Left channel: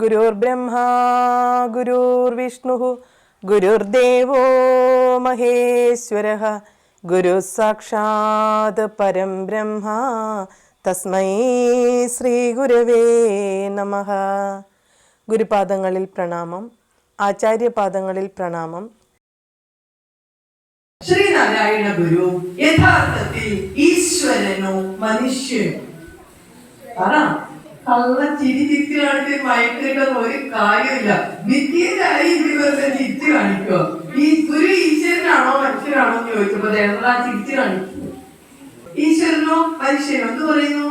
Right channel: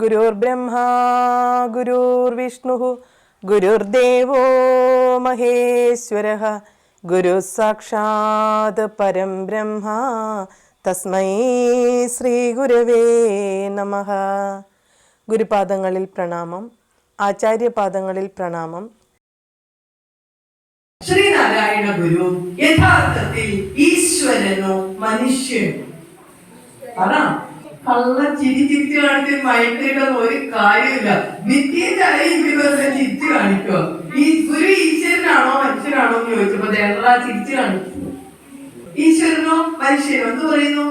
ഗുരുർബ്രഹ്മാ ഗുരുർവിഷ്ണുഃ ഗുരുർദേവോ മഹേശ്വരഃ ഗുരു സാക്ഷാത് പരം ബ്രഹ്മ തസ്മൈ ശ്രീ ഗുരവേ നമഃ. ഗുരുപാദങ്ങളിൽ പ്രണാമം, ആചാര്യപാദങ്ങളിൽ പ്രണാമം. ശ്രീനാരായണ ഗുരു യഥാർത്ഥത്തിൽ ഈശ്വരനോ മനുഷ്യനോ? കള്ള ചിരി ചിരിച്ചു കാണിച്ച് മയക്കിട്ടൊന്നും ഒരു കാര്യമില്ല. നിത്യതായി ഇതുപോലെ ചിരിച്ചു കാണിക്കോ? ഈ ഗുരു ഈശ്വരനാണോ മനുഷ്യനാണോ എന്ന് ചോദിച്ചപ്പോ ഞങ്ങളാ ചിരിച്ചു കാണിച്ചു. ഈശ്വരനോ മനുഷ്യനോ എന്ത് പറയുന്നു?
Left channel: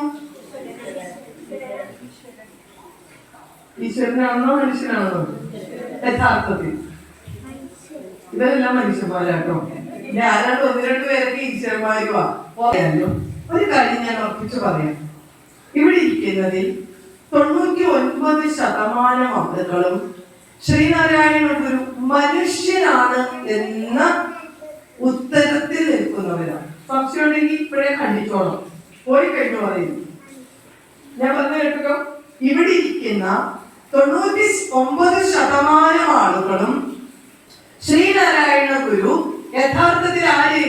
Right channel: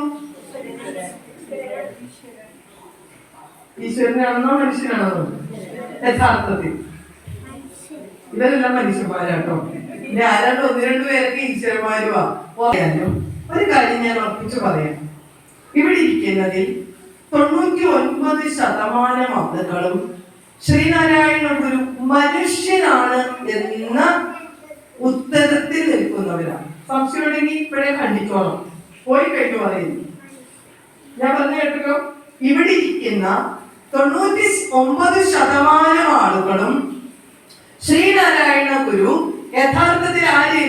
ഈശ്വരനാണെന്നോ മനുഷ്യനാണെന്നോ? യഥാർത്ഥത്തിൽ ഇവരെല്ലാം മനുഷ്യന്മാരാട്ടോ. ഇനി ആരാണ്ട് ഒന്ന് രണ്ടു പേരൊക്കെ ഈശ്വരന്മാരുവാ. ഒരു കാര്യം ഞാൻ ഉറപ്പിച്ചു പറയാം. ഇവിടെ ഇരിക്കുന്നതിൽ 99% ആളുകളും ശ്രീനാരായണ ഗുരു മനുഷ്യനാണ് എന്ന ഉത്തരത്തിൽ നിൽക്കുന്നവരാണ്. സംശയം ഉണ്ടെങ്കിൽ ഇപ്പോഴേ കണ്ടിച്ചോളാം, പോയി കഴിഞ്ഞു പറയുന്നു. ഞാൻ പറഞ്ഞു കേട്ടോ, ഇവിടെ ഇരിക്കുന്ന 99% ആളുകളും ശ്രീനാരായണ ഗുരു യഥാർത്ഥത്തിൽ ആര്?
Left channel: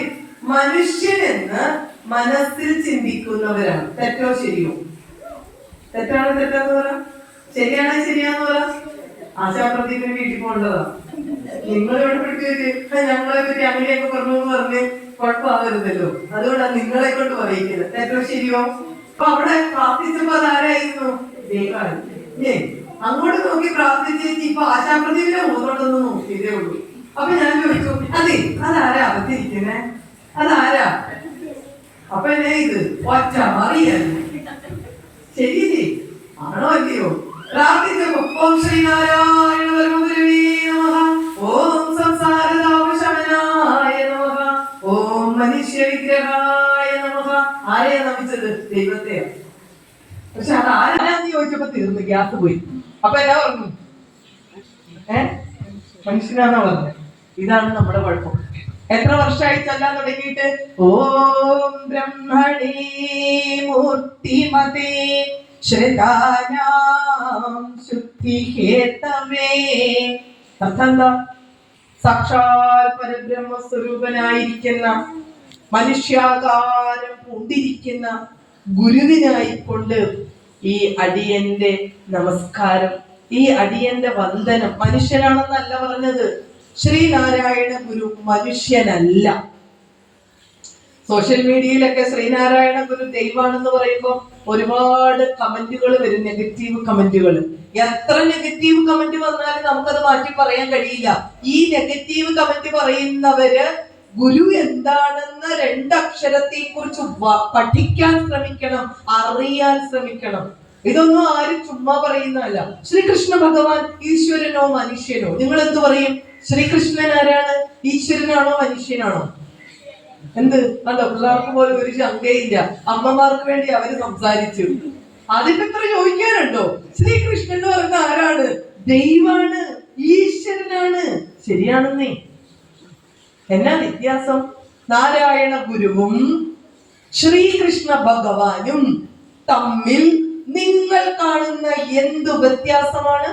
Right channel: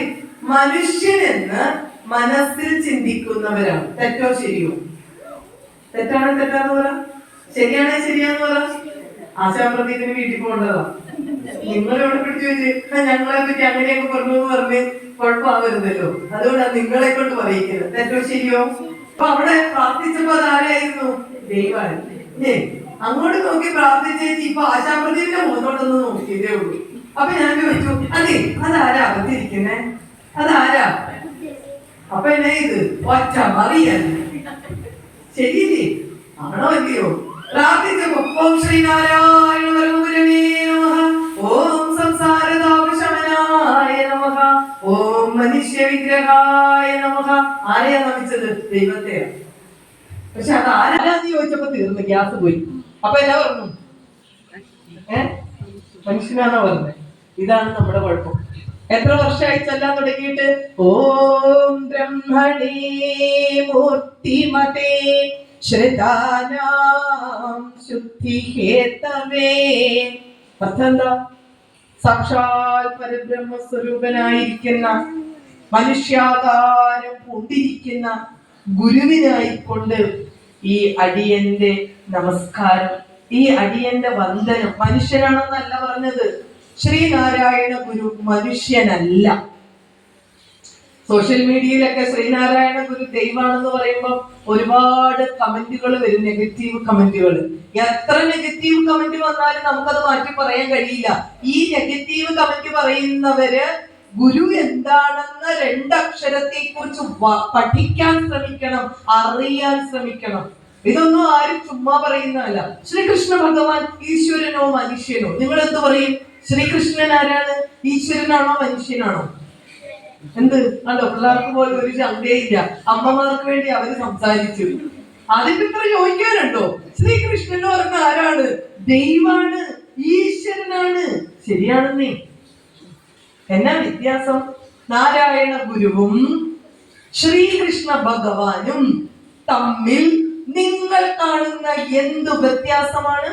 മനുഷ്യനെന്ന് മനസ്സിൽ ചിന്തിക്കുന്നവരാണ്. തെറ്റോ ശരിയോ? തെറ്റാണ് തെറ്റാന്ന് പറ, ശരിയാണ് ശരിയാന്ന് പറ. ആശാപ്രദീപിന് വീട്ടിൽ പോകേണ്ടതാ. നിങ്ങൾ ഇവിടെ പിടിച്ചു വെച്ച് ഞങ്ങളെ പറ്റി അങ്ങനെയൊക്കെ പറഞ്ഞു പറഞ്ഞ് കുഴപ്പമാകരുതല്ലോ. അതുകൊണ്ടാണ് നിങ്ങളെ കൊണ്ട് പറയിക്കുന്നത്. തെറ്റോ ശരിയോ? അപ്പൊ അവിടെ പ്രാർത്ഥിച്ചപ്പോ അതാരായിരുന്നു? ദൈവമാണ്. അങ്ങോട്ട് നോക്കി പ്രാർത്ഥിച്ചേച്ച് ഇപ്പൊ ആശാപ്രദീപിന്റെ മുഖത്തോട്ടൊന്ന് നോക്കിയതേ ഉള്ളൂ. അപ്പൊ ഞാൻ ചോദിച്ചു, അതെ അതാരാ അകത്തിരിക്കുന്നേ? അതാരാ? അപ്പൊ എന്നെ ഇത് ഒറ്റ അറിയല്ലേ? ശരിയല്ലേ? ആണോ അല്ലയോ? പ്രാർത്ഥിച്ചപ്പോ ഓം ശ്രീനാരായണ ഗുരവേ നമഃ, ഓം സംസാരതാപശമനായ നമഃ, ഓം മനുഷ്യ വിഗ്രഹായ നമഃ. ആരെയാ നമിച്ചത്? ദൈവത്തെയാ. പക്ഷെ അത് ആരാന്ന് ചോദിച്ചപ്പോ തീർന്നു, ഗ്യാസ് പോയി. അപ്പൊ എന്നാ പറഞ്ഞു? മനുഷ്യനാണോ പറഞ്ഞത്? ഇതാണ് നമ്മുടെ കുഴപ്പം. എത്ര വർഷമായി ചെല്ലാൻ തുടങ്ങിയിട്ട്? ഓം ബ്രഹ്മണേ മൂർത്തിമതേ ശ്രിതാനാം ശുദ്ധിഹേതവേ. അർത്ഥം എന്താ? സാക്ഷാൽ പരബ്രഹ്മ സ്വരൂപനായിരിക്കുന്ന, മനുഷ്യാകാരം പൂണ്ടിരിക്കുന്ന ഗുരുവിനായിക്കൊണ്ട് ഈ അടിയന്റെ നമസ്കാരം, ഈ അടിയന്റെ വന്ദനം. മനുഷ്യനാണെന്നല്ല പറഞ്ഞത്. ശ്രീനാരായണ ഗുരു മനുഷ്യനല്ല. സോഷ്യൽ മീഡിയയിലൊക്കെ ശ്രീനാരായണ ഗുരു ദൈവമാണെന്ന് പറയുമ്പോൾ ഒരുപാട് കമന്റുകൾ വരും, നെഗറ്റീവ് കമന്റുകൾ. എത്ര നെഗറ്റീവ് കമന്റ് വന്നാലും നമുക്കത് മാറ്റി പറയാൻ കഴിയില്ല. ഈ നെഗറ്റീവ് കമന്റ് പറയുന്നവര് ഗുരു എന്താണെന്ന 2 അക്ഷരത്തെ കുറിച്ച് പഠിക്കാൻ ശ്രമിക്കണം, അറിയാൻ ശ്രമിക്കണം. ഇതൊന്നും ആരും ചുമ്മാ പറയുന്നതല്ല. ശ്രീകൃഷ്ണ ഭഗവാൻ ഈശ്വരനോ മനുഷ്യനോ? നിങ്ങൾ എന്ത് പറയും? ശ്രീകൃഷ്ണൻ ആരാണ്? ഈശ്വരനാണോ മനുഷ്യനാണോ? എന്ത് കണ്ടോ? പിള്ളേർക്ക് പോലും ഒരു ശങ്കയില്ല. അമ്മമാർക്ക് വേണ്ടി അവര് സംസാരിച്ചു. അതിന്റെ ഇത്ര ചോദിക്കാനുണ്ടോ? ശ്രീകൃഷ്ണൻ എന്ന് പറഞ്ഞ ആരാണ്? ദൈവാണ്, ഈശ്വരനാണ്. ശരിയാണെന്നേ. എന്നാ വ്യത്യാസം? നാരായണ ഗുരുവും ശ്രീകൃഷ്ണ ഭഗവാനും തമ്മിൽ നിങ്ങൾ കാണുന്ന എന്തു വ്യത്യാസമാണ്?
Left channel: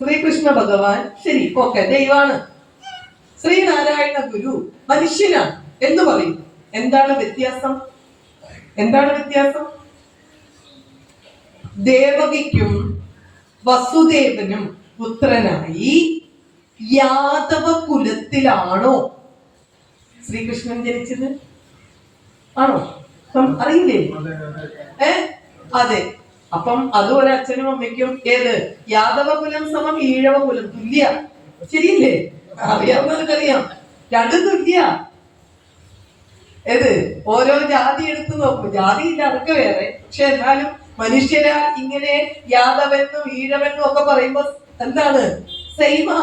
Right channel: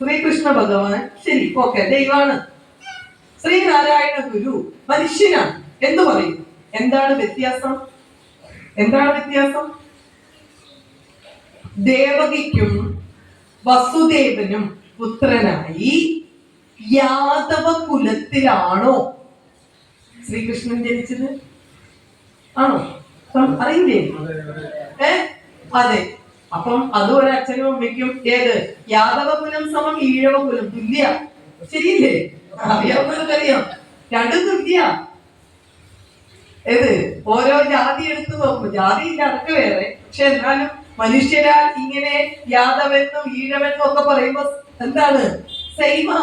ശ്രീകൃഷ്ണ ഭഗവാൻ ശരി, ഓക്കെ, ദൈവാണ്. ശ്രീനാരായണ ഗുരു മനുഷ്യനാണ് എന്ന് പറയും. എന്താണ് വ്യത്യാസം? എന്താണ് വ്യത്യാസം? ദേവകിക്കും വസുദേവനും പുത്രനായി യാദവ കുലത്തിലാണോ ശ്രീകൃഷ്ണൻ ജനിച്ചത്? ആണോ? അറിയില്ലേ? അതെ. അപ്പം അതും ഒരു അച്ഛനും അമ്മയ്ക്കും ഏത്? യാദവ കുലം സമം ഈഴവ കുലം തുല്യ. ശരിയില്ലേ? അറിയാവുന്നവർക്കറിയാം, രണ്ടും തുല്യ. ഏത്? ഓരോ ജാതി എടുത്തു നോക്കും. ജാതി ഇല്ല, അതൊക്കെ വേറെ. പക്ഷെ എന്നാലും മനുഷ്യരാൽ ഇങ്ങനെ യാദവെന്നും ഈഴവെന്നും ഒക്കെ പറയുമ്പോ എന്താണ്? സെയിമാ.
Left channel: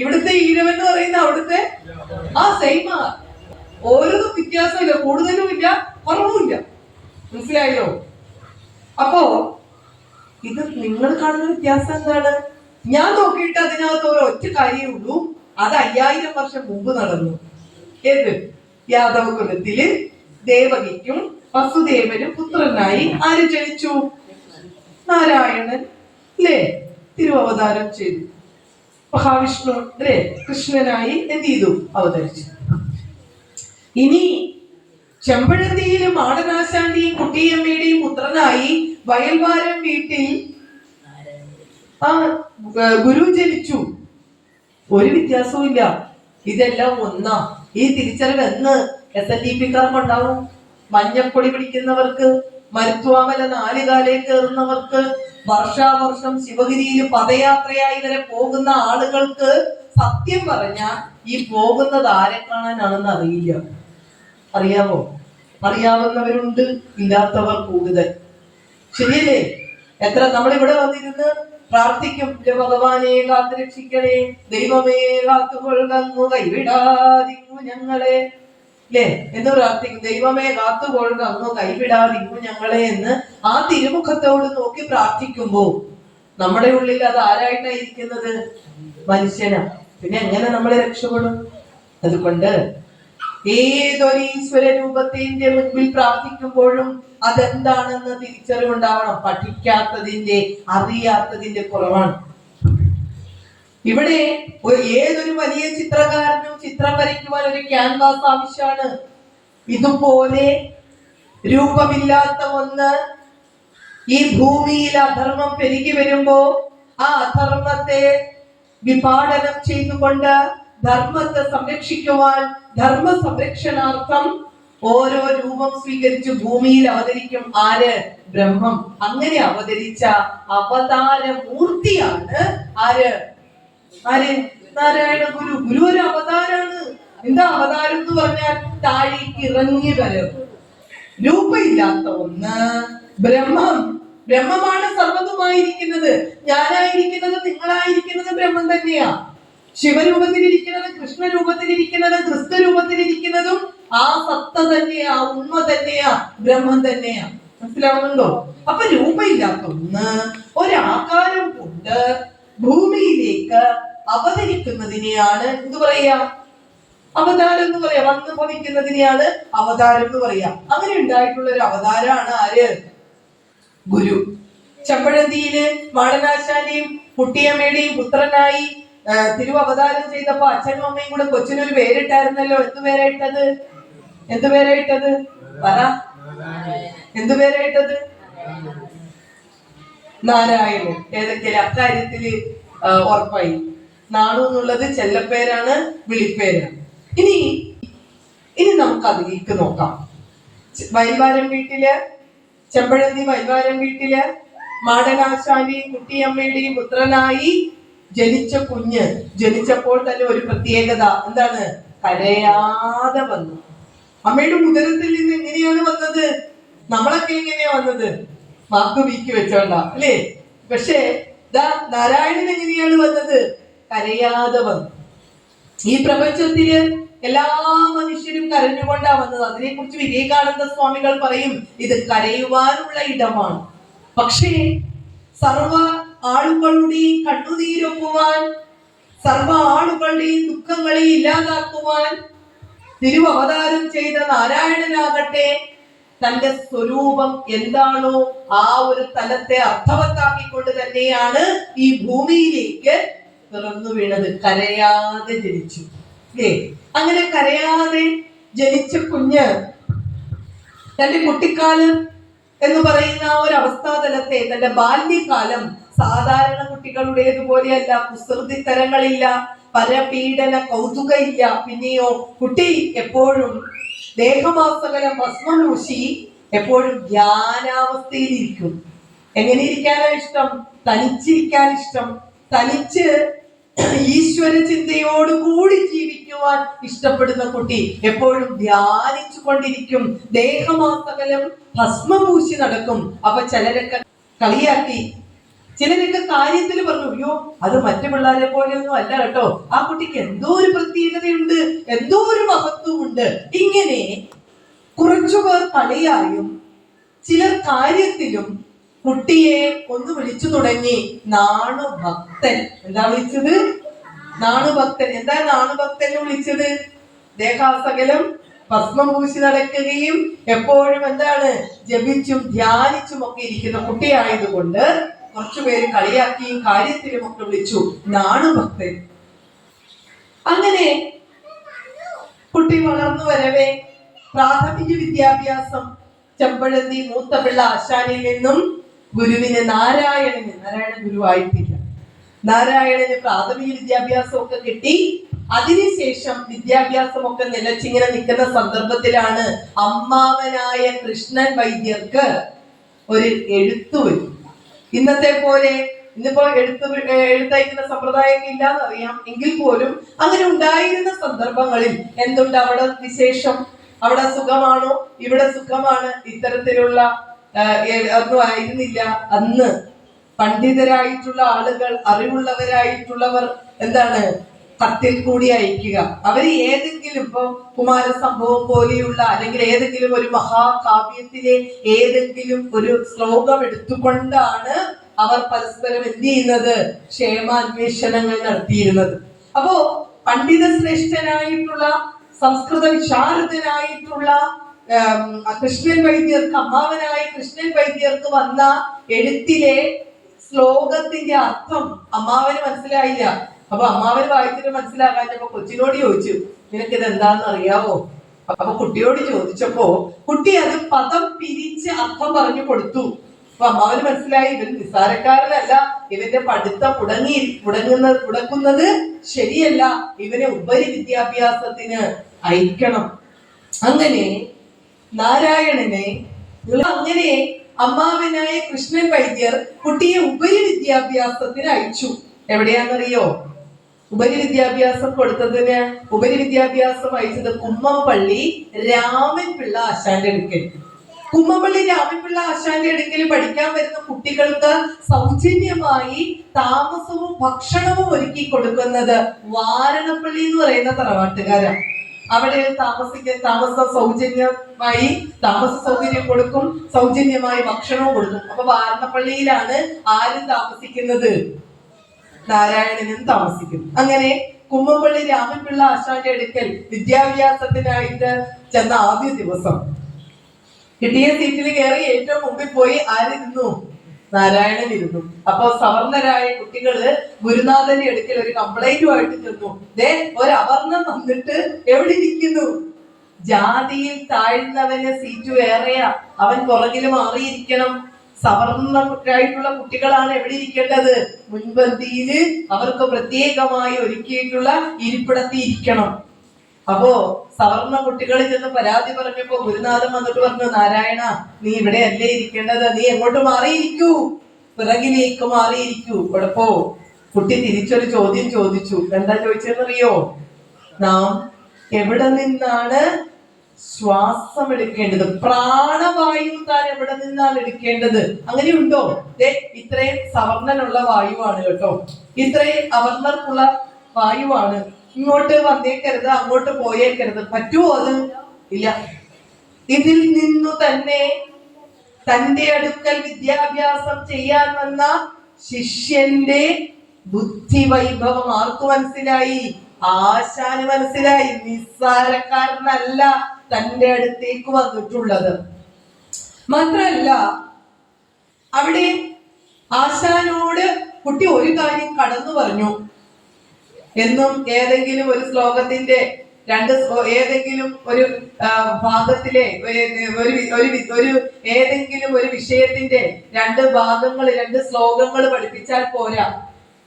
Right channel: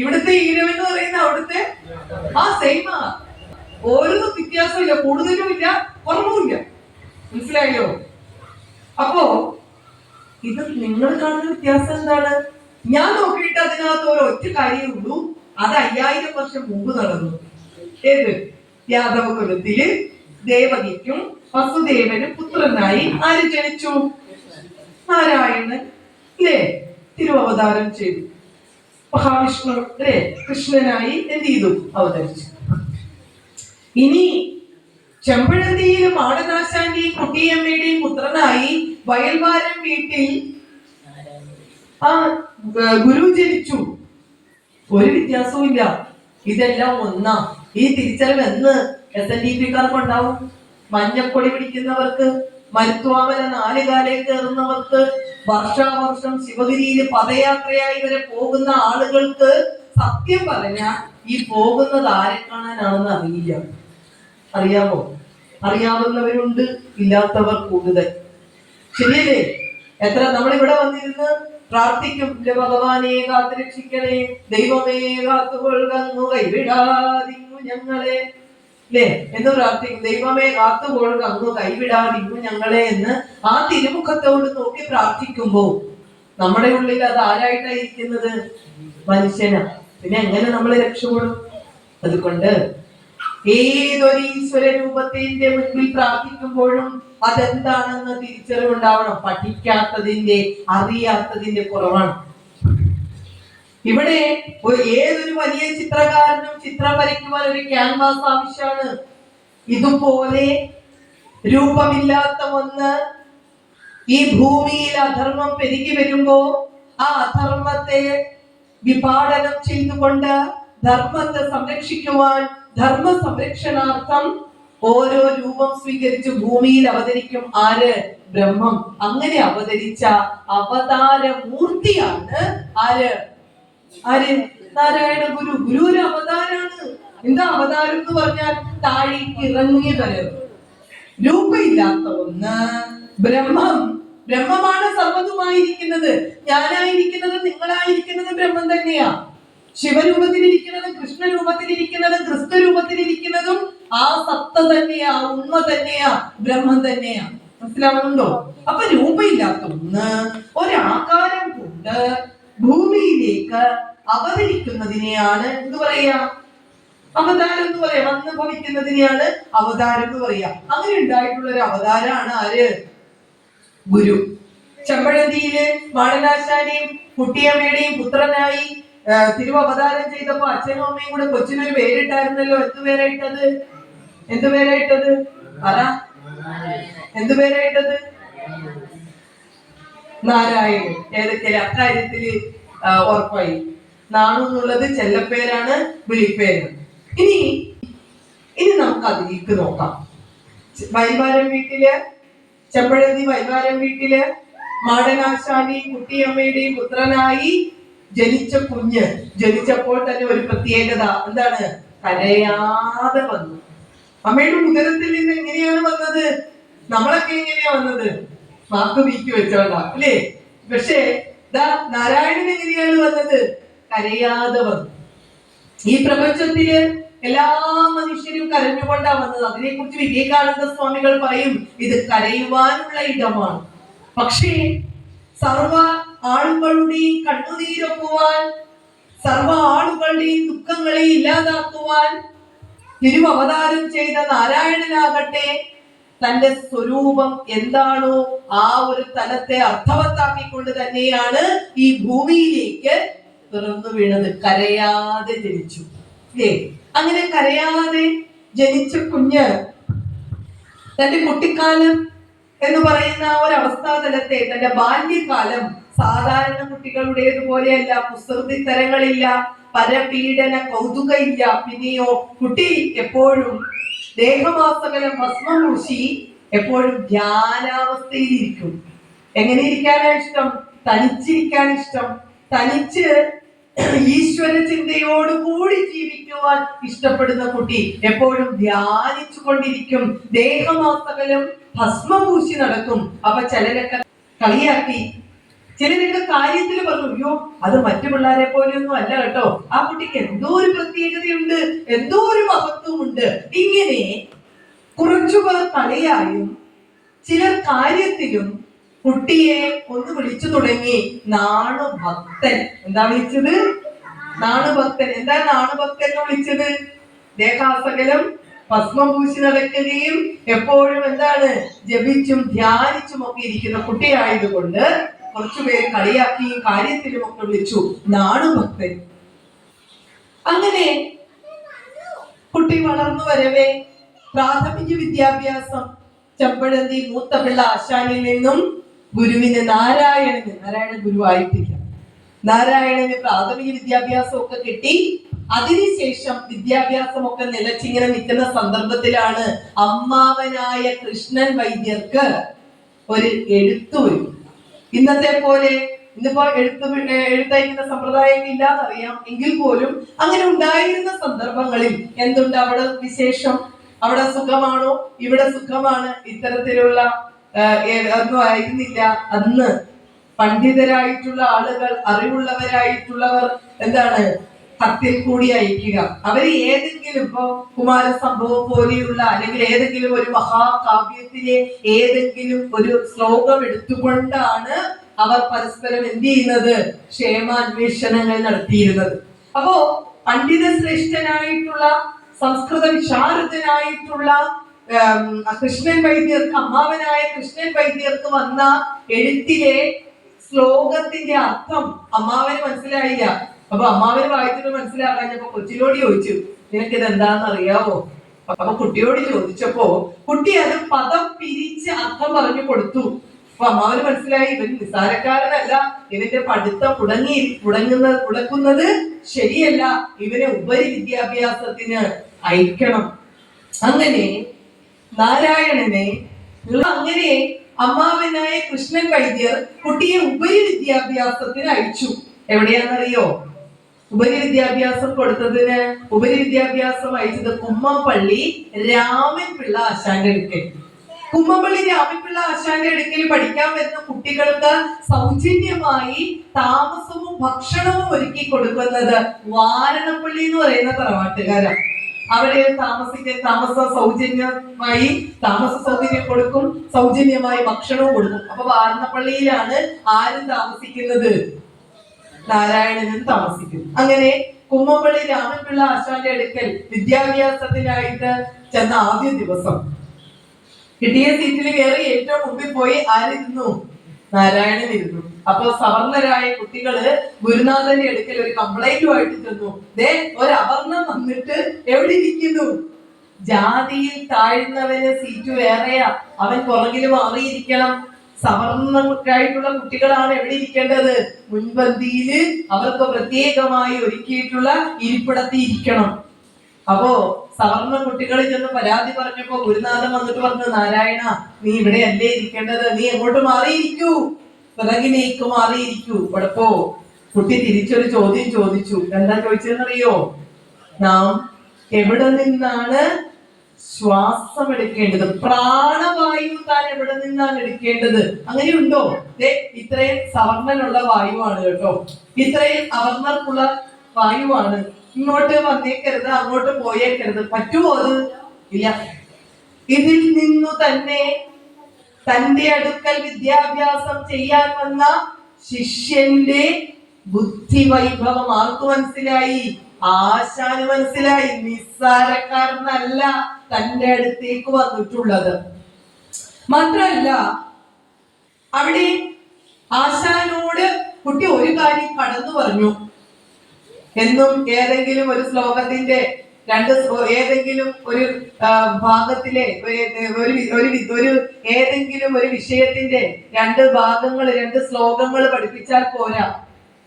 ഇവിടുത്തെ ഈഴവൻ എന്ന് പറയുന്ന അവിടുത്തെ സെയിമാ. ഓരോ വ്യത്യാസമില്ല, കൂടുതലും ഇല്ല, കുറവുമില്ല. മനസ്സിലായോ? അപ്പോ ഇത് നിങ്ങൾ കാണുന്ന വ്യത്യാസം എന്താണ്? ഞാൻ നോക്കിയിട്ട് അതിനകത്ത് ഒരൊറ്റ കാര്യമുള്ളൂ. അത് 5000 വർഷം മുമ്പ് നടന്നു. ഏത്? യാദവ കുലത്തില് ദേവകിക്കും വസുദേവനും പുത്രനായി ആര് ജനിച്ചു? നാരായണൻ അല്ലേ തിരുവവതാരം ചെയ്തു. മഹാവിഷ്ണു അല്ലേ കൃഷ്ണനായി എന്ത് ചെയ്തു? അവതരിച്ചു. ഇനി ചെമ്പഴന്തിയിലും മാടനാശാന്റെയും കുട്ടിയമ്മയുടെയും പുത്രനായി വയൽവാരം വീട്ടിൽ ആ ഗുരു ജനിച്ചു. ഒരു വ്യത്യാസവും ഇല്ല. ഇതെല്ലാം ഒന്നാ. ഈ തിരിച്ചറിവ് എന്ന് SNDP-ക്കാർക്ക് ഉണ്ടാവും? മഞ്ഞക്കൊടി പിടിക്കുന്നവർക്ക്, മരുത്വാമല 4 കാലേ കയറുന്നവർക്ക്, വർഷാവർഷം ശിവഗിരിയിൽ പദയാത്രയായി വരെ പോകുന്ന ആളുകൾക്ക് സത്യം പറഞ്ഞാൽ ഈ പോകുന്നത് ആരെ കാണാനാണെന്ന് അറിയില്ല. അറിയാമോ? അറിയാവുന്നവരുണ്ട്, ഇല്ലാത്തവർ കൂടുതൽ. ശരിയല്ലേ? എത്ര നമ്മളിവിടെ വന്നിരുന്ന് പ്രാർത്ഥിക്കും, ഭഗവാനെ കാത്തു രക്ഷിക്കണേ, ദൈവമേ കാത്തുകൊള്ളു കൈവിടാതിങ്ങു ഞങ്ങളെ, അല്ലേ എന്ന് പ്രാർത്ഥിക്കും. ദൈവമേ കാത്തുകൊള്ളു അങ്ങ് കൈവിടാതിങ്ങു ഞങ്ങളെ എന്ന് ആ തിരുമുഖത്തോട് നോക്കി പ്രാർത്ഥിക്കുമ്പോ നമ്മുടെ ഉള്ളിൽ അത് ആരായിട്ടായിരിക്കുന്നത്? മനുഷ്യനാ. പിന്നെ എങ്ങനെ നമ്മൾ രക്ഷപ്പെടും? അതുകൊണ്ട് ഏതൊരു ഈശ്വര രൂപത്തിന്റെ മുൻപിൽ പ്രാർത്ഥിക്കുമ്പോഴും അതെന്താണെന്ന് തിരിച്ചറിവുണ്ടാവണം. പഠിക്കാത്തതിന്റെ, അറിയാത്തതിന്റെ കുറവാണ്. ഇവിടെ ഏതൊരു വലിയ ചിത്രകാരനും ചിത്രം വരയ്ക്കുവാൻ ഒരു ക്യാൻവാസ് ആവശ്യമാണ്. ഇതുപോലെ രൂപമില്ലാത്ത ഒന്ന് ഈ ഭൂമിയിൽ അധർമ്മം പെരുകി വരുമ്പോ ആ അധർമ്മത്തെ വിപാടനം ചെയ്തുകൊണ്ട് ധർമ്മത്തെ സംരക്ഷിക്കുവാൻ, ധർമ്മ സംരക്ഷണാർത്ഥം ഓരോ രൂപം സ്വീകരിച്ച് ഭൂമിയിൽ അവതരിക്കും. ആര്? ബ്രഹ്മം. അങ്ങനെ അവതരിച്ച അവതാര മൂർത്തിയാണ് ആര്? നാരായണ ഗുരു. ഗുരു ഒരു അവതാരാണ്. എന്താ അവതാരം എന്ന് പറഞ്ഞാൽ? താഴേക്ക് ഇറങ്ങി വരും. രൂപമില്ലാത്ത ഒന്ന് ബ്രഹ്മം. ബ്രഹ്മമാണ് സർവ്വതുമായിരിക്കുന്നത്. ഞാനായിരിക്കുന്നത്, നിങ്ങളായിരിക്കുന്നത് ബ്രഹ്മം തന്നെയാ. ശിവരൂപത്തിലിരിക്കുന്നതും കൃഷ്ണരൂപത്തിലിരിക്കുന്നതും ക്രിസ്തു രൂപത്തിലിരിക്കുന്നതും ആ സത്ത തന്നെയാ, ഉണ്മ തന്നെയാ, ബ്രഹ്മം തന്നെയാ. മനസ്സിലാവുന്നുണ്ടോ? അപ്പൊ രൂപമില്ലാത്ത ഒന്ന് ഒരാകാരം കൊണ്ട് ഭൂമിയിലേക്ക് അവതരിക്കുന്നതിനെയാണ് എന്ത് പറയാ? അവതാരം എന്ന് പറയാം. വന്ന് ഭവിക്കുന്നതിനെയാണ് അവതാരം എന്ന് പറയാ. അങ്ങനെ ഉണ്ടായിട്ടുള്ള ഒരു അവതാരമാണ് ആര്? ഗുരു. ചെമ്പഴന്തിയില് മാടനാശാന്റെയും കുട്ടിയമ്മയുടെയും പുത്രനായി തിരുവവതാരം ചെയ്തപ്പോ അച്ഛനും അമ്മയും കൂടെ കൊച്ചിനൊരു പേരിട്ടായിരുന്നല്ലോ. എന്തു പേരായിട്ടത്? എന്തു പേരായിട്ടത്? പറ. എന്തു പേരായിട്ടത്? നാരായണൻ. ഏതൊക്കെ അക്കാര്യത്തില് ഉറപ്പായി. നാണു എന്നുള്ളത് ചെല്ലപ്പേരാണ്, വിളിപ്പേരാണ്. ഇനി നമുക്ക് അതിലേക്ക് നോക്കാം. വൈൽവാരം വീട്ടില്, ചെമ്പഴന്തി വൈൽവാരം വീട്ടില് മാടനാശാന്റെയും കുട്ടിയമ്മയുടെയും പുത്രനായി ജനിച്ച കുഞ്ഞ് ജനിച്ചപ്പോൾ തന്നെ ഒരു പ്രത്യേകത എന്താണ്? കരയാതെ വന്നു. അമ്മയുടെ ഉദരത്തിൽ നിന്ന് എങ്ങനെയാണ് വന്നത്? നമ്മളൊക്കെ എങ്ങനെയാ വന്നത്? നാക്ക് വീക്കി വെച്ചോണ്ട അല്ലേ? പക്ഷേ നാരായണൻ എങ്ങനെയാണ് വന്നത്? കരയാതെ വന്നു. ഈ പ്രപഞ്ചത്തില് എല്ലാ മനുഷ്യരും കരഞ്ഞുകൊണ്ടാ വന്നത്. അതിനെക്കുറിച്ച് വിവേകാനന്ദ സ്വാമികൾ പറയും, ഇത് കരയുവാനുള്ള ഇടമാണ്. പക്ഷേ സർവ ആളുകളുടെയും കണ്ണുനീരൊപ്പുവാൻ, സർവ ആളുകളുടെയും ദുഃഖങ്ങളെ ഇല്ലാതാക്കുവാൻ തിരുവവതാരം ചെയ്ത നാരായണനാകട്ടെ തന്റെ സ്വരൂപം എന്താണോ ആ ഒരു തലത്തെ അർത്ഥവത്താക്കിക്കൊണ്ട് തന്നെയാണ് ഈ ഭൂമിയിലേക്ക് പിറന്നു വീണത്. കരയാതെ ജനിച്ചു. അങ്ങനെ കരയാതെ ജനിച്ച കുഞ്ഞ് തന്റെ കുട്ടിക്കാലം എന്ന് പറയുന്ന ഒരു അവസ്ഥാതലത്തെ, തന്റെ ബാല്യകാലം സാധാരണ കുട്ടികളുടേതുപോലെയല്ല. കുസൃതി തരങ്ങളില്ല, പരപീഡന കൗതുക ഇല്ല. പിന്നെയോ കുട്ടി എപ്പോഴും ദേഹമാസകലം ഭസ്മം പൂശി എപ്പോഴും ധ്യാനാവസ്ഥയിലിരിക്കും. എങ്ങനെ ഇരിക്കാനാ ഇഷ്ടം? തനിച്ചിരിക്കാൻ ഇഷ്ടം. തനിച്ച് ഈശ്വര ചിന്തയോട് കൂടി ജീവിക്കുവാൻ ഇഷ്ടപ്പെടുന്ന കുട്ടി എപ്പോഴും ധ്യാനിച്ചു കൊണ്ടിരിക്കും. ദേഹമാസകലം ഭസ്മം പൂശി നടക്കും. അപ്പൊ ചിലരൊക്കെ കളിയാക്കി, ചിലരൊക്കെ കാര്യത്തിൽ പറഞ്ഞു, അയ്യോ അത് മറ്റു പിള്ളേരെ പോലെയൊന്നും അല്ല കേട്ടോ, ആ കുട്ടിക്ക് എന്തോ ഒരു പ്രത്യേകതയുണ്ട്, എന്തോ ഒരു മഹത്വമുണ്ട്. ഇങ്ങനെ കുറച്ചുപേർ കളിയായും ചിലർ കാര്യത്തിലും കുട്ടിയെ ഒന്ന് വിളിച്ചു തുടങ്ങി നാണുഭക്തൻ. എന്താ വിളിച്ചത്? നാണുഭക്തൻ. എന്താ നാണുഭക്തൻ എന്ന് വിളിച്ചത്? ദേഹാസകലം ഭസ്മം പൂശി നടക്കുകയും എപ്പോഴും എന്താണ് ജപിച്ചും ധ്യാനിച്ചും ഒക്കെ ഇരിക്കുന്ന കുട്ടിയായതുകൊണ്ട് കുറച്ചുപേര് കളിയാക്കിയും കാര്യത്തിലും ഒക്കെ വിളിച്ചു നാണുഭക്തൻ. അങ്ങനെ കുട്ടി വളർന്നു വരവേ പ്രാഥമിക വിദ്യാഭ്യാസം ചെമ്പഴന്തി മൂത്തപിള്ള ആശാനിൽ നിന്നും ഗുരുവിന് നാരായണ ഗുരുവായിട്ടില്ല. നാരായണന് പ്രാഥമിക വിദ്യാഭ്യാസം ഒക്കെ കിട്ടി. അതിനുശേഷം വിദ്യാഭ്യാസമൊക്കെ നിലച്ചിങ്ങനെ നിൽക്കുന്ന സന്ദർഭത്തിലാണ് അമ്മാവനായ കൃഷ്ണൻ വൈദ്യർക്ക് ഒരു എഴുത്തു വരും. ഇന്നത്തെ പോലെ ഇന്നിപ്പോ എഴുത്തയക്കുന്ന സമ്പ്രദായം ഇല്ലാന്നറിയാം, എങ്കിൽ പോലും അങ്ങനെ ഉണ്ടായിരുന്ന സന്ദർഭങ്ങളിൽ എന്തുണ്ട് അവിടെ വിശേഷം, അവിടെ സുഖമാണോ, ഇവിടെ സുഖമാണ്, ഇത്തരത്തിലുള്ള ഒന്നും ആയിരുന്നില്ല. അന്ന് പണ്ഡിതരായിട്ടുള്ള ആളുകൾ, അറിവുള്ളവരായിട്ടുള്ളവർ എന്താണ് കത്തിൽ കൂടി അയക്കുക. അവര് ഏതെങ്കിലും ഇപ്പൊ കുമാരസംഭവം പോലെയുള്ള അല്ലെങ്കിൽ ഏതെങ്കിലും ഒരു മഹാകാവ്യത്തിലെ ഏതെങ്കിലും ഒരു ശ്ലോകം എടുത്തുകൊണ്ടാണ് അവർ പരസ്പരം എന്ത് ചെയ്യുന്നത്, ക്ഷേമാന്വേഷണങ്ങൾ നടത്തിയിരുന്നത്. അപ്പോ പണ്ഡിത ശ്രേഷ്ഠനായിട്ടുള്ള സംസ്കൃത വിശാരദനായിട്ടുള്ള കൃഷ്ണൻ വൈദ്യർക്ക്, അമ്മാവനായ കൃഷ്ണൻ വൈദ്യർക്ക് വന്ന എഴുത്തിലെ ശ്ലോകത്തിന്റെ അർത്ഥം അമ്മാവന് മനസ്സിലായില്ല. അപ്പൊ അമ്മാവന് വായിച്ചിട്ട് മനസ്സിലാക്കാഞ്ഞപ്പോ കൊച്ചിനോട് ചോദിച്ചു, നിനക്കിത് എന്താണെന്ന് അറിയാവോ? അപ്പൊ കുട്ടിയോട് ചോദിച്ചപ്പോ കുട്ടി അത് പദം പിരിച്ച് അർത്ഥം പറഞ്ഞു കൊടുത്തു. അപ്പൊ അമ്മാവന് മനസ്സിലായി ഇവൻ നിസ്സാരക്കാരനല്ല, ഇവന്റെ പഠിത്തം മുടക്കുന്നത് ശരിയല്ല, ഇവനെ ഉപരി വിദ്യാഭ്യാസത്തിന് അയക്കണം. അങ്ങനെ നാരായണനെ അങ്ങനെ അമ്മാവനായ കൃഷ്ണൻ വൈദ്യർ കുട്ടിയെ ഉപരി വിദ്യാഭ്യാസത്തിന് അയച്ചു. എവിടെയാണെന്നറിയോ? ഉപരി വിദ്യാഭ്യാസം കൊടുത്തതിന് ഉപരി വിദ്യാഭ്യാസം അയച്ചത് കുമ്മംപള്ളി രാമൻപിള്ള ആശാന്റെ അടുക്കൽ. കുമ്മംപള്ളി രാമൻപിള്ള ആശാന്റെ അടുക്കൽ പഠിക്കാൻ വരുന്ന കുട്ടികൾക്ക് സൗജന്യമായി താമസവും ഭക്ഷണവും ഒരുക്കി കൊടുക്കുന്നത് വാരണപ്പള്ളി എന്ന് പറയുന്ന തറവാട്ടുകാരാണ്. അവിടെ താമസം സൗജന്യമായി താമസ സൗകര്യം കൊടുക്കും, സൗജന്യമായി ഭക്ഷണവും കൊടുക്കും. അപ്പൊ വാരണപ്പള്ളിയിലാണ് ആരും താമസിക്കുന്നത്? നാരായണനും താമസിക്കും. അങ്ങനെ കുമ്മംപള്ളി രാമൻപിള്ള ആശാന്റെ അടുക്കൽ വിദ്യാഭ്യാസത്തിനായിട്ട് ചെന്ന ആദ്യ ദിവസം കിട്ടിയ സീറ്റിൽ കയറി ഏറ്റവും മുമ്പിൽ പോയി ആരിരുന്നു? നാരായണൻ ഇരുന്നു. അപ്പൊ സവർണരായ കുട്ടികള് ഗുരുനാഥന്റെ അടുക്കൽ ഒരു കംപ്ലൈന്റുമായിട്ട് ചെന്നു. ഒരു അവർണം വന്നിട്ട് എവിടെ ഇരിക്കുന്നു? ജാതിയിൽ താഴ്ന്നവന് സീറ്റ് വേറെയാ, അവൻ പുറകിൽ മാറിയിരിക്കണം. സവർണരായിട്ടുള്ള കുട്ടികളാണ് എവിടെ ഇരിക്കേണ്ടത്? മുൻപന്തിയില് അവർക്ക് പ്രത്യേകമായി ഒരുക്കിയിട്ടുള്ള ഇരിപ്പിടത്തിൽ ഇരിക്കണം. അപ്പോ സവർണ കുട്ടികൾ ചെന്ന് പരാതി പറഞ്ഞപ്പോ ഗുരുനാഥൻ വന്നിട്ട് പറഞ്ഞു, നാരായണ നീ ഇവിടെ അല്ലേ ഇരിക്കേണ്ടത്, നീ എങ്ങോട്ട് മാറിയിരിക്കൂ, പിറകിലേക്ക് മാറിയിരിക്കൂ. കുഴപ്പോ കുട്ടി തിരിച്ചൊരു ചോദ്യം ചോദിച്ചു. എന്താ ചോദിച്ചതെന്നറിയോ? നാം എവിടെ നിന്നാണ് ശ്വാസം എടുക്കേണ്ടത്? പ്രാണവായു താൻ എവിടെ നിന്നാണ് എടുക്കേണ്ടത്? അങ്ങനെയുണ്ടോ? ഇത്രയും സവർണനുള്ള വായുവാണ് കേട്ടോ, ഇത്രയും അവർണർക്കുള്ള വായുവാണ്. ഇങ്ങോട്ട് വന്നേക്കരുത്, അങ്ങോട്ട് പോയേക്കരുത്. പറ്റുമോ അത്? ഇല്ല. ഇതിൽ നിന്നു തന്നെ തന്റെ അടുക്കൽ വിദ്യാഭ്യാസം ചെയ്യാൻ വന്ന ശിഷ്യന്റെ ബുദ്ധി വൈഭവം ആർക്ക് മനസ്സിലായി? ആശാന് മനസ്സിലായി. നിസ്സാരക്കാരനല്ല തന്റെ അടുത്തേക്ക് വന്നിട്ടുള്ളത്. മാത്രല്ല അവിടെ ആശാനോട് കുട്ടി ഒരു കാര്യം കടന്നു പറഞ്ഞു. എന്നും ഏതെങ്കിലും ഒരു ശ്ലോകത്തിന്റെ ഏതെങ്കിലും ഒരു ഭാഗത്തിലെ ഏതെങ്കിലും ഒരു വിഷയത്തിന്റെ രണ്ട് ഭാഗങ്ങൾ, രണ്ട് ശ്ലോകങ്ങൾ പഠിപ്പിച്ചാൽ പോരാ.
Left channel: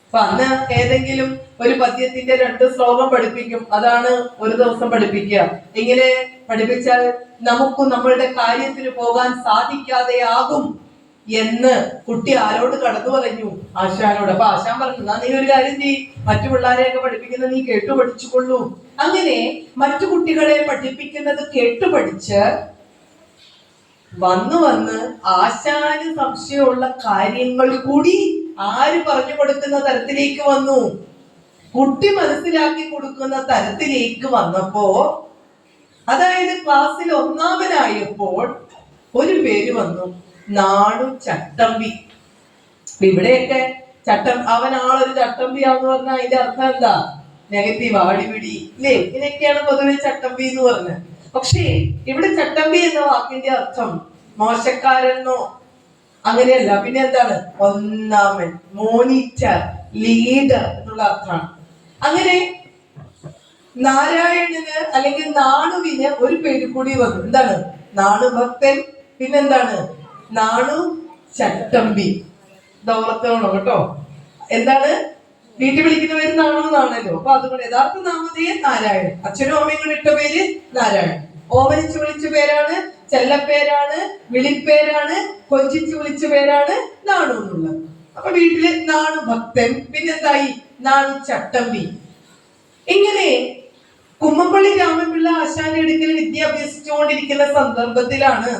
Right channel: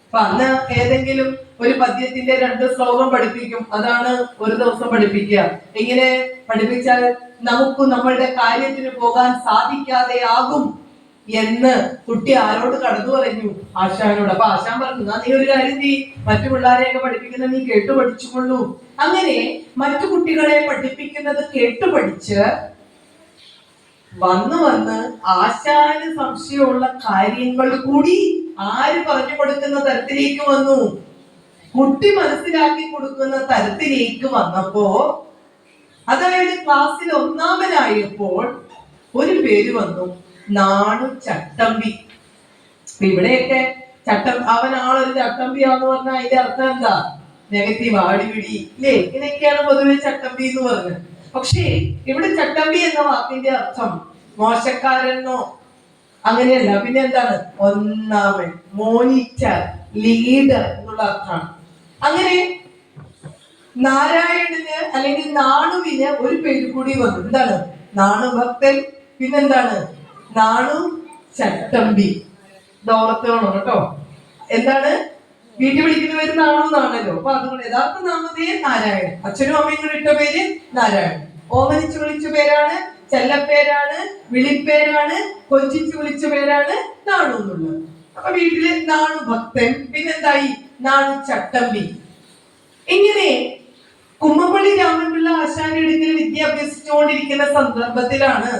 അപ്പൊ അന്ന് ഏതെങ്കിലും ഒരു പദ്യത്തിന്റെ 2 ശ്ലോകം പഠിപ്പിക്കും, അതാണ് ഒരു ദിവസം പഠിപ്പിക്കുക. ഇങ്ങനെ പഠിപ്പിച്ചാൽ നമുക്ക് നമ്മളുടെ കാര്യത്തിന് പോകാൻ സാധിക്കാതെയാകും എന്ന് കുട്ടി ആരോട് കടന്നു പറഞ്ഞു? ആശാനോട്. അപ്പൊ ആശാൻ പറഞ്ഞു, നീ ഒരു കാര്യം ചെയ്യ്, മറ്റു പിള്ളേരെയൊക്കെ പഠിപ്പിക്കുന്നത് നീ കേട്ടു പഠിച്ചുകൊള്ളൂ. അങ്ങനെ മറ്റു കുട്ടികളെ പഠിപ്പിക്കുന്നത് കേട്ടുപഠിച്ച് വന്ന് ആശാന് സംശയമുള്ള കാര്യങ്ങൾ കൂടി ആര് പറഞ്ഞു കൊടുക്കുന്ന തരത്തിലേക്ക് വന്നു? കുട്ടി മനസ്സിലാക്കി കൊടുക്കുന്ന തരത്തിലേക്ക് വന്നപ്പോ, അതായത് ക്ലാസ്സിൽ ഒന്നാമനായപ്പോൾ ഒരു പേര് വന്നു, നാണു ചട്ടമ്പി. ഇവിടെയൊക്കെ അവനാളൊരു ചട്ടമ്പിയാന്ന് പറഞ്ഞാൽ അതിന്റെ അർത്ഥം എന്താ? നെഗറ്റീവ്, ആടിപിടി, ഇല്ലേ? ഇങ്ങനെയൊക്കെയാണ് പൊതുവെ ചട്ടമ്പി എന്ന് പറഞ്ഞത്. പക്ഷേ ഇവിടെ ചട്ടമ്പി എന്ന വാക്കിന്റെ അർത്ഥം മോശക്കാരെന്നോ അങ്ങനെയല്ല. പിന്നെ എന്താണ്? ഒന്നാമൻ, മോണിറ്റർ, ലീഡർ എന്നുള്ള അർത്ഥമാണ്. അങ്ങനെ നാരായണന് അല്ലെങ്കിൽ നാണുവിന് ഒരു പേര് കൂടി വന്നു. എന്താണ്? നാണു ഭക്തൻ. പിന്നെന്താണ്? നാണു ചട്ടമ്പി. ദോളത്തോണം കേട്ടോ. എന്താണ്? വീട്ടിൽ വിളിക്കുന്ന പേര് നാണു എന്നാണല്ലോ. അപ്പൊ അതുകൊണ്ട് യഥാർത്ഥ നാമധേയം നാരായണൻ. അച്ഛനും അമ്മയും കൂടെ ഇട്ട പേര് നാരായണൻ. ഓമനിച്ച് വിളിച്ച പേരാണ്, ചെല്ലപ്പേരാണ്, വിളിപ്പേരാണ്, കൊഞ്ചിച്ച് വിളിച്ച പേരാണ് നാണു എന്നുള്ളത്. അപ്പൊ വീട്ടില് നാണു ഭക്തൻ, പിന്നെന്തായി? നാണു ചട്ടമ്പി. ഇങ്ങനെ കുമ്മമ്പള്ളി രാമൻപിള്ള ആശാന്റെ അടുക്കൽ വിദ്യ അഭ്യസിച്ചുകൊണ്ടിരിക്കുന്ന സന്ദർഭത്തിലാണ്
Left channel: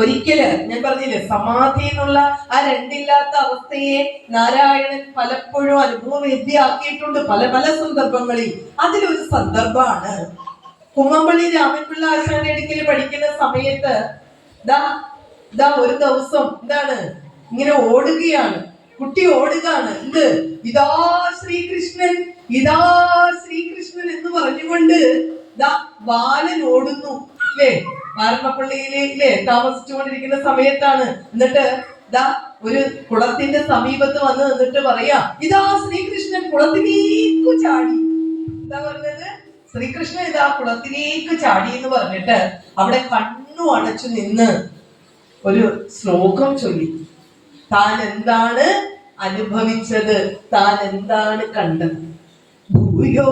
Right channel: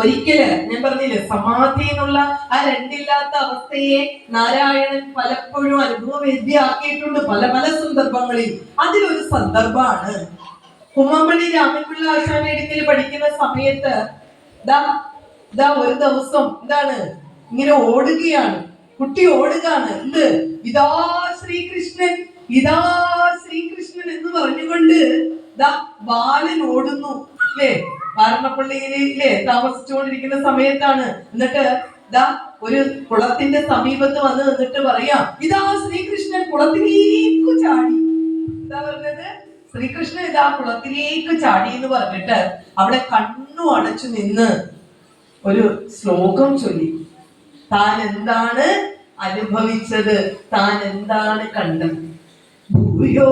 ഒരിക്കല് ഞാൻ പറഞ്ഞില്ലേ, സമാധി എന്നുള്ള ആ രണ്ടില്ലാത്ത അവസ്ഥയെ നാരായണൻ പലപ്പോഴും അനുഭവവേദ്യയാക്കിയിട്ടുണ്ട് പല പല സന്ദർഭങ്ങളിൽ. അതിലൊരു സന്ദർഭമാണ് കുമ്മമ്പള്ളി രാമൻപിള്ള ആശാന്റെ അടുക്കൽ പഠിക്കുന്ന സമയത്ത് ഒരു ദിവസം എന്താണ്, ഇങ്ങനെ ഓടുകയാണ്, കുട്ടി ഓടുകയാണ്. എന്ത്? ഇതാ ശ്രീകൃഷ്ണൻ, ഇതാ ശ്രീകൃഷ്ണൻ എന്ന് പറഞ്ഞുകൊണ്ട് ബാലൻ ഓടുന്നു. അല്ലേ? വാരണപ്പള്ളിയിലെ താമസിച്ചുകൊണ്ടിരിക്കുന്ന സമയത്താണ്. എന്നിട്ട് ഒരു കുളത്തിന്റെ സമീപത്ത് വന്ന് നിന്നിട്ട് പറയാ, ഇതാ ശ്രീകൃഷ്ണൻ കുളത്തിലേക്ക് ചാടി. എന്താ പറഞ്ഞത്? ശ്രീകൃഷ്ണൻ ഇതാ കുളത്തിലേക്ക് ചാടി എന്ന് പറഞ്ഞിട്ട് അവിടെ കണ്ണു അടച്ചു നിന്ന് ഒരു ശ്ലോകം ചൊല്ലി. താൻ എന്താണ് അനുഭവിച്ചത്, താൻ എന്താണ് കണ്ടത്? ഭൂയോ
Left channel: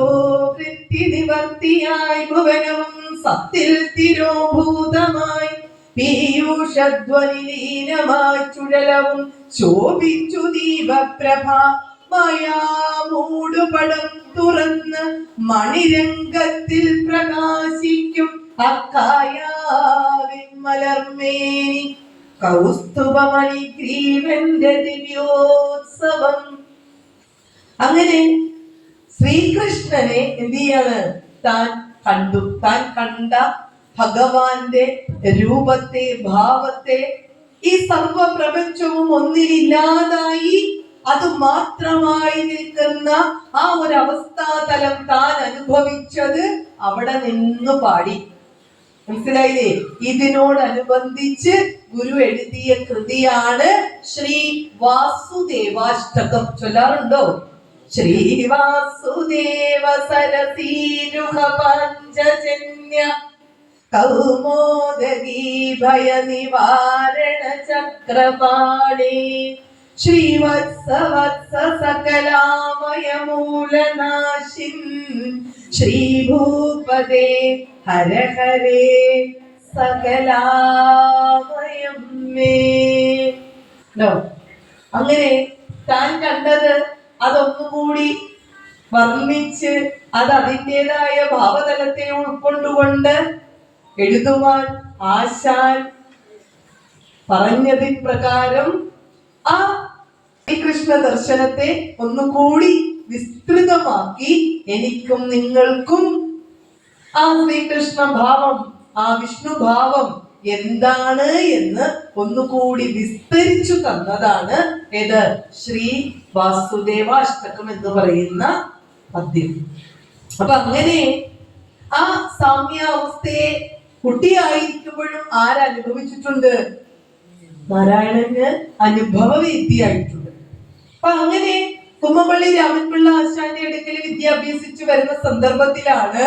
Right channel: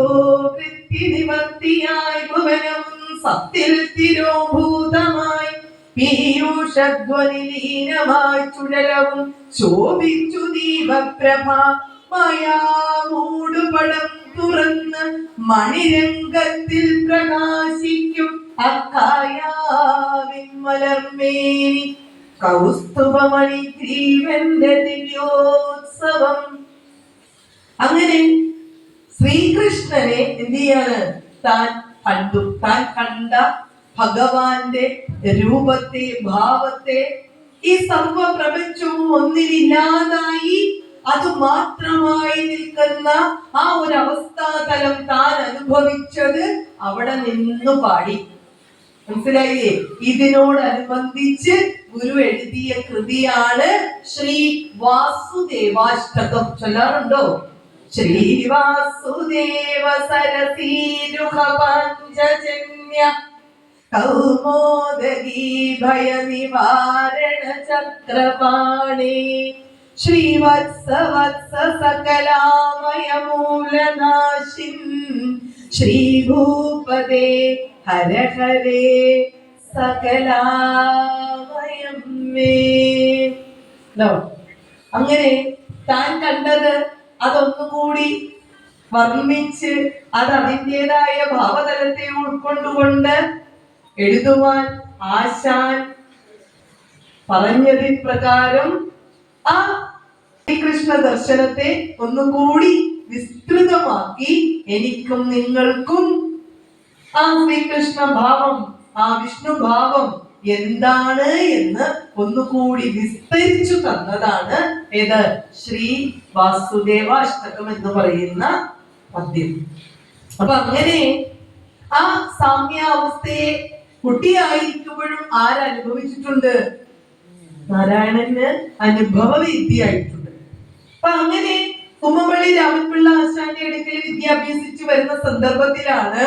വൃത്തിനിവർത്തിയായി ഭുവനം സത്തിൽ തിരോഭൂതമായി പീയൂഷധ്വനിലീനമായി ചുഴലവും ശോഭിച്ചു ദീപപ്രഭ മായാമൂടുപടം തുറന്ന് മണിരംഗത്തിൽ പ്രകാശിക്കും അക്കായാവിൻ മലർമേനി കൗസ്തുഭമണി ഗ്രീവന്റെ ദിവ്യോത്സവം. അങ്ങനെ ശ്രീകൃഷ്ണനെ എന്ത് ചെയ്യാണ്? താൻ കണ്ടു. താൻ കണ്ട ഭഗവാന്റെ രൂപത്തെ, ഭാവത്തെ, ഈ സർവ പ്രപഞ്ചവും ഒന്നിലില്ലാതായി അത് മാത്രമായി നിൽക്കുന്ന ആ ഒരു അവസ്ഥാതലം താൻ അനുഭവിച്ചത് അവിടെ നിന്നു പാടി. മനസ്സിലായില്ലേ? ഇതിനോടനുബന്ധിച്ച് ഗുരു എഴുതിയ കൃതിയാണ് ശ്രീ വാസുദേവാഷ്ടകം. ചൊല്ലാറുണ്ടോ? ശ്രീ വാസുദേവ സരസീരുഹ പഞ്ചജന്യ കൗമോദഗീ ഭയ നിവാരണ ചക്രപാണി ശ്രീവത്സ വത്സ സകലാമയ മൂലനാശിൻ ശ്രീഭൂപദേ ഹര ഹരേ സകലാമയം മേ. അങ്ങനെ താൻ കണ്ടത് അതൊന്നുകൂടി വർണ്ണിച്ച് അത് അതിൻ്റെതായ ഭാവതലത്തെ ഉൾക്കൊണ്ടുകൊണ്ട് എഴുതുവാൻ ആശാൻ പറഞ്ഞതിൻ പ്രകാരം ആ ശ്രീകൃഷ്ണ ദർശനത്തെ ഒന്നുകൂടി വിസ്തൃതമാക്കി എനിക്കും നിങ്ങൾക്കും ആ ശ്രീകൃഷ്ണ ഭാവം, ആ വിഷ്ണു ഭാവം എന്താണ് എന്ന് ഒന്നുകൂടി വിസ്തരിച്ചു തന്നതാണ് ഏത്? ശ്രീ വാസുദേവാഷ്ടകം എന്ന് പറയുന്ന പദ്യം. അപ്പൊ അങ്ങനെ ആ സാമ്യാവസ്ഥയെ കുട്ടിയായിരിക്കുമ്പോഴും ആരനുഭവിച്ചിട്ടുണ്ട്? നാരായണന് അനുഭവവേദ്യയായിട്ടുണ്ട്. അപ്പൊ അങ്ങനെ കുമ്മമ്പള്ളി രാമൻപിള്ള ആശാന്റെ അടുക്കൽ വിദ്യാഭ്യസിച്ചു വരുന്ന സന്ദർഭത്തിലാണ്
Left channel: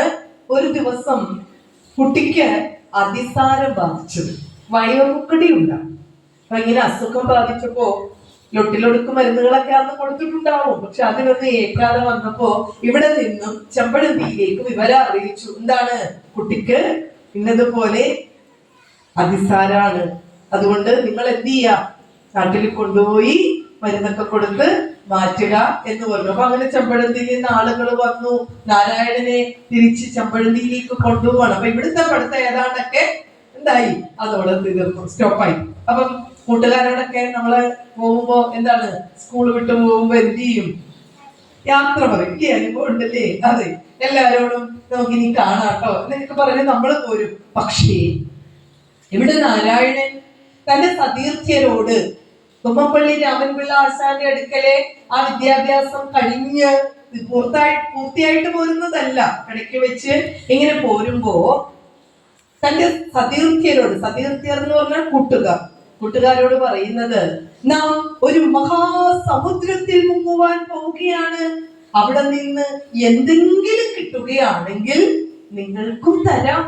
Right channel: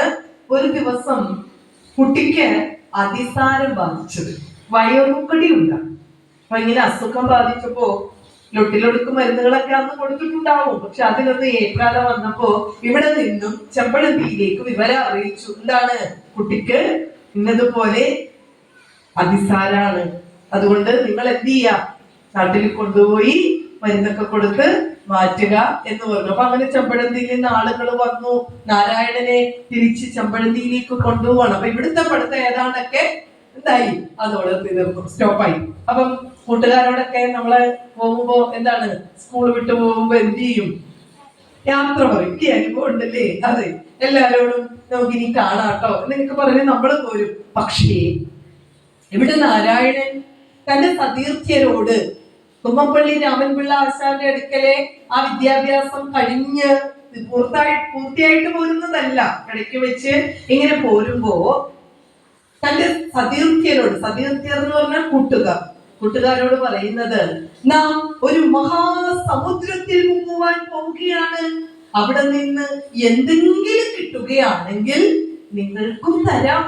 ഒരു ദിവസം കുട്ടിക്ക് അതിസാരം ബാധിച്ചത്. വയോമുക്കടി ഉണ്ടാകും. അപ്പൊ ഇങ്ങനെ അസുഖം ബാധിച്ചപ്പോ ലൊട്ടിലൊടുക്ക് മരുന്നുകളൊക്കെ അന്ന് കൊടുത്തിട്ടുണ്ടാവും. പക്ഷെ അതിലൊന്ന് ഏക്കാതെ വന്നപ്പോ ഇവിടെ നിന്നും ചെമ്പഴന്തിയിലേക്ക് വിവരം അറിയിച്ചു. എന്താണ്? കുട്ടിക്ക് ഇന്നതുപോലെ അതിസാരാണ്, അതുകൊണ്ട് നിങ്ങൾ എന്ത് ചെയ്യാ, നാട്ടിൽ കൊണ്ടുപോയി മരുന്നൊക്കെ കൊടുത്ത് മാറ്റുക എന്ന് പറഞ്ഞു. അപ്പൊ അങ്ങനെ ചെമ്പഴന്തിയിൽ നിന്ന് ആളുകൾ വന്നു. നാരായണനെ തിരിച്ച് ചെമ്പഴന്തിയിലേക്ക് കൊണ്ടുപോവാണ്. അപ്പൊ ഇവിടുത്തെ പഠിത്തം ഏതാണ്ടൊക്കെ എന്തായി, അതോടെ തീർന്നു, സ്റ്റോപ്പായി. അപ്പം കൂട്ടുകാരോടൊക്കെ നമ്മള് പോകുമ്പോ എന്താണ്, സ്കൂൾ വിട്ടു പോകുമ്പോ എന്ത് ചെയ്യും? യാത്ര പറയും. ഈ അനുഭവം ഉണ്ടല്ലേ? അതെ, എല്ലാരോടും നമുക്കിനി കാണാട്ടോ എന്നൊക്കെ പറഞ്ഞ് നമ്മൾ പോരും. പക്ഷേ ഇവിടെ നാരായണൻ തന്റെ സതീർത്ഥ്യരോട് കുമ്മമ്പള്ളി രാമൻപിള്ള ആശാന്റെ അടുക്കലെ ആ വിദ്യാഭ്യാസം കഴിഞ്ഞ് പൂർത്തിയായിട്ട് പോരുന്നതല്ല, ഇടയ്ക്ക് വെച്ച് ഇങ്ങനെ പോരുമ്പോ തന്റെ സതീർത്ഥ്യരോട്, സതീർത്ഥ്യർ എന്ന് പറഞ്ഞാൽ കൂട്ടുകാർ, കൂട്ടുകാരോട് പറയുന്നത്, നാം ഒരു മഹാസമുദ്രത്തിൽ മുങ്ങുവാൻ പോവുകയാണ്. അവിടെ നിന്ന് എന്തെങ്കിലും കിട്ടുകയാണെങ്കിൽ നിങ്ങൾക്കും തരാം.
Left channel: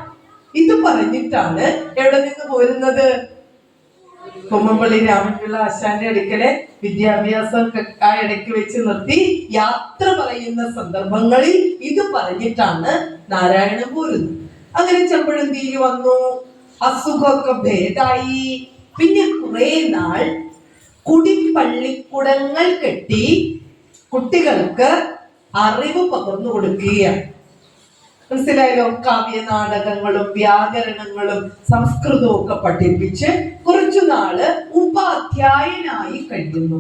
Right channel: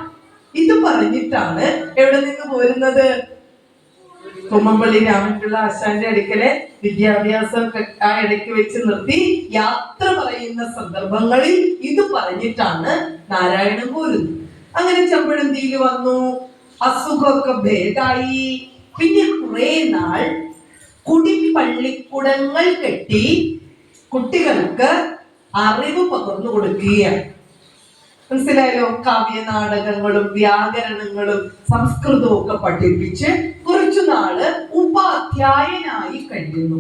ഇത് പറഞ്ഞിട്ടാണ് എവിടെ നിന്ന് പോരുന്നത്? കുമ്മമ്പള്ളി രാമൻപിള്ള ആശാന്റെ അടുക്കലെ വിദ്യാഭ്യാസം ആ ഇടയ്ക്ക് വെച്ച് നിർത്തി യാത്ര പറയുന്ന സന്ദർഭങ്ങളിൽ ഇത് പറഞ്ഞിട്ടാണ് നാരായണൻ പോരുന്നത്. അങ്ങനെ ചെമ്പഴന്തിയിൽ വന്നു, അസുഖമൊക്കെ ഭേദായി. പിന്നെ കുറെ നാൾ കുടിപ്പള്ളിക്കുടങ്ങൾ കെട്ടി കുട്ടികൾക്ക് അറിവ് പകർന്നു കൊടുക്കുകയാണ്. മനസ്സിലായല്ലോ? കാവ്യ നാടകങ്ങളും വ്യാകരണങ്ങളും സംസ്കൃതവും ഒക്കെ പഠിപ്പിച്ച് കുറച്ചു നാള് ഉപാധ്യായനായി കഴിയുന്നു.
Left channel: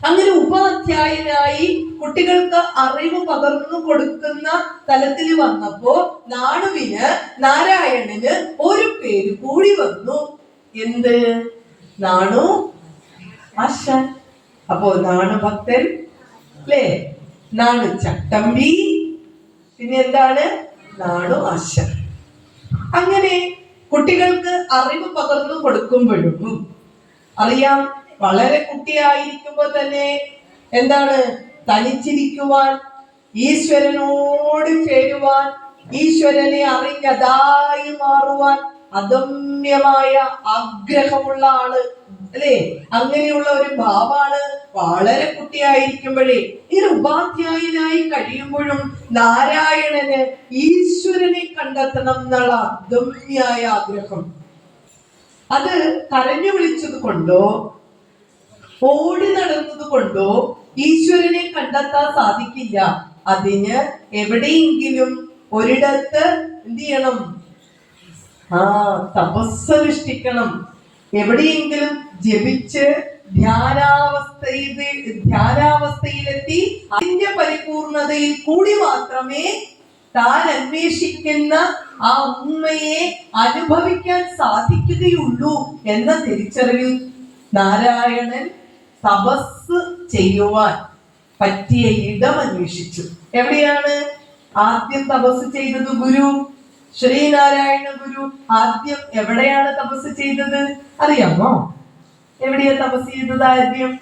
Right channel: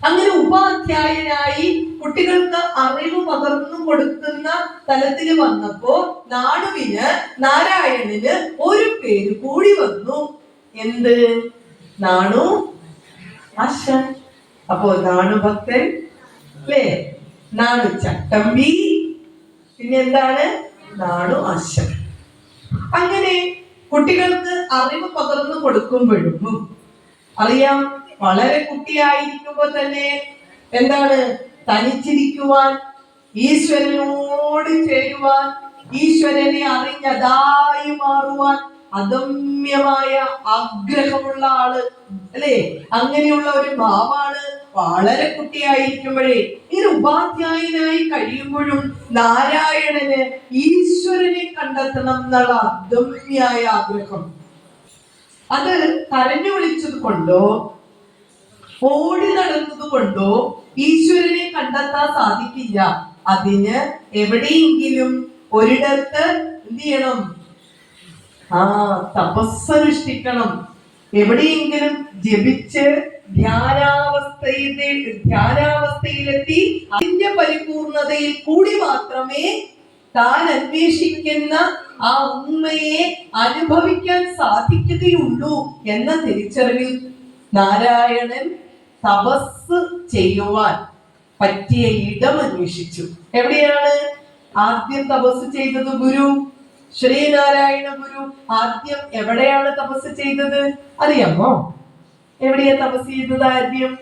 അങ്ങനെ ഉപാധ്യായനായി കുട്ടികൾക്ക് അറിവ് പകർന്നു കൊടുക്കുന്ന തലത്തിൽ വന്നപ്പോ നാണുവിന്, നാരായണന് ഒരു പേര് കൂടി വന്നു. എന്ത്? നാണു ആശാൻ. അപ്പോ നാണു ഭക്തൻ അല്ലേ? നാണു ചട്ടമ്പി, പിന്നെ എന്താണ്? നാണു ആശാൻ. അങ്ങനെ കുട്ടികൾക്ക് അറിവ് പകർന്നു കൊടുക്കുമ്പോഴും അറിയാം, വളരെ കുട്ടിയായിരിക്കുമ്പോ തന്നെ എന്താണ്? തനിച്ചിരിക്കുവാൻ, ഈശ്വരനോട് ചേരുവാൻ, ഈശ്വരനെ അറിഞ്ഞതായി മാറുവാൻ അദമ്യമായ ആഗ്രഹമുള്ള ആള് അല്ലേ? അങ്ങനെയുള്ള ഒരു ഭാവമാണ് വളരെ കുട്ടിയായിരിക്കുമ്പോഴേ. ഇത് ഉപാധ്യായനായി കഴിയുമ്പോഴും നാരായണന് ഈശ്വരനെ കണ്ടെത്തണം എന്നുള്ള അദമ്യായ ആഗ്രഹം. അത് കരഞ്ഞു വിളിച്ചത് കൊണ്ടോ ഓടി നടന്നത് കൊണ്ടോ ഈശ്വരനെ കണ്ടെത്താൻ സാധിക്കില്ല. അതിന് എവിടെയെങ്കിലും ഒരിടത്ത് എന്ത് ചെയ്യണം? തപസ്സനുഷ്ഠിക്കണം. എവിടെയെങ്കിലും ജപിച്ച് ധ്യാനാവസ്ഥയിലെത്തി അതിന്റെ പരിപൂർണതയിൽ കൂടി മാത്രമേ താൻ അന്വേഷിക്കുന്ന ആ ഉണ്മയെ അനുഭവിക്കാൻ സാധിക്കുകയുള്ളൂ എന്ന തിരിച്ചറിവിൽ നാരായണൻ തപസ് ചെയ്യുവാൻ പറ്റിയ ഇടം അന്വേഷിച്ചു. എവിടെയാണ് ആദ്യം തപസ് ചെയ്തത്? ഗുരു ശ്രീനാരായണ ഗുരു ആദ്യം എവിടെയാണ് തപസ് ചെയ്തത്? അറിയാമോ? എവിടെയാ തപസ് ചെയ്തത്? ആദ്യം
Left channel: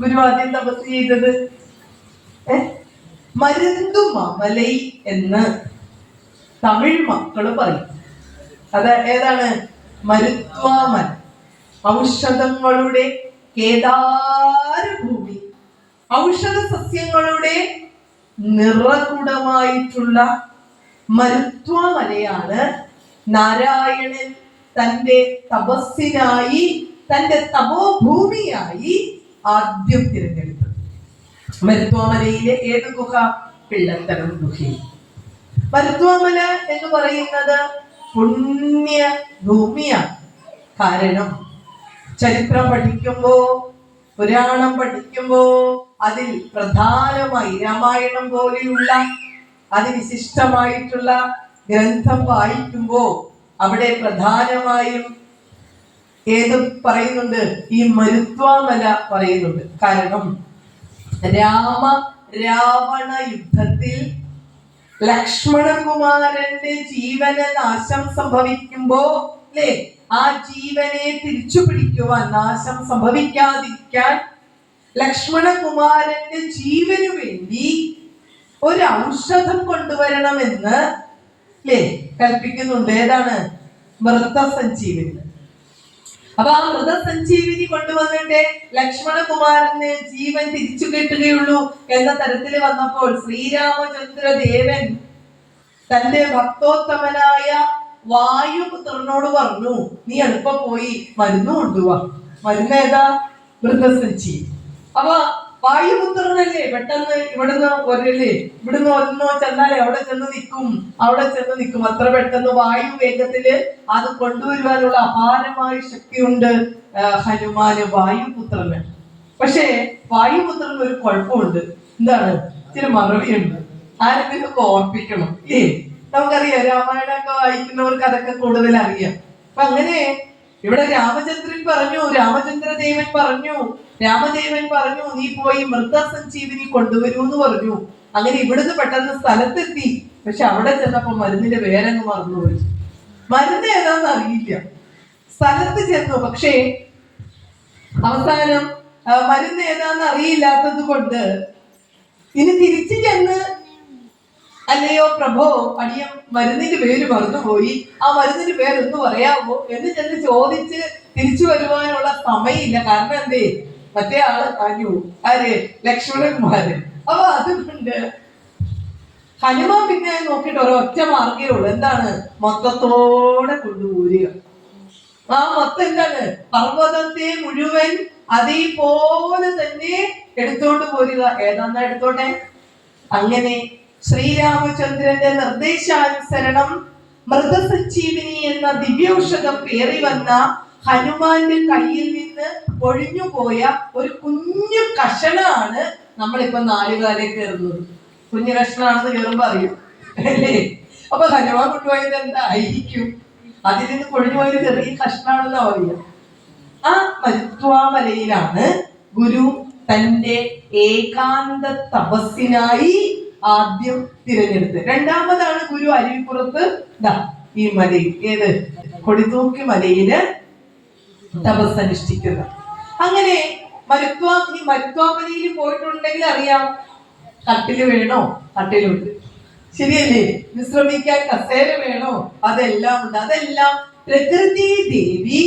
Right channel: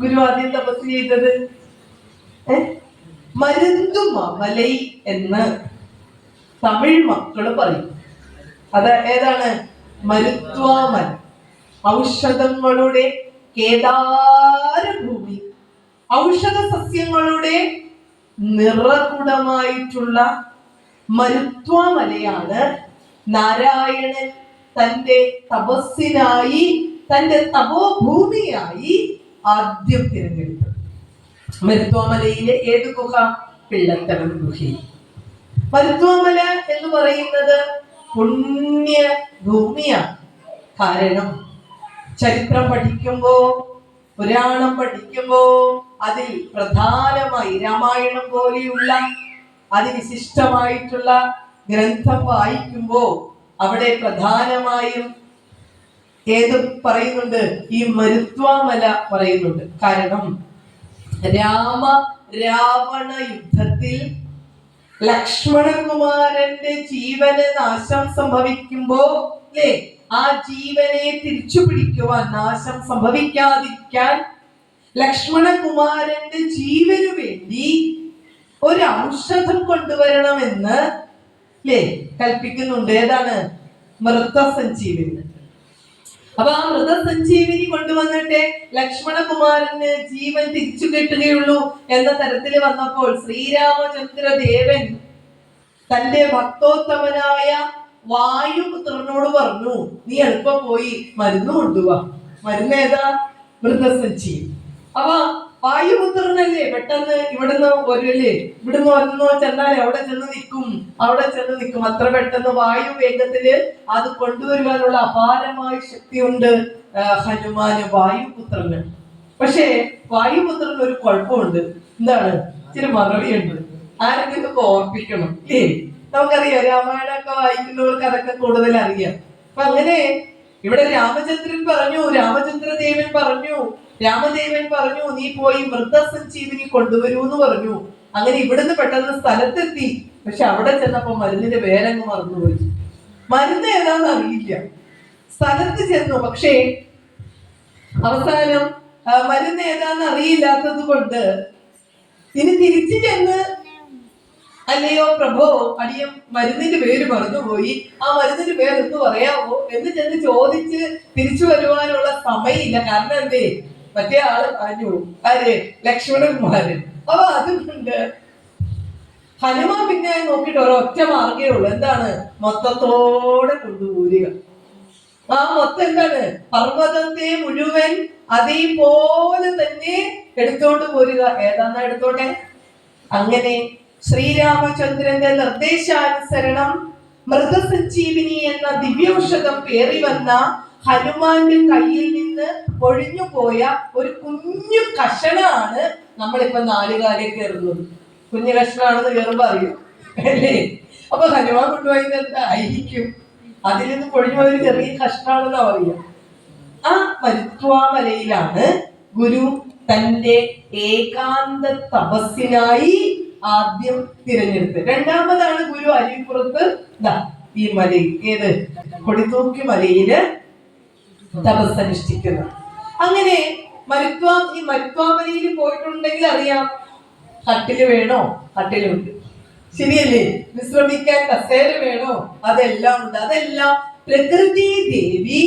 ഗുരു ആദ്യം തപസ് ചെയ്തത് മരുന്തുമലൈ എന്ന് തമിഴ് മക്കള് പറയും. അത് ഏതാണ്? മരുത്വാമല, ഔഷധങ്ങളുടെ കേദാരഭൂമി, ഔഷധ സസ്യങ്ങളുടെ നിറകുടമായിട്ടുള്ള മരുത്വാമലയാണ് നാരായണൻ തന്റെ തപസ്സിനായി, തന്റെ തപോഭൂമിയായി ആദ്യം തിരഞ്ഞെടുത്തത്. മരുത്വാമലയിലെ ഏത് ഗുഹ? പിള്ളത്തരം ഗുഹയിൽ. മരുത്വാമല എന്ന് പറയുന്നത് പുണ്യ ഭൂമിയാണ്. കാരണം ചരിത്രം പഠിക്കുമ്പോ, പുരാണം പഠിക്കുമ്പോ അതിൽ പ്രധാനമായി രാമായണം പോലെയുള്ള അതിവിശിഷ്ടമായിട്ടുള്ള ഗ്രന്ഥം വായിക്കുമ്പോ അവിടെ പ്രധാനമായും ഏത് പറയുന്നുണ്ട്? ഈ മരുത്വാമല പറയുന്നുണ്ട്. കാരണം രാവണ യുദ്ധത്തിൽ ലക്ഷ്മണകുമാരന്റെ ജീവന് നാശം സംഭവിക്കുമ്പോ അല്ലേ, ആ ജീവനെ തിരിച്ചു പിടിക്കുവാൻ, നാശം സംഭവിക്കാതിരിക്കാൻ ലക്ഷ്മണകുമാരന്റെ ജീവനു വേണ്ടി ഒരു ഔഷധം കൊണ്ടുവരണമെന്ന് അല്ലേ കൽപ്പിക്കുന്നുണ്ട്. ഏതാണ്? മൃതസഞ്ജീവനി. അപ്പൊ ആ മൃതസഞ്ജീവനി കൊണ്ടുവന്നിട്ട് ലക്ഷ്മണകുമാരന് ജീവൻ തിരിച്ചു കിട്ടുകയുള്ളൂ എന്ന തരത്തിൽ വന്നപ്പോൾ ശ്രീരാമചന്ദ്രദേവൻ തന്റെ ഭക്തോത്തമനായ വായുപുത്രനോട് പറഞ്ഞു, നീ എളുപ്പം പോയി മരുന്ന് കൊണ്ടുപോവാ. മരുന്ന് ഏതാ? മൃതസഞ്ജീവനി. അപ്പൊ വായുപുത്രനല്ലേ പെട്ടെന്ന് ഇവിടുന്ന് ഒന്നോ ചെന്നാൽ അവിടെ ചെന്ന് നിൽക്കും. അത്ര പെട്ടെന്ന് വായു വേഗത്തില് അത് കൊണ്ടുവരുവാനുള്ള അപാരമായ ശക്തിയുണ്ട് ഹനുമാന്, വായുപുത്രന്. പക്ഷേ വായുപുത്രന് ഒരു കുഴപ്പമുണ്ട്. എന്താണ്? ഇച്ചിരി മറവിയുണ്ട്. ആരെങ്കിലും ഓർപ്പിക്കണം ഇല്ലേ? നമുക്കറിയാം, രാമായണമൊക്കെ വായിക്കുന്നവർക്ക് അതൊക്കെ കൂടുതൽ അറിയാം. അപ്പൊ അങ്ങനെ ഇവിടെ രാമദേവൻ പറഞ്ഞു നീ പോയി മൃതസഞ്ജീവനി കൊണ്ടുവരൂ എന്ന് പറഞ്ഞു. അങ്ങനെ ഇവിടുന്ന് പെട്ടെന്ന് സ്ഥലത്തെത്തി. പക്ഷെ അവിടെ ചെന്നപ്പോ മരുന്നിന്റെ പേരങ്ങ് മറന്നുപോയി. മരുന്ന് ഏതാന്ന് അറിയില്ല. സ്ഥലത്ത് ചെന്നു. പക്ഷേ അവസാനം മരുന്ന് ഏതാന്ന് അറിയില്ലാത്തത് കൊണ്ട് ഇനി തിരിച്ചു ചെന്ന്, അല്ലയോ പ്രഭോ, അടിയം മരുന്നിന്റെ പേര് മറന്നുപോയി, ആ മരുന്നിന്റെ പേര് ഒന്ന് പറയാമോ എന്ന് ചെന്ന് ചോദിച്ച് തിരിച്ചു വരുവാനുള്ള സമയമില്ല. കാരണം എന്തേ, മറ്റേ ആള് പറഞ്ഞു, ആര്, ലക്ഷ്മണന്മാര്. അപ്പൊ അതുകൊണ്ട് ഹനുമാൻ പിന്നെ നോക്കിയിട്ട് ഒരൊറ്റ മാർഗേ ഉള്ളൂ. എന്താണ്? മൊത്തത്തോടെ കൊണ്ടുപോരുക. ആ മൊത്തം എന്താണ്? പർവ്വതത്തെ മുഴുവൻ അതേപോലെ തന്നെ എടുത്തോണ്ട് പോരുക. ഏതാന്നാ എടുത്തോട്ടെ. അങ്ങനെ ശ്രീരാമചന്ദ്രന്റെ നിർദ്ദേശാനുസരണം മൃതസഞ്ജീവിനി എന്ന ദിവ്യൌഷധം പേറി വന്ന ഹനുമാന്റെ കയ്യിൽ നിന്ന് ഒഴിഞ്ഞു പോയ ഒരു കുഞ്ഞു കഷണമാണ് നമ്മളിപ്പോ നാലുകാരെ കയറുന്നത്. കുഞ്ഞു കഷ്ണാണെന്ന് കയറുമ്പോ അറിയും അല്ലേ? അപ്പൊ ഹനുമാൻ കൊണ്ടുപോയത് എന്തായിരിക്കും? അതിൽ നിന്ന് പൊഴിഞ്ഞു പോയൊരു ചെറിയ കഷ്ണാണെന്നാ പറയാ. ആ മരുത്വാമലയിലാണ് ഗുരു തന്റെ ഏകാന്ത തപസ്സിനായി ആദ്യം തിരഞ്ഞെടുത്ത്. രണ്ടാമതാണ് ഗുരു അരുവിപ്പുറത്ത് ഈ മലയിൽ, ഏത്, കൊടിതൂക്കി മലയില് തപസ്സനുഷ്ഠിക്കുന്നത്. അങ്ങനെ ഈ മരുത്വാമലയിൽ പോയിട്ടുണ്ടെങ്കിൽ അറിയാം, കട്ടില് വേണോ? കട്ടിലുണ്ട്. ശരിയല്ലേ? വിശ്രമിക്കാൻ കസേര വേണോ? അതെല്ലാം ഉണ്ട്. അതെല്ലാം പ്രകൃതി ദേവി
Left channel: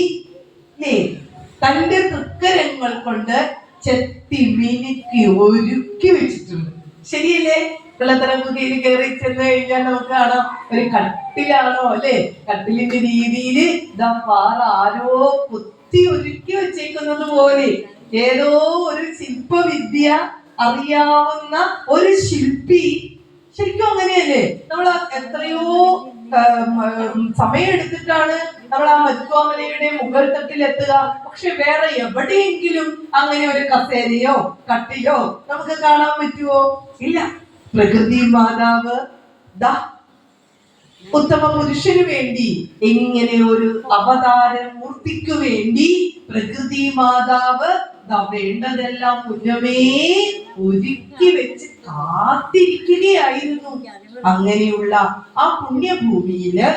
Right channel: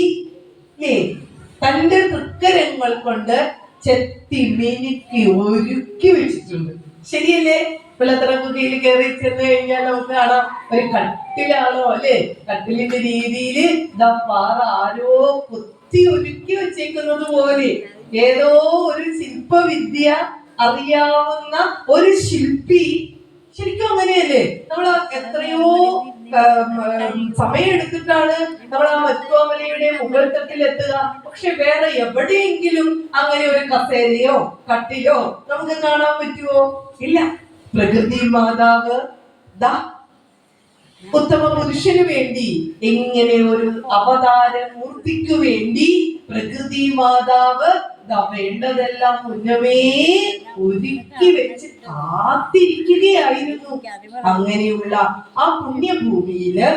തന്റെ തൃക്കരങ്ങൾ കൊണ്ട് ചെത്തി മിനുക്കി ഒരുക്കി വെച്ചിട്ടുണ്ട്. ശരിയല്ലേ? പിള്ളത്തറമ്പുകയിൽ കയറി ചെന്ന് കഴിഞ്ഞാൽ നമുക്ക് കാണാം ഒരു കട്ടിലാണോ അല്ലെ? കട്ടിലിന്റെ രീതിയിൽ ആരോ കുത്തി ഒരുക്കി വെച്ചേക്കുന്നത് പോലെ ഏതോ ഒരു ശില്പവിദ്യ അറിയാവുന്ന ഒരു ശില്പി. ശരിക്കും അങ്ങനെയല്ലേ? നമ്മൾ എത്രയോ സമയമെടുത്തിട്ടാണ് നമ്മൾ ആ മരുത്വാമലയുടെ മുകൾ തട്ടിൽ എത്തുക. പക്ഷെ വേറെ എവിടെയെങ്കിലും അങ്ങനെ ഒരു കസേരയോ കട്ടിലോ നമുക്ക് കാണാൻ പറ്റുമോ? ഇല്ല. പ്രകൃതി മാതാവ് ഉത്തമ പുരുഷന് വേണ്ടി, ഇങ്ങനെ ഒരു അവതാര മൂർത്തിക്കു വേണ്ടി പ്രകൃതി മാതാവ് വേണ്ടതെല്ലാം മുന്നമേ ഒരുക്കി വെച്ച് കാത്തിരിക്കുകയായിരുന്നു. അങ്ങനെയുള്ള ആ പുണ്യഭൂമിയില്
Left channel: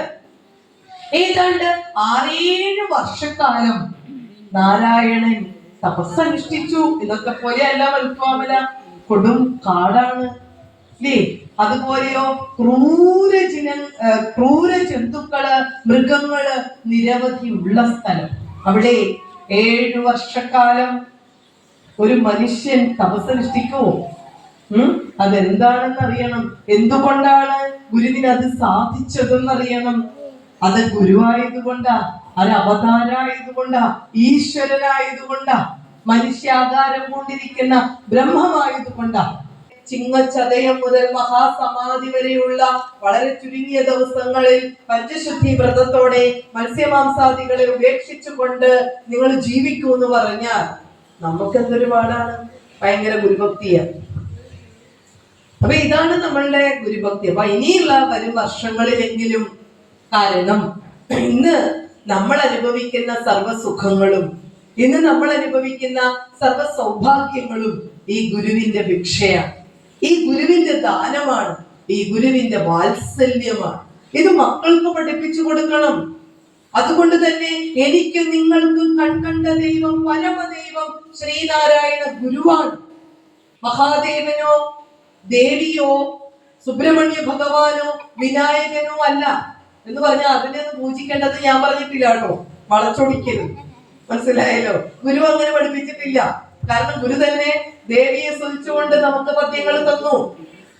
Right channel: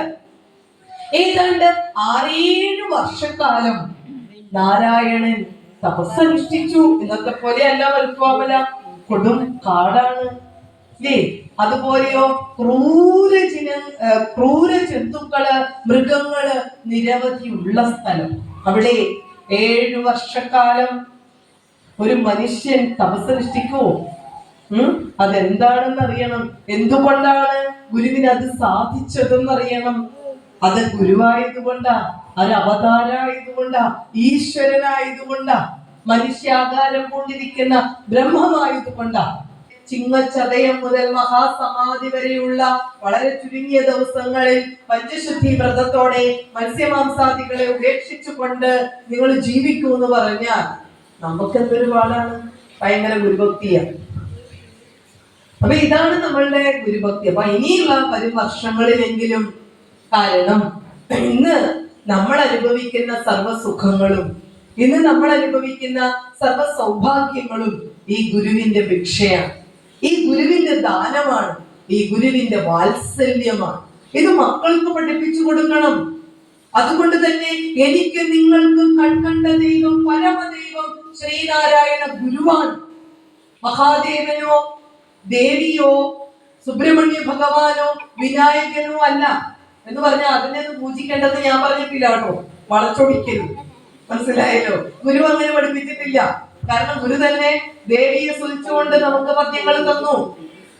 ഏതാണ്ട് 6-7 വർഷക്കാലം നാരായണൻ തപസ്സനുഷ്ഠിച്ചു. ഇന്നത്തെ പോലെയല്ല മരുത്വാമല, കൊടും കാടാണ് അല്ലേ? അതുപോലെയോ ക്രൂര ജന്തുക്കള്, മൃഗങ്ങള് നിരവധി ഉള്ള സ്ഥലം. അവിടെ 7 വർഷക്കാലം ഒരു മനുഷ്യൻ തപസ്സനുഷ്ഠിക്കുമോ? അതെന്താണെന്ന് അറിയണം. എന്തുകൊണ്ടാണ് ഗുരുവിന് അത് സാധിച്ചതെന്നറിയണം. അത് ഗുരുവായതുകൊണ്ടാ, അത് അവതാരായതുകൊണ്ടാ, ഈശ്വരനായതുകൊണ്ടാ, മനുഷ്യാകാരം കൊണ്ടിരിക്കുന്ന ബ്രഹ്മമായതുകൊണ്ടാ. ചിങ്ങച്ചതയം മുതൽ മഹാസമാധി വരെയുള്ള വളരെ ചുരുങ്ങിയ ദിവസങ്ങളിൽ പഞ്ചശുദ്ധി വ്രതത്തോടെ മത്സ്യമാംസാദികളെ ഉപേക്ഷിച്ചുകൊണ്ട് നിങ്ങൾ ജീവിക്കൂ എന്ന് പറഞ്ഞാൽ നമുക്ക് എന്തൊരു പാടാണ്. ഭയങ്കര ഗുരുഭക്തിയാണ്. അപ്പൊ ഇതാണ് നമ്മളുടെ ഗുരുഭക്തി. അപ്പൊ ഇനിയുള്ള വരും വർഷങ്ങളിലെങ്കിലും, കാരണം ഇന്ന് നമ്മൾ അനുഭവിക്കുന്ന സർവ്വസുഖങ്ങളും, ഇന്ന് നമ്മൾ അനുഭവിക്കുന്ന സർവ്വ സൗഭാഗ്യങ്ങളും ഈ ഗുരുവിന്റെ ഭിക്ഷയാണ്, ഈ ഗുരുവിന്റെ ദാനമാണ്, ഈ ഗുരുവിന്റെ വാത്സല്യമാണ്. ഇത് മക്കൾക്ക് പഠിപ്പിച്ചു കൊടുക്കണം. അതുകൊണ്ട് തന്നെ എനിക്ക് നിങ്ങൾക്ക് കൺകണ്ട ദൈവം പരമദൈവം ശ്രീനാരായണ ഗുരുവാണ്. മഹാദേവനോ ദേവിയോ സുബ്രഹ്മണ്യ ഭഗവാനോ വിനായകനോ അല്ല എന്ന് പറഞ്ഞാൽ അതിനെ പൂജിക്കേണ്ടത് ഞാൻ പറഞ്ഞിട്ടില്ല കേട്ടോ, വളച്ചൊടിക്കരുത്. മനസ്സിലായല്ലോ? ഗുരു അങ്ങനെ പഠിപ്പിച്ചിട്ടില്ല. കാരണം ഗുരു തന്നെ ദേവിയെ സ്തുതിച്ചുകൊണ്ട് നമുക്ക് പദ്യങ്ങൾ തന്നു.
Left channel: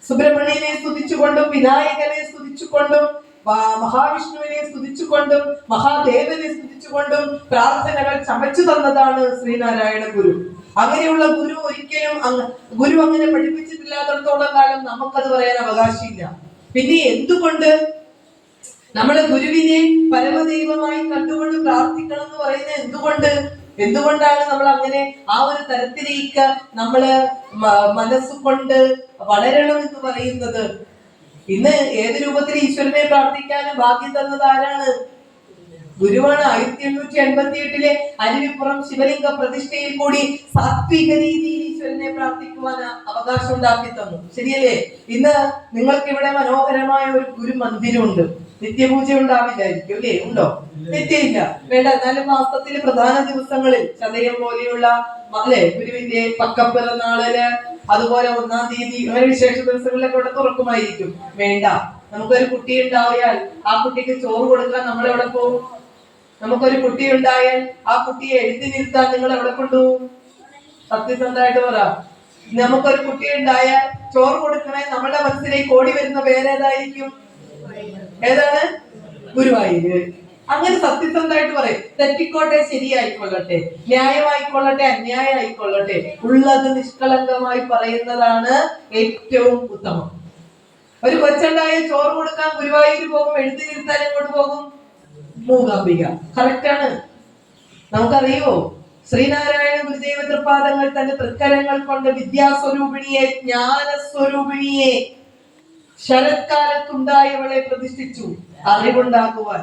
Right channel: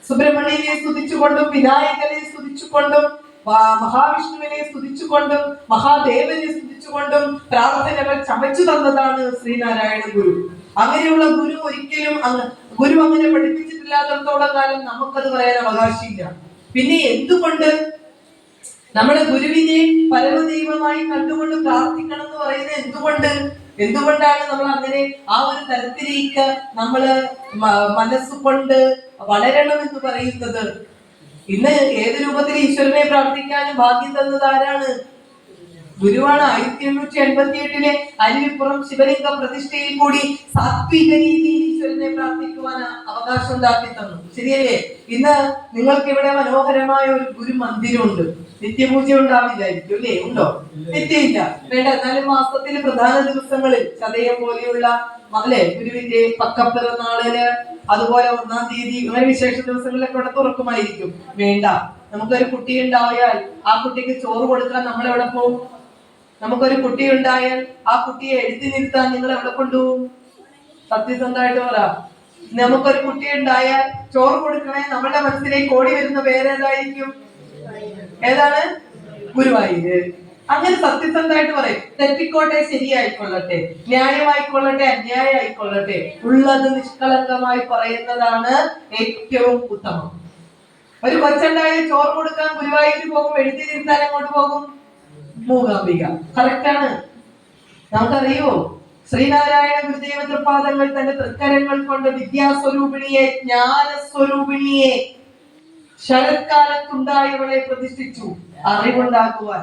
സുബ്രഹ്മണ്യനെ സ്തുതിച്ചുകൊണ്ടും വിനായകനെ സ്തുതിച്ചുകൊണ്ടും മഹാവിഷ്ണുവിനെ സ്തുതിച്ചുകൊണ്ടും മഹാദേവനെ സ്തുതിച്ചുകൊണ്ടും പ്രാർത്ഥനകൾ ചമച്ചു തന്നതാണ് ശ്രീനാരായണ ഗുരു. അങ്ങനെയുള്ള ഗുരു ഒരിക്കലും ഗുരു അങ്ങനെ പഠിപ്പിച്ചിട്ടില്ലാത്തടത്തോളം കാലം നമുക്കത് പറയാൻ അവകാശമില്ല. പിന്നെ എന്തുകൊണ്ട് നമ്മള് ഗുരുവിനെ പരമദൈവമായി കണ്ടുകൊണ്ട് പ്രാർത്ഥിക്കണം എന്ന് പറയുന്നത് എന്തുകൊണ്ടാണ് നമ്മൾ അങ്ങനെ ആ ഒരു തരത്തിലേക്ക് നമ്മള് മനസ്സുകൊണ്ട് വളരണം എന്ന് പറയുന്നത്? ഇന്ന് ഏത് രൂപത്തിൽ ഈശ്വരനെ പ്രാർത്ഥിക്കാനും ഭാഗ്യം തന്നത് ആരാണ്? ഗുരുവാണ്. 1888 അരുവിപ്പുറം ശിവലിംഗ പ്രതിഷ്ഠയിൽ കൂടി സാത്വിക രീതിയിൽ ഈശ്വരനെ പ്രാർത്ഥിക്കുവാൻ അവകാശം ഉണ്ടാക്കി തന്നു. ശരിയല്ലേ? ഇന്ന് നിങ്ങൾക്ക് ഇവിടെ മനോഹരമായ ഒരു ഗുരു മന്ദിരമുണ്ട്. നിത്യപൂജ ഉണ്ടാവില്ലായിരിക്കും അല്ലേ? ഉണ്ടോ? നിത്യമില്ല, വേണ്ട. എന്നാലും മാസത്തില് പ്രധാന ദിവസങ്ങളിൽ ചതയം പോലെയുള്ള അല്ലെ ഗുരുവിന്റെ പക്കപ്പിറന്നാളില്, അതുപോലെ 1-ാം തീയതി, അങ്ങനെ വിശേഷ ദിവസങ്ങളിലൊക്കെ ഇവിടെ തുറക്കുമായിരിക്കും. വേണ്ട, നമുക്കൊരു കുട്ടി ഉണ്ടായാൽ ആ കുട്ടിക്ക് ചോറ് കൊടുക്കാൻ നമ്മൾ എവിടെ പോകും? നമുക്കൊരു കുട്ടി ഉണ്ടായാൽ ആ കുട്ടിയെ എഴുത്തിനിരുത്താൻ നിങ്ങൾ എവിടെ കൊണ്ടുപോകും? സത്യസന്ധമായിട്ട് പറ. നമുക്കൊരു കുട്ടി ഉണ്ടായാൽ ചോറ് കൊടുക്കണേ, നമ്മുടെ മനസ്സിലേക്ക് ഓടി വരുന്ന പേരേതായിരിക്കും? ഏതാണ്? ഗുരുവായൂര്. അങ്ങനെ സത്യസന്ധമായിട്ട് പറയും. തെറ്റിക്കോട്ടെ, ശരിയായിക്കൊള്ളട്ടെ, ന്യായമായിക്കൊള്ളട്ടെ, അന്യായമായിക്കൊള്ളട്ടെ, ഉള്ളത് നിഷ്കളങ്കമായി പറയുന്നതാണ് ഏറ്റവും ഉത്തമം. ഒരു കൊച്ചുണ്ടായ ചോറ് കൊടുക്കാൻ ഗുരുവായൂർ പോകും, എഴുത്തിനിരുത്താൻ എങ്ങോട്ട് പോകും? മൂകാംബിക. കറക്റ്റാണ്. നമുക്കറിയോ, ശ്രീനാരായണ ഗുരുദേവ തൃപാദങ്ങൾ തന്റെ തൃക്കരങ്ങൾ കൊണ്ട് വിദ്യാസ്വരൂപിണിയെ, ജ്ഞാനസ്വരൂപിണിയെ, ശരത്കാലത്തുണ്ടായവളെ പ്രതിഷ്ഠിച്ചു അറിവുണ്ടാക്കുവാൻ.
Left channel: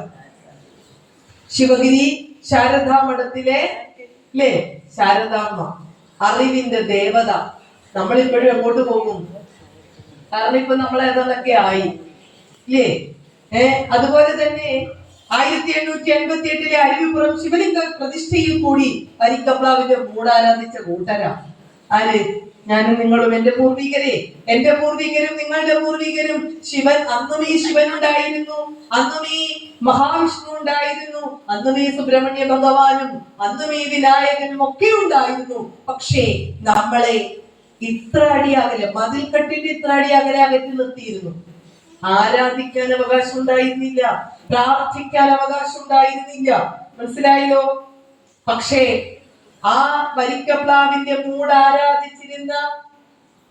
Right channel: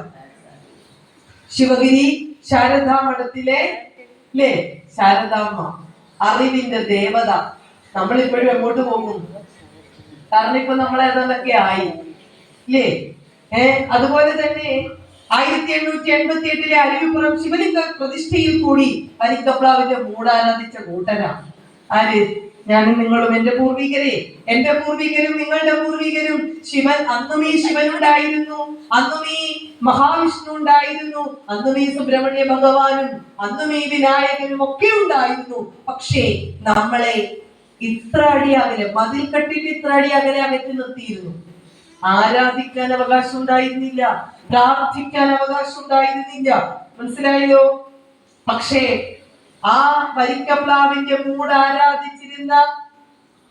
ശിവഗിരി ശാരദാ മഠത്തിലെ ശാരദാമ്മ, അറിവിന്റെ ദേവത. നമ്മളിപ്പോഴും എങ്ങോട്ട് പോകും? കാരണം ഇപ്പൊ നമ്മൾ ഏതാണ്ടൊക്കെ ആയി ഇല്ലേ? അതുപോലെ തന്നെ 1888 അരുവിപ്പുറം ശിവലിംഗ പ്രതിഷ്ഠയിൽ കൂടി വരിക്കപ്ലാവിന്റെ മൂടാരാധിച്ച കൂട്ടരാ ആര്? ഞാനും നിങ്ങളും. എന്റെ പൂർവികരെ, എന്റെ പൂർവികരും നിങ്ങളുടെ പൂർവികരും. ശിവൻ, അന്നും ഈ ശിവൻ ഉണ്ടായിരുന്നു, അന്നും ഈ മഹാവിഷ്ണു ഉണ്ടായിരുന്നു, അന്നും ഈ സുബ്രഹ്മണ്യ ഭഗവാനും, അന്നും ഈ വിനായകനും ഒക്കെ ഉണ്ടായിരുന്നു. പക്ഷേ നമ്മളെ ഇത്ര അടി അകലെ, മതിൽ കെട്ടിട്ട് ഇത്ര അടി അകലെ അകറ്റി നിർത്തിയിരുന്നു. ആരാധിക്കാൻ അവകാശം ഉണ്ടായിരുന്നില്ല, പ്രാർത്ഥിക്കാൻ അവകാശം ഉണ്ടായിരുന്നില്ല. മനസ്സിലായല്ലോ? പക്ഷേ ആ വരിക്കപ്ലാവിന്റെ മൂട് ആരാധിച്ചിരുന്ന,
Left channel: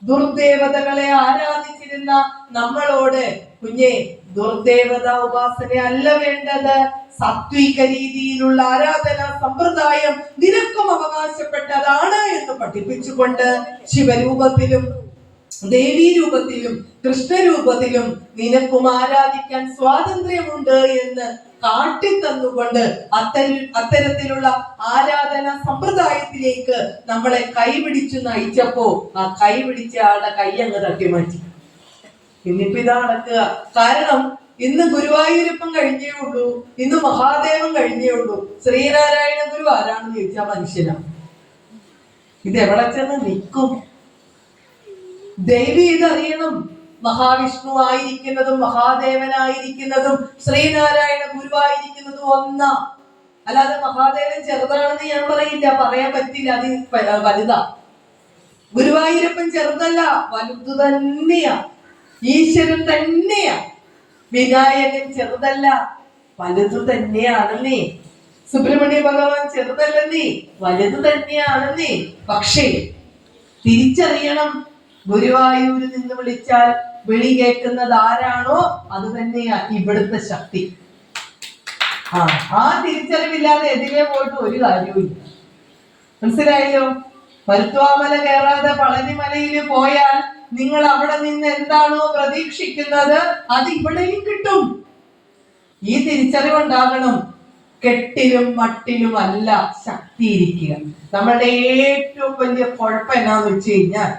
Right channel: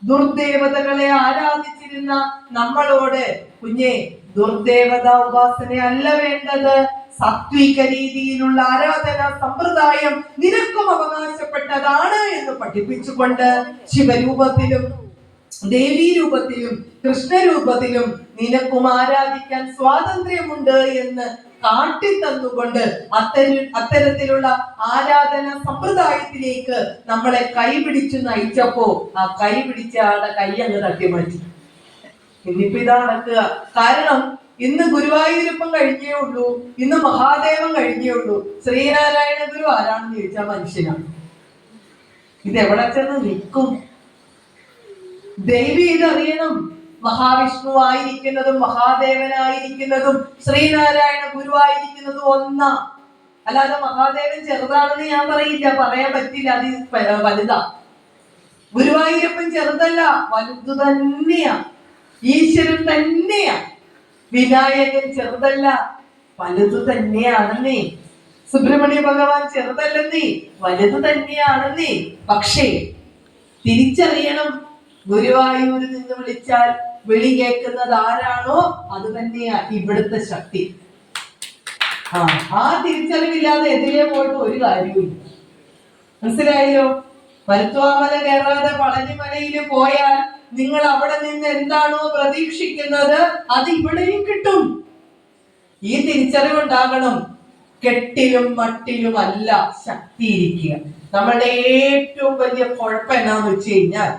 ദുർദേവതകളെ ആരാധിച്ചിരുന്ന നമ്മളോട് കുഞ്ഞെ, ദുർദേവത ഉപാസന അല്ല വേണ്ടത്, സാത്വിക രീതിയിലുള്ള ആരാധനാ സമ്പ്രദായം നിനക്കും അവകാശപ്പെട്ടതാണ് എന്ന് പഠിപ്പിച്ചുകൊണ്ട് ശിവരൂപത്തിലും ദേവീ രൂപത്തിലും കൃഷ്ണരൂപത്തിലും നിനക്കും ആരാധിക്കാൻ സ്വാതന്ത്ര്യമുണ്ട് എന്ന് കാട്ടിത്തന്നുകൊണ്ട് അത്തരത്തിലുള്ള ആരാധന സമ്പ്രദായത്തിലേക്ക് നമ്മളെ കൈപിടിച്ചു നയിച്ചപ്പോ ആ കൈപിടിച്ച ആളുടെ കൈ അങ്ങ് തട്ടിമാറ്റി. ഇന്നിപ്പോ ഇതാ നടക്കുക. കാരണം ഇന്ന് ഗുരുവായൂരപ്പൻ കഴിഞ്ഞേ ഉള്ളൂ, ഇന്ന് മഹാദേവൻ കഴിഞ്ഞേ ഉള്ളൂ. ശ്രീനാരായണ ഗുരു ആരാണെന്ന് ചോദിച്ചാൽ മനുഷ്യനാണ്. ഇതെവിടെ ചെന്ന് നിൽക്കും? ദേവി ഇതറിയണം. മഹാവിഷ്ണു ആയിരിക്കുന്നതും മഹാദേവനായിരിക്കുന്നതും ശ്രീനാരായണ ഗുരുവായിരിക്കുന്നതും ഒന്നാ. അല്ലാതെ മഹാദേവൻ ചെറുതാണെന്ന് ഞാൻ പറയില്ല, പറയാൻ പറ്റില്ല, അത് വലുതാ. ഗുരുവായൂരപ്പൻ ചെറുതല്ല, വലുതു തന്നെയാ. ഈശ്വരൻ തന്നെയാ. വിനായകൻ ചെറുതല്ല, വലുതു തന്നെയാണെന്നേ. സുബ്രഹ്മണ്യ ഭഗവാൻ ചെറുതല്ലെന്നേ, വലുതു തന്നെയാണെന്നേ. പക്ഷേ തിരിച്ചറിയണം, ഗുരുവായൂരിൽ നിന്ന് വിളിച്ചാൽ വിളി കേൾക്കുന്നത് ആരാണോ അത് തന്നെയാ ഇവിടുത്തെ ശക്തി. ആ തിരിച്ചറിവില്ലാതെ എതിരെ പോയിട്ട് ഒരു കാര്യവും. മനസ്സിലായല്ലോ? മരുത്വാമല കയറാതെ പളനിമലയിൽ പോയാൽ നിങ്ങൾ അവിടെ നിന്ന് എന്താണോ പ്രതീക്ഷിക്കുന്നത് അത് ഇവിടെയും കിട്ടും. ഈ തിരിച്ചറിവുണ്ടാകണം. കെട്ടിലും മട്ടിലും അല്ല ശക്തിയിരിക്കുക. നമ്മുടെ ഏറ്റവും വലിയ കുഴപ്പം എന്നാന്ന് വെച്ച് കഴിഞ്ഞാൽ,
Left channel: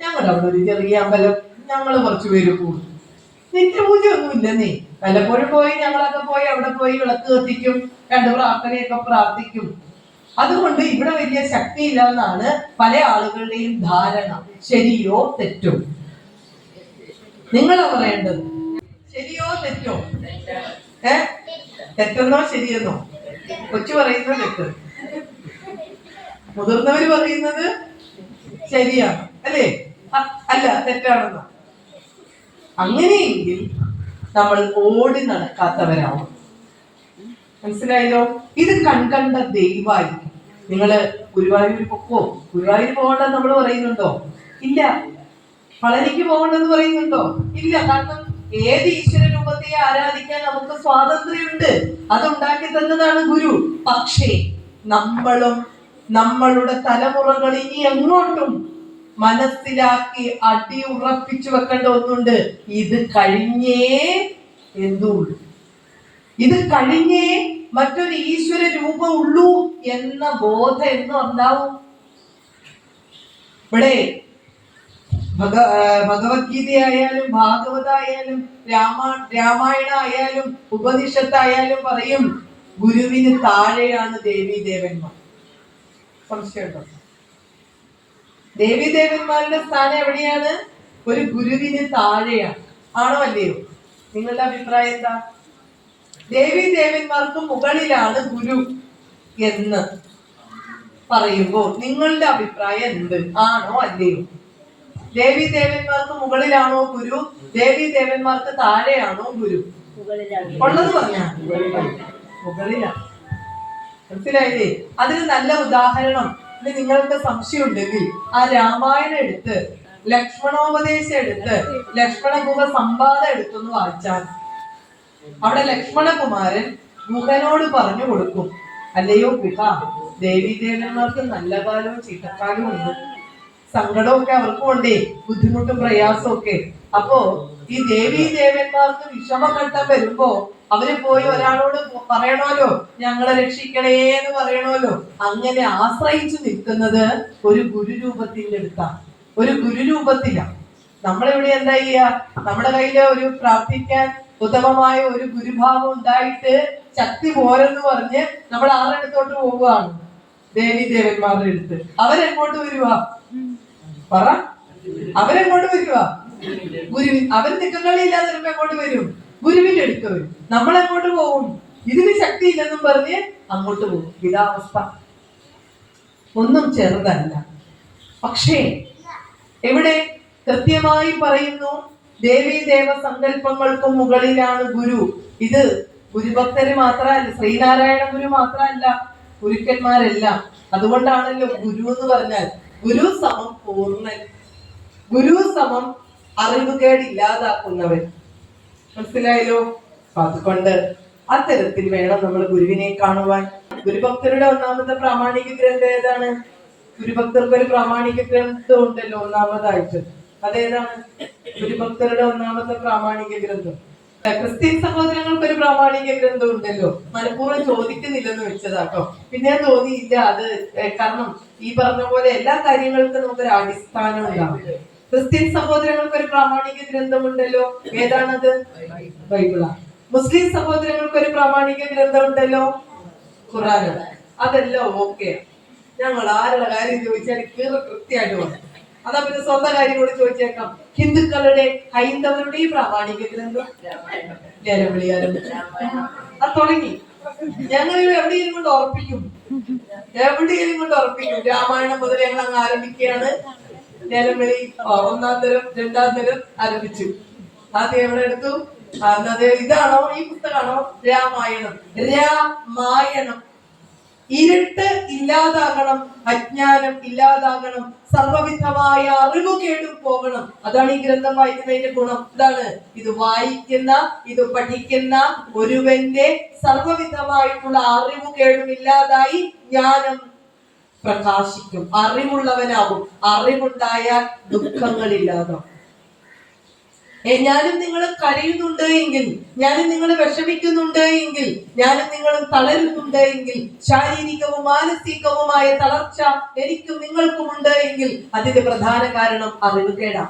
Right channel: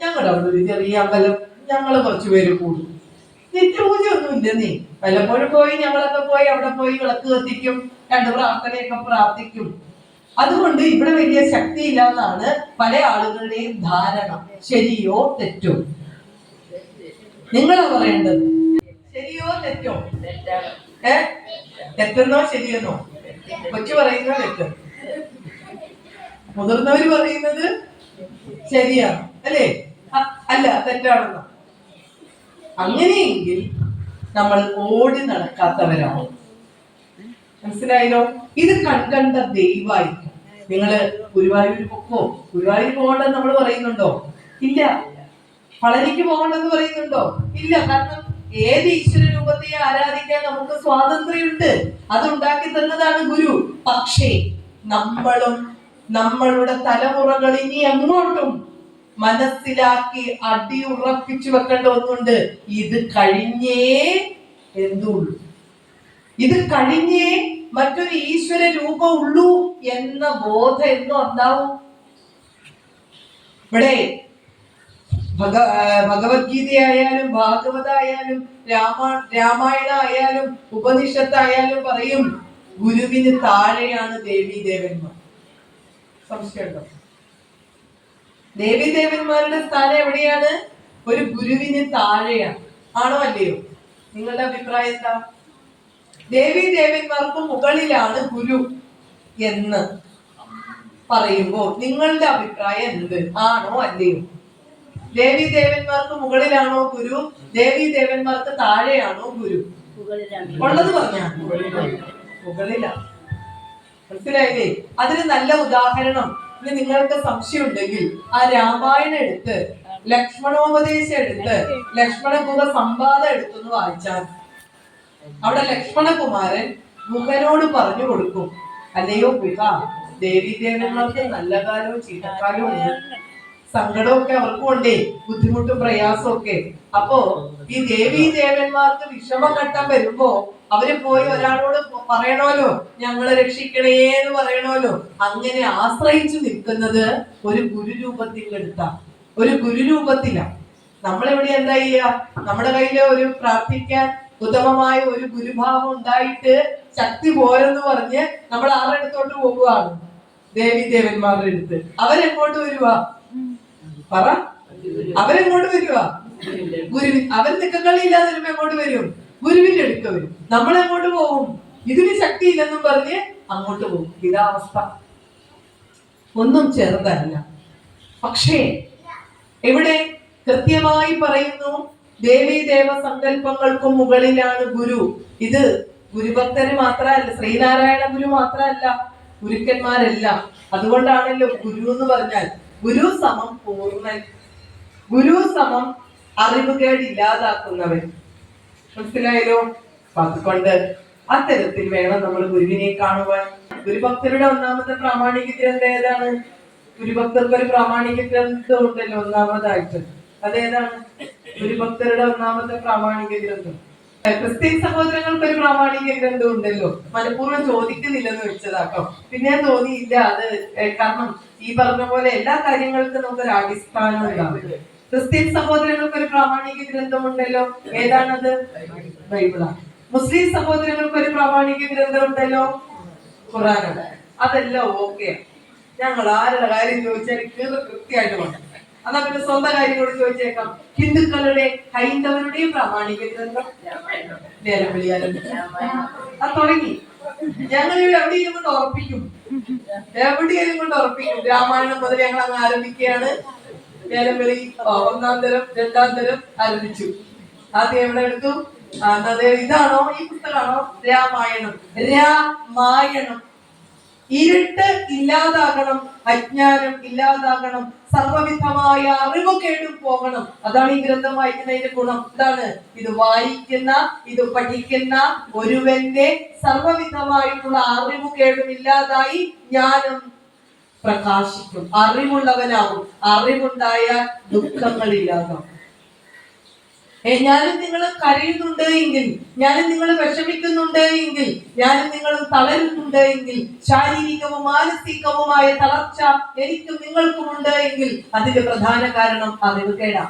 ഞങ്ങളുടെ അവിടെ ഒരു ചെറിയ അമ്പലം, ഞങ്ങൾ കുറച്ചു പേര് കൂടും, നിത്യപൂജ ഒന്നും ഇല്ലെന്നേ. വല്ലപ്പോഴും പോയി ഞങ്ങളൊക്കെ പോയി അവിടെ പോയി വിളക്ക് കത്തിക്കും, 2 പ്രാർത്ഥനയൊക്കെ പ്രാർത്ഥിക്കും. അതുകൊണ്ട് ഇവിടെ വലിയ ശക്തിയില്ല എന്നാണ് പല ആളുകളുടെയും ധാരണ. ശരിയോ തെറ്റോ? നിങ്ങളാ പറയേണ്ടത്. ശരിയോ തെറ്റോ? തെറ്റെന്നോ ശരിയെന്നോ? കൊച്ചു പറയുന്നത് തെറ്റ്, മുതിർന്നവര് പറയുന്നത് ശരിയാണ് അല്ലേ? അല്ല, തെറ്റാണെന്നോ? അങ്ങനെയെങ്കിൽ നമ്മൾ ഓടി നടക്കാത്തവരാണ്. മനസ്സിലായല്ലോ? ഇത് കൺകണ്ട ദൈവമായിരിക്കും. നിങ്ങള് ഗുരുവായൂർ പൊക്കോ, ഗുരുവായൂർ പോകണ്ടെന്ന് നമ്മൾ പറയുന്നുണ്ടോ? ഇല്ല. പളനിക്ക് പോകണ്ടെന്ന് പറയുന്നുണ്ടോ? ഇല്ല. കാരണം ഏത് ഈശ്വര രൂപത്തെ ആരാധിക്കാൻ നമുക്ക് സ്വാതന്ത്ര്യമുണ്ട്. അതുണ്ടാക്കി തന്നതാണ് ഗുരു. പക്ഷേ നമ്മളും നമ്മളുടെ തലമുറകൾ ഇനി അങ്ങോട്ടും മനസ്സിലാക്കി അടിയുറപ്പിച്ചു വെക്കേണ്ട ഒന്നുണ്ട്. ഇത് കഴിഞ്ഞേ എന്തുള്ളൂ, ഇത് കഴിഞ്ഞേ മറ്റൊരു ഈശ്വര രൂപം ഉള്ളൂ എന്ന ബോധം എന്നും ഉണ്ടാവും. ഇവിടെ ഭഗവത്ഗീതയായാലും ഭാഗവതായാലും രാമായണ ആയാലും ഉപനിഷത്തായാലും പറയും ഗുരുവിന് താഴെയാണ് ദേവീ ദേവന്മാർ. സംശയമുണ്ടോ? ദേവീ ദേവന്മാരുടെ സ്ഥാനം എവിടെയാണ്? ഒരു ഗുരുവിന് താഴെയാണ്. ആണോ അല്ലയോ? നിങ്ങളുടെ അഭിപ്രായം എന്താ? ദേവീ ദേവന്മാർക്ക് മുകളിലാണ് ഗുരു എന്ന് പറയുമ്പോൾ നിങ്ങളുടെ അഭിപ്രായം എന്ത്? ആണോ അല്ലയോ? ദേവീ ദേവന്മാർക്ക് മുകളിലാണോ ഗുരു? ദേവീ ദേവന്മാർക്ക് താഴെയാണോ ഗുരു? ഉള്ളത് പറഞ്ഞ മുകളിലാണ്. മനസ്സിലായില്ലേ? അതിന് നല്ല ഉദാഹരണം ഇനി നിങ്ങൾക്ക് സംശയം ഉണ്ടെങ്കിൽ ആ രാമായണം എടുത്ത് ലക്ഷ്മണോപദേശം എടുത്ത് ലക്ഷ്മണ ഗുഹ സംവാദം എടുത്തൊന്ന് വായിച്ചാൽ അവിടെ ലക്ഷ്മണകുമാരൻ ഗുഹനോട് പറഞ്ഞു കൊടുക്കും, അല്ലയോ ഗുഹ, ദേവീ ദേവന്മാർക്ക് നല്ല കാലവും ചീത്തക്കാലവും ഉണ്ട്, സങ്കടമൊക്കെ അവർക്കും ഉണ്ടേ, ബുദ്ധിമുട്ടും പ്രയാസവും ഒക്കെ. അപ്പോ ഈ ദേവീ ദേവന്മാർക്ക് വിഷമഘട്ടം വരുമ്പോ അവര് പോയി ഒരാളോട് പറയണമല്ലോ, ഞങ്ങളെ രക്ഷിക്കണേ എന്ന് പറയണമല്ലോ. അങ്ങനെ ആശ്രയിച്ചു നിൽക്കുന്നത് ഒരു ഗുരുരൂപത്തിന്റെ അടുത്താണ്, ഒരു ഗുരുരൂപത്തിലാണ്. നമ്മളിവിടെ എന്താ ചെയ്യാ? നമ്മുടെ കയ്യില് ഒരു പ്രാർത്ഥിക്കാൻ ഉത്തമമായ ഒരു ഗുരുഭാവം ഉണ്ടായിട്ട് ശക്തി പോരെന്ന് പറഞ്ഞ് നമ്മൾ ആരുടെ അടുത്തോട്ട് പോവുകയാണ്? ദേവീ ദേവന്മാരുടെ അടുത്ത്. അവരെങ്ങോട്ട് വരുവാ? പറ, അവരെങ്ങോട്ട് വരുവാ? ഗുരുവിൻ. അവർ നിക്കക്കളിയില്ലാതെ വരുമ്പോ എങ്ങോട്ട് വരും? ഗുരുവിന്റെ അടുക്ക വരും. നമ്മൾ എങ്ങോട്ട് പോകും? ഇതിന് ശക്തി ഇല്ലെന്നും പറഞ്ഞ് അങ്ങോട്ട് പോകും. ഇതാ അവസ്ഥ. ഒന്നും ചെറുതല്ല. പക്ഷേ ഇവിടെ കൃത്യമായി പറയുന്നു, ദേവീ ദേവ സങ്കല്പങ്ങൾക്കും മുകളിലാണ് ഗുരു. ഇത് ഗുരുഭക്തര് മാത്രമല്ല, ശ്രീനാരായണ ഗുരു മാത്രമല്ല, ഗുരുക്കന്മാരെല്ലാം. അതുകൊണ്ടാണല്ലോ ഗുരു എന്ന് പറഞ്ഞാൽ ഗുരു സമം പൂർണ്ണൻ, ഗുരു സമം അറിവുകേട് ഇല്ലാതാക്കുന്നവൻ. മനസ്സിലായല്ലോ? അതുകൊണ്ട് അത്തരത്തിൽ വേണം നമ്മൾ ഗുരുവിനെ കാണുവാൻ. ഗുരുഭക്തരുടെ ഒന്നാമത്തെ പ്രാമാണിക ഗ്രന്ഥം ഏതാണ്? ഗുരുഭക്തർക്ക് ഒരു പ്രാമാണിക ഗ്രന്ഥം ഉണ്ടല്ലോ ഒന്നാമതായിട്ട്. അതേതാണ്? ഗുരുഭക്തരുടെ ഒന്നാമത്തെ പ്രാമാണിക ഗ്രന്ഥം. ക്രിസ്ത്യൻ സഹോദരങ്ങൾക്ക് ഒരു പ്രാമാണിക ഗ്രന്ഥം ഉണ്ടല്ലോ. മനഃപൂർവ്വം ചോദിക്കുന്നില്ലെന്ന് വെച്ചതാട്ടോ. പിന്നെ തോന്നിയില്ല അത്. കാരണം ഈ പറഞ്ഞ പോലെ എല്ലാ കാര്യങ്ങൾക്കും നമുക്കൊരു അടിസ്ഥാനം ഉണ്ടാവും. ക്രിസ്ത്യൻ സഹോദരങ്ങൾക്ക് ഒരു പ്രാമാണിക ഗ്രന്ഥമുണ്ടല്ലോ. ഏതാണത്? ബൈബിളാണ്. മുസ്ലിം സഹോദരങ്ങൾക്ക് ഒരു പ്രാമാണിക ഗ്രന്ഥം ഉണ്ടല്ലോ, ഖുർആനാണ്. അതെല്ലാം ഓക്കെ. ഞങ്ങൾ ആരുടെ കാര്യം ചോദിച്ചാൽ കൃത്യമായിട്ട് വേണം. അതാ പിന്നെ സ്വന്തം കാര്യം കൂടി ചോദിച്ചേക്കാം. ഹിന്ദുക്കളുടെ ഹൈന്ദവരുടെയും പ്രാമാണിക ഗ്രന്ഥം അത് തുടങ്ങി. ഞങ്ങൾ എവിടെയും കൊണ്ട് ഉറപ്പിക്കും, എവിടെയും കൊണ്ട് ഉറപ്പിക്കും. രാമായണം മുതൽ ഞങ്ങൾ അങ്ങ് ആരംഭിക്കുകയാണ്. ലേലംവിളി ഒന്നാം തരം രണ്ടാം തരം ആരംഭിച്ചു. ആദ്യം എവിടെ എടുത്തു? ഇതാണോ ഈ പുസ്തകമാണോ? രാമായണം. രാമായണം. ഇരുട്ട് ഇല്ലാതാകണം, അജ്ഞാനം ഇല്ലാതാകണം, സർവവിധമായ അറിവുകേടും പോകണം. അതാണ് ഈ ഗ്രന്ഥം വായിക്കുന്നതിന്റെ ഗുണം. ഇതാണ് ഇത് വായിക്കുന്ന, ഇത് പഠിക്കുന്ന ഒരുവന്റെ സർവവിധമായിട്ടുള്ള അറിവുകേടും ഇല്ലാതായി ജ്ഞാനം പ്രകാശിക്കും, അറിവുള്ളവനാകും. അറിവുണ്ടായാൽ ദുഃഖങ്ങളില്ലാതാവും. ഞാനും നിങ്ങൾ കരയുന്നുണ്ട് എങ്കിൽ, ഞാനും നിങ്ങൾ വിഷമിക്കുന്നുണ്ട് എങ്കിൽ, ഞാനും നിങ്ങളും തളരുന്നുണ്ട് എങ്കിൽ, ശാരീരികവും മാനസികവുമായ തളർച്ച എനിക്കും നിങ്ങൾക്കും ഉണ്ട് എങ്കിൽ അതിന്റെ പ്രധാന കാരണം അറിവുകേടാ.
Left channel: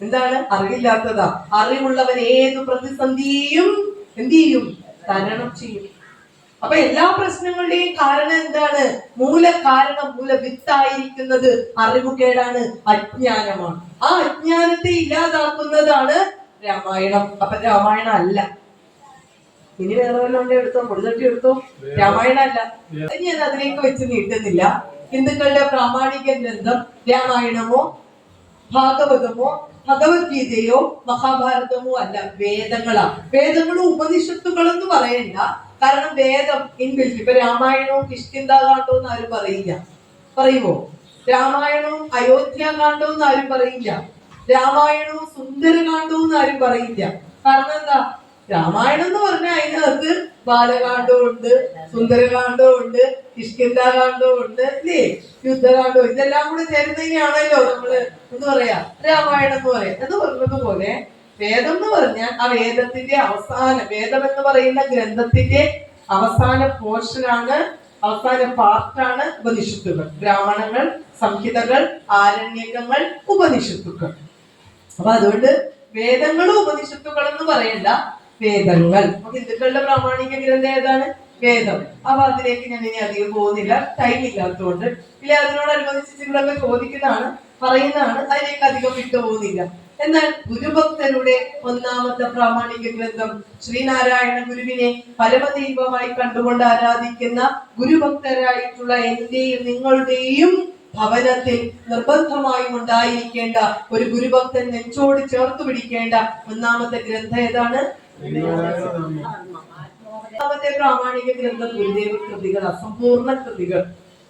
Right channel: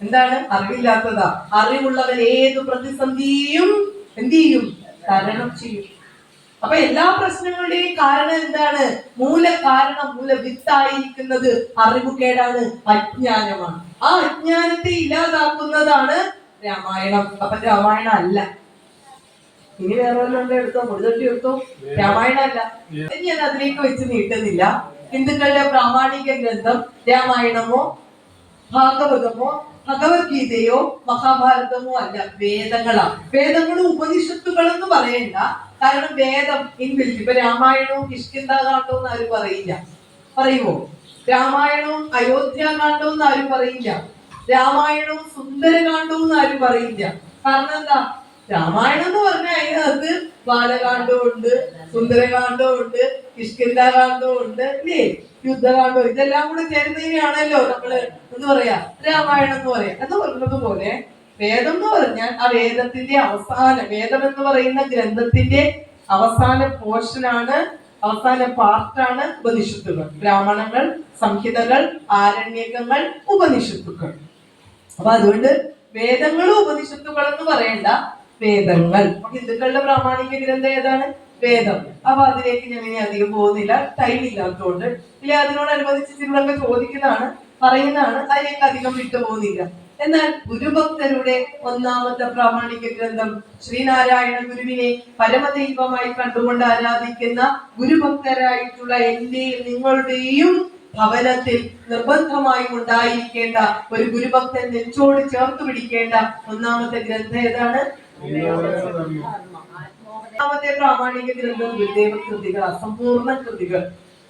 എന്താണ്? അറിവില്ലാത്തതാ. അറിവുള്ളവൻ ഏതു പ്രതിസന്ധിയും എന്ത് ചെയ്യും? തരണം ചെയ്യും. അപ്പൊ എല്ലാ പ്രശ്നങ്ങളുടെയും കാരണം എന്താണ്? മൂലകാരണം, മൂലവിത്തായിരിക്കുന്നത് അറിവുകേടാണ്, അജ്ഞാനമാണ്. ആ അജ്ഞാനത്തെ ഇല്ലാതാക്കുന്നതാണ് രാമായണം. അപ്പൊ രാമായണം അല്ല. ഇനി വേറെ വല്ലതും എടുത്തോ, മുടിതട്ടി എടുത്തോ. രാമായണം അല്ല. ഞാൻ അതിലേക്ക് വെച്ച് നീട്ടുന്നില്ല. ഹിന്ദുക്കളുടെ പ്രാമാണിക ഗ്രന്ഥം രാമായണമോ ഭാഗവതമോ ഭഗവത്ഗീതയോ മഹാഭാരതമോ അല്ല, വേദങ്ങളാ. വേദങ്ങളും ഉപനിഷത്തുകളെന്ന് പറയണ്ട. കാരണം വേദം ഇൻബിൽറ്റ്. ഇപ്പൊ രാമായണവും കിഷ്കിന്ധാകാന്ഡവും ആരും പറയില്ല. പറയുമോ? രാമായണവും അയോധ്യാകാന്ഡവും ആരും പറയില്ല. രാമായണവും സുന്ദരകാന്ഡവും ആരും പറയില്ല. കാരണം എന്താ? രാമായണം എന്ന് പറഞ്ഞാൽ അതിനകത്ത് ബാലകാന്ഡവും ഉണ്ട്, സുന്ദരകാന്ഡവും ഉണ്ട്, കിഷ്കിന്ധാകാന്ഡവും ഉണ്ട്, അല്ലേ? യുദ്ധകാന്ഡവും. ഇതെല്ലാം കൂടെ ചേരുന്നതിനാണല്ലോ നമ്മള് എന്ന് പറയാ രാമായണം എന്ന് പറയാം. എന്ന് പറഞ്ഞത് പോലെ വേദം എന്ന് പറഞ്ഞാൽ ആ വേദത്തിന്റെ അവസാനം, വേദം എന്ന് പറയുന്ന ഗ്രന്ഥത്തിന്റെ അവസാന പോർഷനാണ്, അവസാന പാർട്ടാണ് ഉപനിഷത്തുകൾ. ബ്രാഹ്മണങ്ങൾ, സംഹിതകൾ, ആരണ്യകങ്ങൾ, ഉപനിഷത്തുക്കൾ. അപ്പൊ അതുകൊണ്ട് വേദങ്ങളും ഉപനിഷത്തുകൾ എന്ന് പറയണ്ട, വേദങ്ങൾ. അപ്പൊ ഹിന്ദുക്കളുടെ പ്രാമാണിക ഗ്രന്ഥം ഏതാണ്? വേദം. അപ്പൊ അതിലേക്ക് ഞാൻ ഇനി അധികം പോകുന്നില്ല, ടൈം ഇല്ലാത്തതുകൊണ്ട്. ഇല്ല, അതിനോടനുബന്ധിച്ച് ചിലരൊക്കെ ചോദിക്കുന്നതാണ്, പറയുന്നതാണ്, അതിലേക്ക് അധികം വിട്ടുപോകുന്നില്ല. എന്നാൽ ഗുരുഭക്തരുടെ ഒന്നാമത്തെ പ്രാമാണിക ഗ്രന്ഥം ശ്രീനാരായണ ഗുരുവിനെ പരമദൈവമായി കണ്ടുകൊണ്ട് ആരാധിക്കുന്ന ഗുരുഭക്തരായിട്ടുള്ള എന്റെയും നിങ്ങളുടെയും ഭവനത്തിൽ നിർബന്ധമായും ഉണ്ടായിരിക്കേണ്ട ഒരു ഗുരുഭക്തൻ നെഞ്ചോട് ചേർത്ത് പിടിക്കേണ്ട ഒന്നാമത്തെ ഗ്രന്ഥം ഏതാണ്? ഒന്നാമത്തെ പ്രാമാണിക ഗ്രന്ഥം ഗുരുദേവ കൃതികൾ, അസമ്പൂർണ്ണ കൃതികൾ.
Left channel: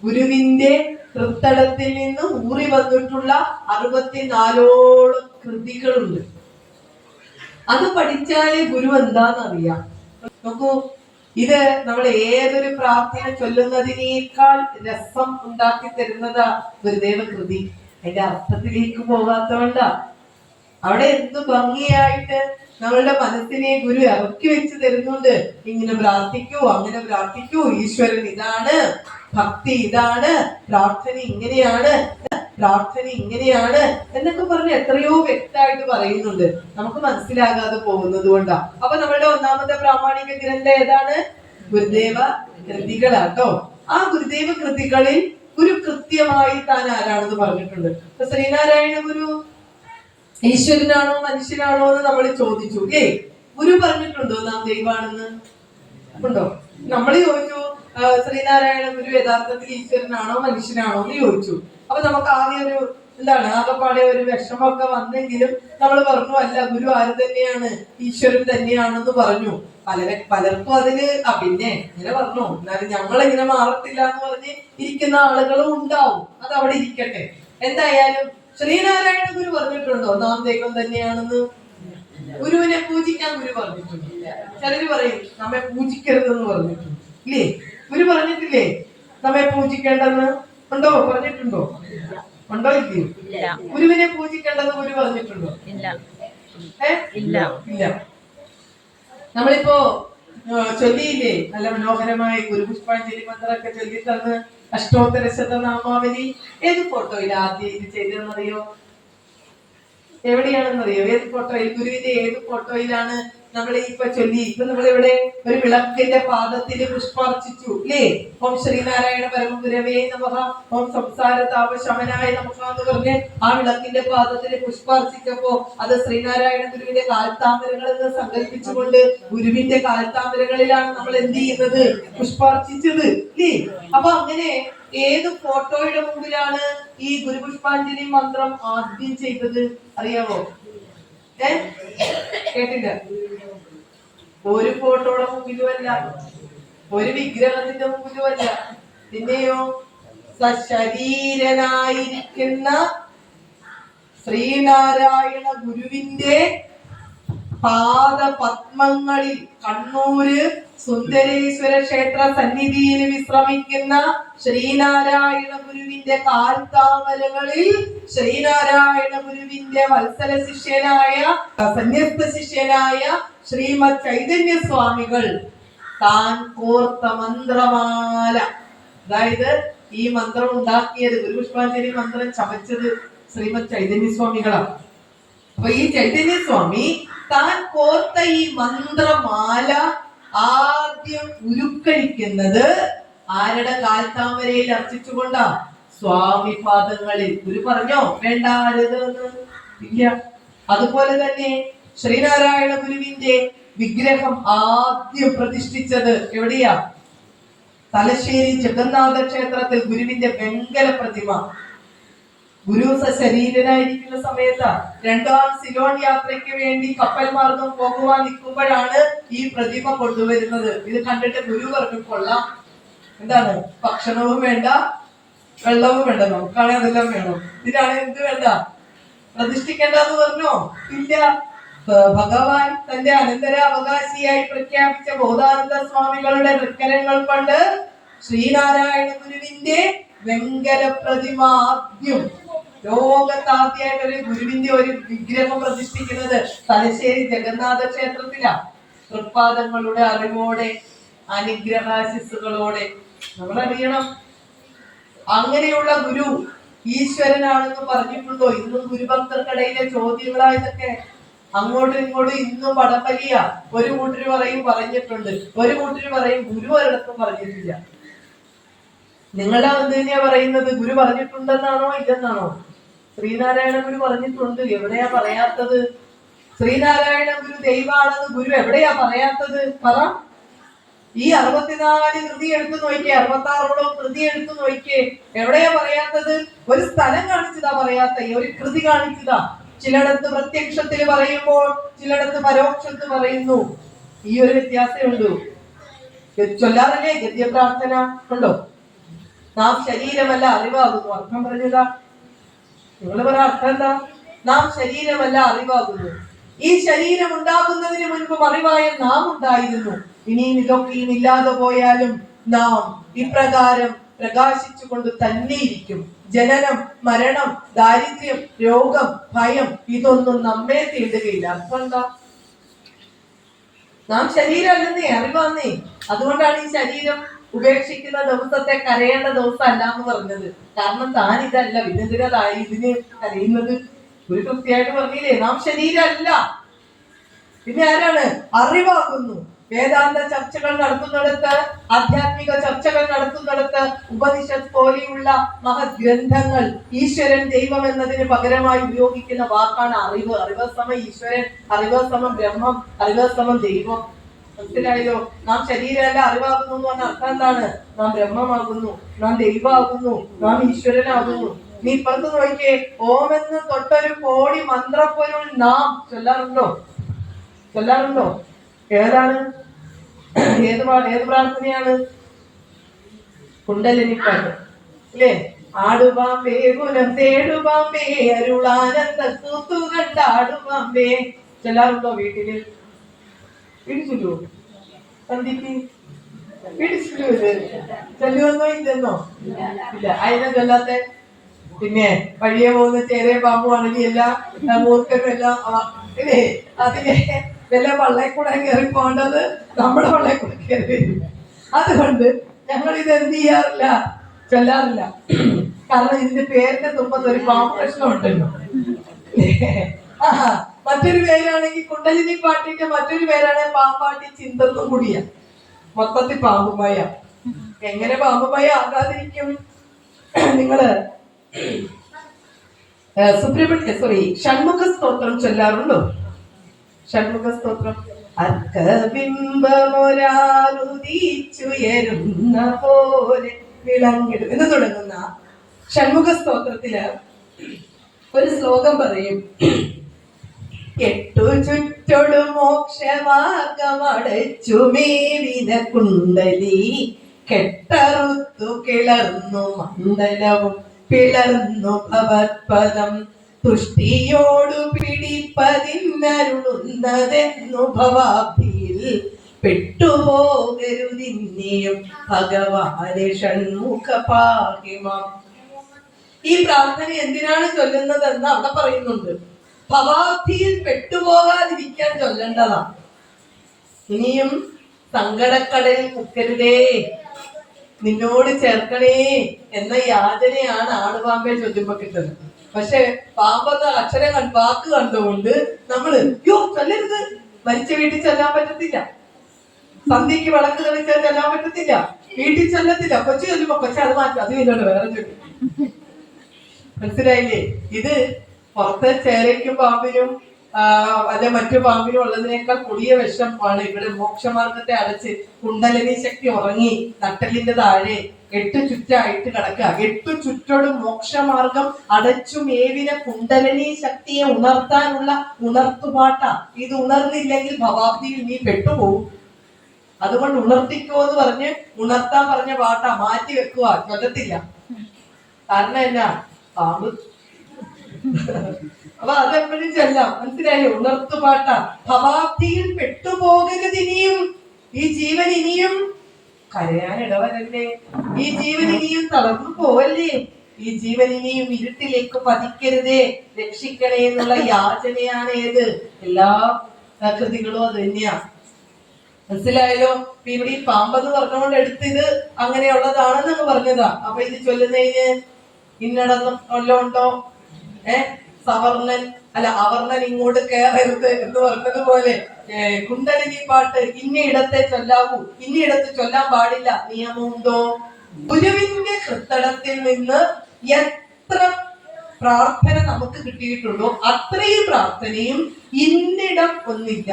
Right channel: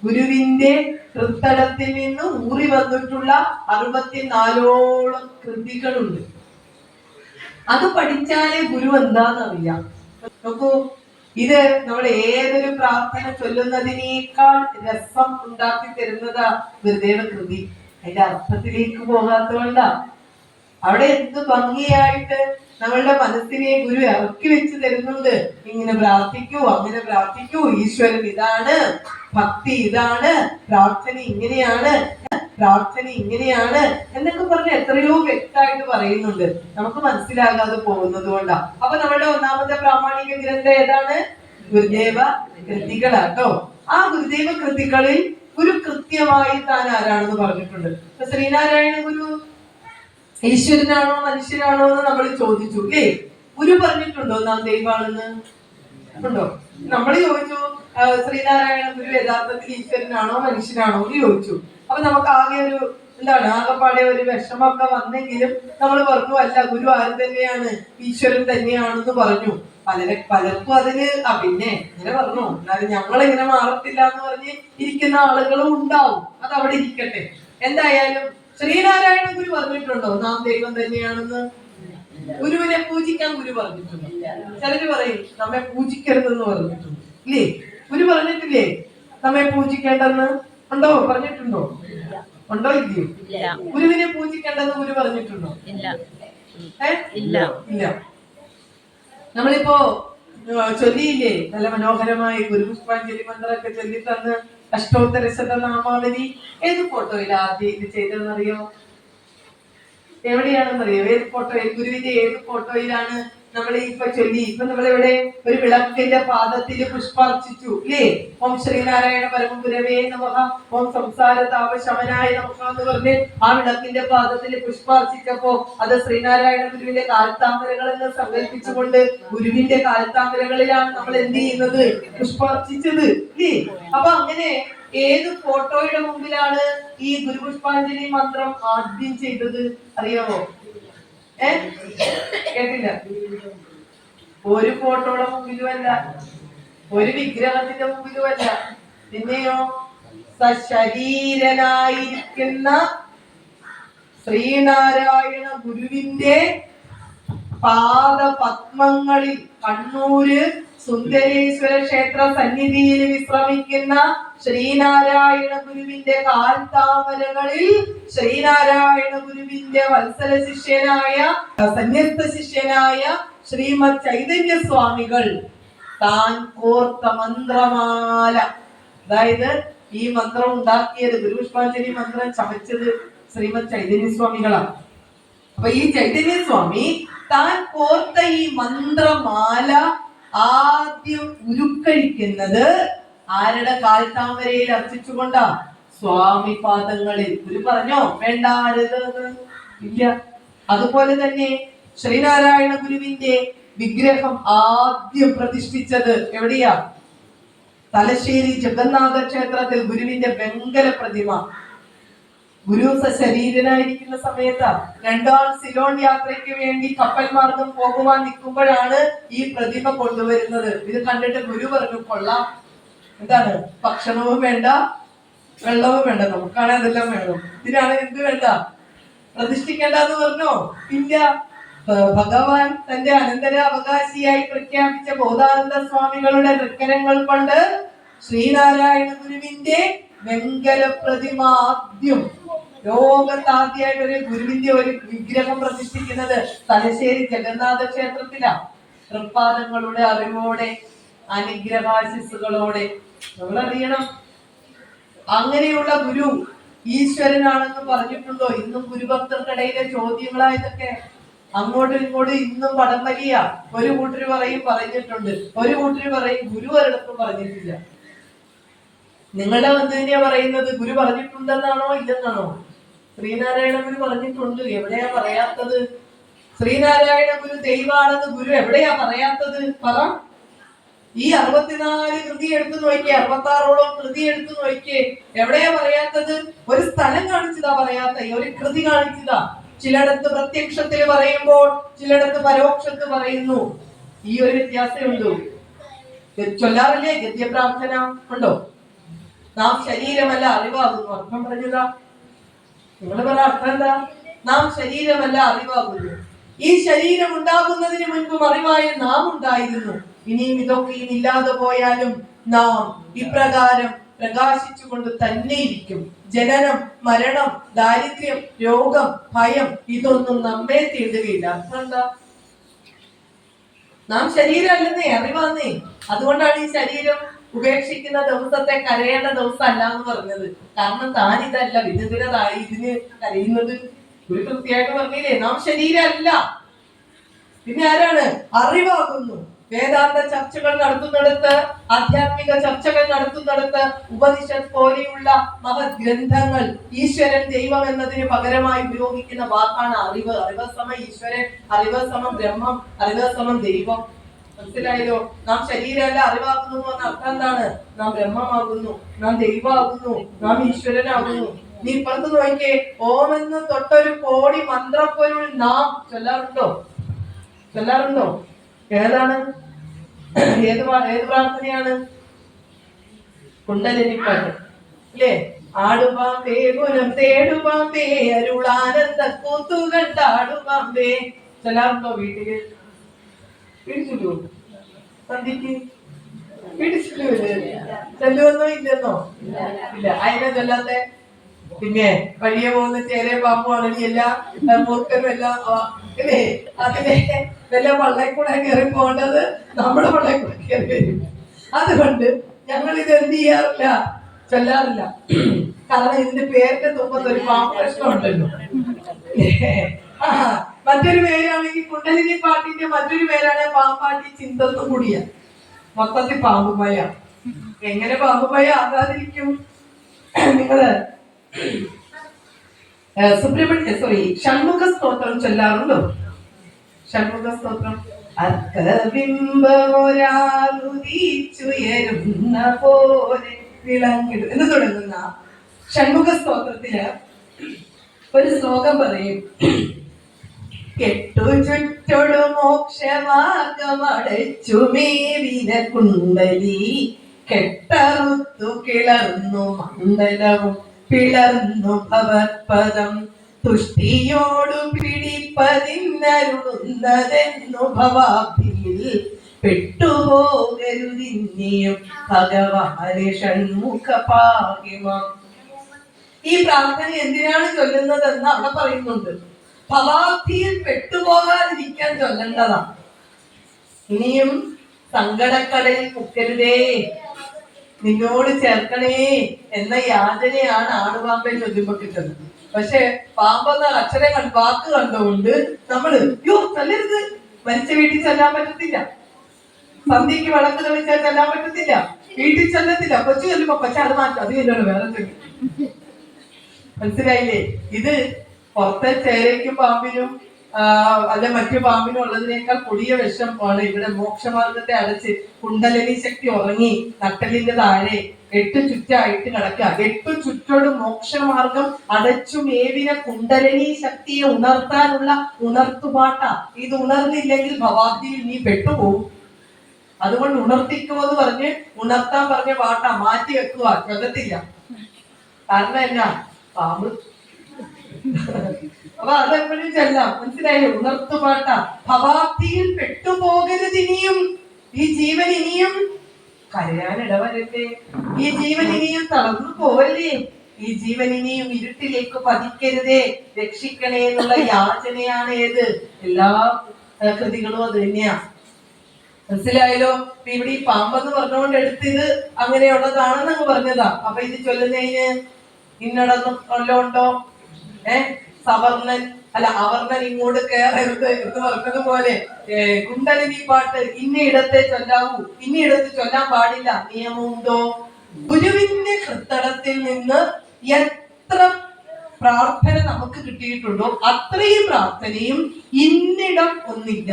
ഗുരുവിന്റെ തൃത്തടത്തിൽ നിന്ന് ഊറി വന്നിട്ടുള്ള 64ഓളം കൃതികളുണ്ട്. അത് പഠിച്ചാലേ ഗുരു എന്താണെന്നറിയാം. നോക്കൂ, ഇത് നമ്മൾ ഏതൊരു പ്രാർത്ഥന ചൊല്ലുന്നതിനേക്കാൾ രസം ഉണ്ടാക്കി തരുന്നതാ ഗുരുദേവ കൃതി. അതിന്റെ അർത്ഥത്തിലേക്ക് പോകാത്തതുകൊണ്ടാ. അവിടെ എന്ത് ഭംഗിയായിട്ട് നമ്മളുടെ മനസ്സിനെ ഗുരു ഇറക്കി വെച്ച് തരുന്നുണ്ട്. ഇങ്ങനെ പ്രാർത്ഥിക്കൂ, അങ്ങനെ പ്രാർത്ഥിക്കൂ, ഈശ്വരൻ ഇതാണ്, ഭക്തി ഇതാണ്, പ്രാർത്ഥന ഇങ്ങനെയാണ്, പ്രാർത്ഥന ഇങ്ങനെയാണ് എന്നൊക്കെ പറഞ്ഞ് എത്രയോ വ്യക്തമായിട്ട് പറയുന്നുണ്ട്. നമുക്ക് മനസ്സിലാകാതെ പോകുന്നത് കൊണ്ടാ. അപ്പൊ നമ്മളുടെ ഒന്നാമത്തെ പ്രാമാണിക ഗ്രന്ഥം ഏതാണ്? ഗുരുദേവ കൃതികളാട്ടോ. ആ ഗുരുദേവ കൃതികളിൽ ഗുരു കൃത്യമായി താൻ ആരാണെന്ന് പറഞ്ഞിട്ടുണ്ട്. ഇപ്പൊ ശ്രീനാരായണ ഗുരു ഈശ്വരനാണോ മനുഷ്യനാണോ എന്ന് നമ്മൾ ചോദിച്ചു. ഗുരു പറഞ്ഞിട്ടുണ്ടോ നാം ദൈവമാണെന്ന്? ഉണ്ടോ? നമ്മൾ ചോദിച്ചു ശ്രീനാരായണ ഗുരു യഥാർത്ഥത്തിൽ ഈശ്വരനാണോ മനുഷ്യനാണോ എന്ന് ചോദിച്ചു. അപ്പൊ നമുക്ക് ആകെ ഒരു ആകെപ്പാടെ ഒരു വിഷമമൊക്കെ വന്നെങ്കിലും നമ്മൾ പറഞ്ഞു, അല്ല, ഗുരു ആര് തന്നെയാണ്, ഈശ്വരൻ തന്നെയാണെന്ന് പറഞ്ഞു. പലർക്കും അതിന് പിന്നെ ഇങ്ങനെ പറഞ്ഞു, എന്നാലും ഞങ്ങളിങ്ങനെ മാറത്തില്ല എന്ന് പറഞ്ഞ് ഇരിക്കുന്ന ആളുകളും ഉണ്ടാവും. അത് അവിടെ ഇരിക്കട്ടെ. എന്തായാലും ശ്രീനാരായണ ഗുരു പറഞ്ഞിട്ടുണ്ടോ നാം ദൈവം തന്നെയാണെന്ന്? ഗുരുവിനെ പൂജിക്കാൻ ഗുരു പറഞ്ഞിട്ടുണ്ട്. ചിലര് പറയും നമ്മെ പൂജിക്കരുതെന്ന് പറഞ്ഞിട്ടുണ്ട്. ഇല്ലേ? ഗുരു പറഞ്ഞിട്ടില്ലേ നമ്മെ പൂജിക്കേണ്ടെന്ന്? ഉണ്ടോ? പറഞ്ഞിട്ടുണ്ടോ? ഉണ്ടോ? ഇല്ലയോ? ഗുരുവിനെ പൂജിക്കേണ്ടെന്ന് ഗുരു പറഞ്ഞിട്ടുണ്ടോ? ഇല്ല. നമ്മളിപ്പോ ചൊല്ലിയില്ലേ നല്ല മനോഹരമായി ഗുരുപുഷ്പാഞ്ജലി മന്ത്രമൊക്കെ ചൊല്ലി തന്ന് അഷ്ടോത്തര ശതനാമാവലി. ഏത് ഫോട്ടോയിൽ ആദ്യം ഇത് ചെയ്തതെന്നറിയോ? എവിടെയാണെന്നറിയോ? ഏത് ഫോട്ടോയിൽ? ഗുരുവിന്റെ ഏത് ഫോട്ടോയിലാണ് നമ്മൾ ഇപ്പൊ ചൊല്ലി? ഇപ്പൊ നമ്മളിവിടെ ഒരു വിളക്കിന്റെ പാദത്തില് പുഷ്പാർച്ചിച്ചു, അല്ലേ? ഓം ശ്രീനാരായണ പരമഗുരവേ നമഃ, ഓം സംസാര താപശമനായ നമഃ എന്ന് പറഞ്ഞ് ആ വിളക്കിന്റെ പാദത്തില് പുഷ്പാർച്ചിച്ചപ്പോ അത് ശ്രീനാരായണ ഗുരുവിന്റെ കാൽത്താമരകൾ എന്ന് സങ്കല്പിച്ചുകൊണ്ട് ഗുരുവിന്റെ കാൽത്താമരകളിലാണ് നമ്മൾ എന്ത് ചെയ്യുന്നത്? പുഷ്പാർച്ചിച്ചത്, അല്ലേ? അപ്പൊ അങ്ങനെ ഏത് ഫോട്ടോയുടെ മുമ്പിലാണ് ഈ ഗുരുപുഷ്പാഞ്ജലി മന്ത്രം ആദ്യം ചെയ്തത് അറിയാമോ? കേട്ടില്ല? ഒരു ഫോട്ടോയുടെ മുമ്പിലുമല്ല, ഒരു വിഗ്രഹത്തിന്റെ മുമ്പിലുമല്ല. പിന്നെയോ സശരീരനായിരിക്കുന്ന ശ്രീനാരായണ ഗുരുവിന്റെ പാദപത്മങ്ങളിൽ കണ്ണൂര് സുന്ദരേശ്വര ക്ഷേത്ര സന്നിധിയിൽ വിശ്രമിക്കുന്ന ശ്രീനാരായണ ഗുരുവിന്റെ കാൽത്താമരകളിൽ ശ്രീനാരായണ ഗുരുവിന്റെ വത്സല ശിഷ്യനായ സന്യസ്ത ശിഷ്യനായ ശ്രീമദ് ചൈതന്യ സ്വാമികൾ താൻ കോർത്ത മന്ത്രമാല, അതായത് ഈ മന്ത്രം ഉണ്ടാക്കിയത്, ഗുരുപുഷ്പാഞ്ജലി മന്ത്രം ചമച്ചത് ശ്രീമദ് ചൈതന്യ സ്വാമികളാണ്. അപ്പൊ ഈ ചൈതന്യ സ്വാമി താൻ കോർത്ത ഈ മന്ത്രമാല ആദ്യം ഉരുക്കഴിക്കുന്നത് ആരുടെ കാൽത്താമരയിൽ അർച്ചിച്ചുകൊണ്ടാ? സ്വാമി പാദങ്ങളിൽ. ഗുരു പറഞ്ഞോ വേണ്ട ഇല്ല. അതുപോലെ തന്നെ ശ്രീനാരായണ ഗുരുവിന്റെ വിഗ്രഹം ആദ്യം പ്രതിഷ്ഠിച്ചത് എവിടെയാ? തലശ്ശേരി ജഗന്നാഥ ക്ഷേത്രത്തിൽ ഗുരുവിന്റെ വെങ്കല പ്രതിമ. ഗുരു സശരീരനായിരിക്കുന്ന സമയത്ത് രണ്ടാം സിലോൺ യാത്രയ്ക്ക് വേണ്ടി കപ്പൽ മാർഗം പോകുവാൻ നിൽക്കുമ്പോഴാണ് ഈ പ്രതിമ കൊണ്ടുവരുന്നത്. ഇത് കണ്ടിട്ട് ഗുരു പറഞ്ഞു, കൊള്ളാം, എന്താണ്, ഭക്ഷണവും വേണ്ട വെള്ളവും വേണ്ട, നമുക്കാണെ അതെല്ലാം വേണം, ഇതിനാണ് എന്ത് വേണ്ട, പ്രതിഷ്ഠിക്കേണ്ടെന്ന് പറഞ്ഞോ? ഇല്ല. ഭഗവാൻ തന്റെ അനന്തര അവകാശിയായി പ്രഖ്യാപിച്ച ബോധാനന്ദ സ്വാമികളുടെ തൃക്കരങ്ങൾ കൊണ്ട് ശ്രീനാരായണ ഗുരുവിന്റെ വെങ്കല പ്രതിമ ആദ്യം, ലോകത്താദ്യമായിട്ട് ഒരു ഗുരുവിന്റെ ഒരു വിഗ്രഹം പ്രതിഷ്ഠിക്കുന്നത് തലശ്ശേരി ജഗന്നാഥ ക്ഷേത്രത്തിലാണ്. തൃപ്പാദങ്ങളുടെ അറിവോടെ, അനുഗ്രഹാശിസുകളോടെ. നമ്മൾ അറിയണം, അങ്ങനെയുള്ള ഗുരു ഈശ്വരനാണെന്ന് പറഞ്ഞിട്ടുണ്ടോ? ഇന്നും ഗുരുഭക്തർക്കിടയിലെ ചോദ്യങ്ങളാ ഇതൊക്കെ. അങ്ങോട്ടും ഇങ്ങോട്ടും ഇന്നും വടംവലിയ. ഒരു കൂട്ടര് പറയും പറഞ്ഞിട്ടുണ്ട്, ഒരു കൂട്ടര് പറയും ഗുരു ഒരിടത്തും പറഞ്ഞിട്ടില്ല. നിങ്ങളുടെ എന്ത് തന്നെയാ പറയുന്നത്? ഗുരു പറഞ്ഞിട്ടുണ്ടെന്നാണോ ഇല്ലെന്നാണോ? ശ്രീനാരായണ ഗുരു പറഞ്ഞിട്ടുണ്ട്, എവിടെയാ പറയാത്തത്? ശ്രീനാരായണ ഗുരു ദൈവമാണെന്ന് ഗുരു എവിടെയാ പറയാത്തത്? പറ. ഈ 64 കൃതി എടുത്തു നോക്കിയേ, 66ഓളം കൃതി എടുത്തു നോക്കിയേ, എവിടെയാ പറയാത്തത്? ഒരു സ്ഥലം കാണിച്ചതാ പറയാത്ത, ഒരു കൃതി കാണിച്ചതാ. ചിലയിടത്ത് പ്രത്യക്ഷത്തിൽ പറയുമ്പോൾ ചിലയിടത്ത് പരോക്ഷത്തിൽ പറയുന്നു. ഈ ഒരു വ്യത്യാസമുണ്ടോ? ചൊല്ലാറില്ലേ ഗദ്യപ്രാർത്ഥന? ഉണ്ടോ? നാം ശരീരമല്ല അറിവാകുന്നു. അർത്ഥം പറഞ്ഞതാ. നിങ്ങൾ പറ അർത്ഥം എന്താ? നാം ശരീരമല്ല അറിവാകുന്നു. ഈ ശരീരം ഉണ്ടാകുന്നതിന് മുൻപ് അറിവായ നാം ഉണ്ടായിരുന്നു. ഇനിയും ഇതൊക്കെയും ഇല്ലാതെ പോയാലും നാം ഇപ്രകാരം പ്രകാശിച്ചുകൊണ്ട് തന്നെ ഇരിക്കും. ജനനം, മരണം, ദാരിദ്ര്യം, രോഗം, ഭയം ഇതൊന്നും നമ്മെ തീണ്ടുകയില്ല. അർത്ഥം എന്താ? നാം ശരീരമല്ലെന്നേ, അറിവാന്നേ. അതുകൊണ്ടാണ് ഈ ശരീരം ഉപേക്ഷിക്കുന്ന ദിവസത്തെ കരയേണ്ട ദിവസം അല്ല എന്ന് പറഞ്ഞത്. കാരണം താൻ ഇതല്ല, വിനന്തിനായി ഇതിന് കരയുന്നത്. ഒരു കൃത്യമായിട്ട് പറഞ്ഞില്ലേ, നാം ശരീരമല്ല. പിന്നെ ആരാണ്? അറിവാകുന്നു. വേദാന്ത ചർച്ചകൾ നടത്തുന്നിടത്ത്, ആധ്യാത്മിക ചർച്ചകൾ നടത്തുന്നിടത്ത് ഉപനിഷത്ത് പോലെയുള്ള മഹത് ഗ്രന്ഥങ്ങൾ ഈശ്വരൻ ദൈവം എന്നതിന് പകരമായി ഉപയോഗിക്കുന്ന വാക്കാണ് അറിവ്. അറിവ് സമം ഈശ്വരൻ, അറിവ് സമം ബ്രഹ്മം, അറിവ് സമം ദൈവം. മനസ്സിലായല്ലോ? നാം ശരീരമല്ല അറിവാകുന്നു എന്ന് പറഞ്ഞ അർത്ഥം എന്താണ്? നാം ബ്രഹ്മമാകുന്നു, നാം ദൈവമാകുന്നു, നാം ഈശ്വരനാകുന്നു. നീ ഇപ്പുറത്ത് നോക്കിയേ, ഓമെന്ന് തൊട്ടൊരു കോടി മന്ത്രപ്പൊരുൾ നാം ചൊല്ലാറുണ്ടോ? ചൊല്ലാറുണ്ടോ? ഏതാണ്? ഏത് പ്രാർത്ഥനയാണ്? കുണ്ടലിനിപ്പാട്ട് അല്ലേ? ആടുപാമ്പേ ഗുണം തേടുപാമ്പേ അരുളാനന്ദ കൂത്തു കണ്ടാടുപാമ്പേ. ചൊല്ലാറുണ്ടോ വീട്ടില്? ഇടിച്ചിട്ടു സന്ധിക്ക് ഇടിച്ചിട്ടു ചൊല്ലുവെന്നോ ഇല്ലെന്നോ? ഇല്ല. അതിനെ ചൊല്ലാത്ത പിന്നെ വഴിയെ പോകുന്ന ചേരേ പാമ്പുവാണെങ്കിൽ എല്ലാ മൂർഖനും എല്ലാം അല്ലേ, അതിലെ വല്ല പള്ളക്കൂടെ കയറി പോകേണ്ടത് നമ്മുടെ പള്ളക്കൂടെ കയറി വരും. അതുകൊണ്ട് ഞങ്ങൾ ഇത് എന്ത് ചെയ്യാറില്ല, ചൊല്ലാറില്ല. കാരണം ഇതിന്റെ പേരിന്റെ തുമ്പത്ത് ഒരു പാമ്പ് പ്രശ്നം ഉണ്ടല്ലോ. മറ്റൊരു പേരാണെങ്കിൽ കുണ്ടലിനി പാട്ടിന്റെ മറ്റൊരു പേരാണ് പാമ്പാട്ടി ചിന്തത്തും കൂടിയ. മൊത്തത്തിൽ പാമ്പുമയ. എങ്ങനെ പാമ്പുമയ ആകാതിരിക്കും? നിങ്ങള് ഷൺമുഖ സ്തോത്രം ചൊല്ലാറുണ്ടോ? ഷൺമുഖ സ്തോത്രം. അർക്കബിംബമൊരാളുദിച്ചുയരുന്ന പോലെ വിളങ്ങിടും എന്ന് തുടങ്ങുന്ന ഷൺമുഖ സ്തോത്രത്തില് ഒരു ശ്ലോകം പറയും. കെട്ടു ചുറ്റൊടു മോക്ഷമാർഗമടച്ചു മേവിന കുണ്ടലി കെട്ടറുത്തു കിളർന്നു മണ്ഡലവും പിളർന്നു ഭവത്പദം തുഷ്ടിയോടു പിടിപ്പതിന്നരുളുന്നതെന്നു ഭവാഭിയിൽ പെട്ടുപോകരുതിന്നിയും ഭഗവാനെ ഷൺമുഖ പാകിമാം. ഈ പ്രാർത്ഥന എന്തിനാണ് ചൊല്ലുന്നതെന്ന് അവിടെ പറയുന്നുണ്ട്. ഭവാബ്ധിയിൽ പെട്ടുപോകാതിരിക്കാൻ ചൊല്ലേണ്ടതാണ്. ഇനിയും സങ്കടക്കടലിൽ മുക്കരുതേ, നിന്നോട് ചേർക്കണേ എന്ന യാചനയാണ് ആടുപാമ്പെ ചൊല്ലുമ്പോ കിട്ടുന്നത്. പക്ഷെ പാമ്പെന്ന അക്ഷരം വാക്ക് കണ്ടുകൊണ്ട് നമ്മള് ചൊല്ലരുത്. മരിച്ച വീട്ടിൽ ചെല്ലാൻ പറ്റത്തില്ല, സന്ധ്യക്ക് വിളക്ക് തെളിച്ചാൽ ചെല്ലാൻ പറ്റത്തില്ല, വീട്ടിൽ ചെല്ലത്തില്ല. കൊച്ചു ചൊല്ലുമ്പോ കൊച്ചു അത് മാറ്റും, അത് ഇല്ലല്ലോ വേറെ ചൊല്ലും. മനസ്സിലായില്ലേ? ഇത് പുറത്തെ ചേരയ്ക്കും പാമ്പിനും അല്ല മറ്റു പാമ്പിനും ഉള്ളതിനേക്കാൾ കൊടിയ വിഷമാണ്. ഇവിടെ മോക്ഷമാർഗത്തെ അടച്ച് കുണ്ടലിനി ശക്തി ഉറങ്ങി നട്ടലിന്റെ താഴെ 8 ചുറ്റായിട്ട് കിടക്കുക. 8 ചുറ്റോട് മോക്ഷമാർഗം അടച്ചു മേവിന കുണ്ടലിനി ശക്തിയെ ഉണർത്താനുള്ള ഉണർത്തുപാട്ട. ഇത് ഉണർന്നില്ലെങ്കിൽ ഭവാബ്ദിയിൽ നീ പെട്ടുപോകും. അതുകൊണ്ട് ഉണർത്തിക്കോ എന്ന് പറഞ്ഞ് ഉണർത്താൻ പറഞ്ഞ പാട്ട മാറ്റി വെക്കുക, ചൊല്ലത്തില്ല. കാരണം എന്നാ? പാമ്പ്. അപ്പൊ അതെപ്പോഴും ചെല്ലാം. മനസ്സിലായില്ലേ? ഉണർത്തുപാട്ട. ഭവാബ്ദിയിൽ പെട്ടുപോകരുത്. ഇനിയും ഈ ജീവൻ ഇനിയും കരയാൻ ഇടവരല്ലേ, ഈ ജീവൻ ഇനിയും തളർന്നു പോവല്ലേ, ഈ ജീവൻ ഇനിയും ഇരുട്ടിലേക്ക് പതിക്കരുതേ, രക്ഷിക്കണേ എന്നുള്ള യാചനയാണ് ഏത് എല്ലാ കൃതികളും അത് തന്നെയാ. മനസ്സിലായല്ലോ? ഇവിടെ ഈ പാമ്പെന്ന് പറഞ്ഞുകൊണ്ട് എടുത്ത് ഇത് അങ്ങനെയുള്ളതാണെന്ന് പറഞ്ഞതാ. അപ്പൊ ഇത് ചൊല്ലുന്നതിന് ഇന്നടന്നും വല്ലതും ഉണ്ടോ? സവർണൻ അല്ല അവർണൻ ഇങ്ങോട്ട് കയറരുത് എന്ന് പറഞ്ഞതുപോലെ കുണ്ടലിനി പാട്ട് ഇന്നയിടത്തെ ചൊല്ലാവൂ, ഇന്നയിടത്ത് ചൊല്ലാൻ പാടില്ല നിയമമുണ്ടോ? ഗുരുവിന്റെ കൃത്തടത്തിൽ നിന്ന് എത്ര പ്രാർത്ഥന നമുക്ക് കിട്ടിയിട്ടുണ്ടോ അത്രയും പ്രാർത്ഥനയും ഇന്നിടം ഒന്നില്ല.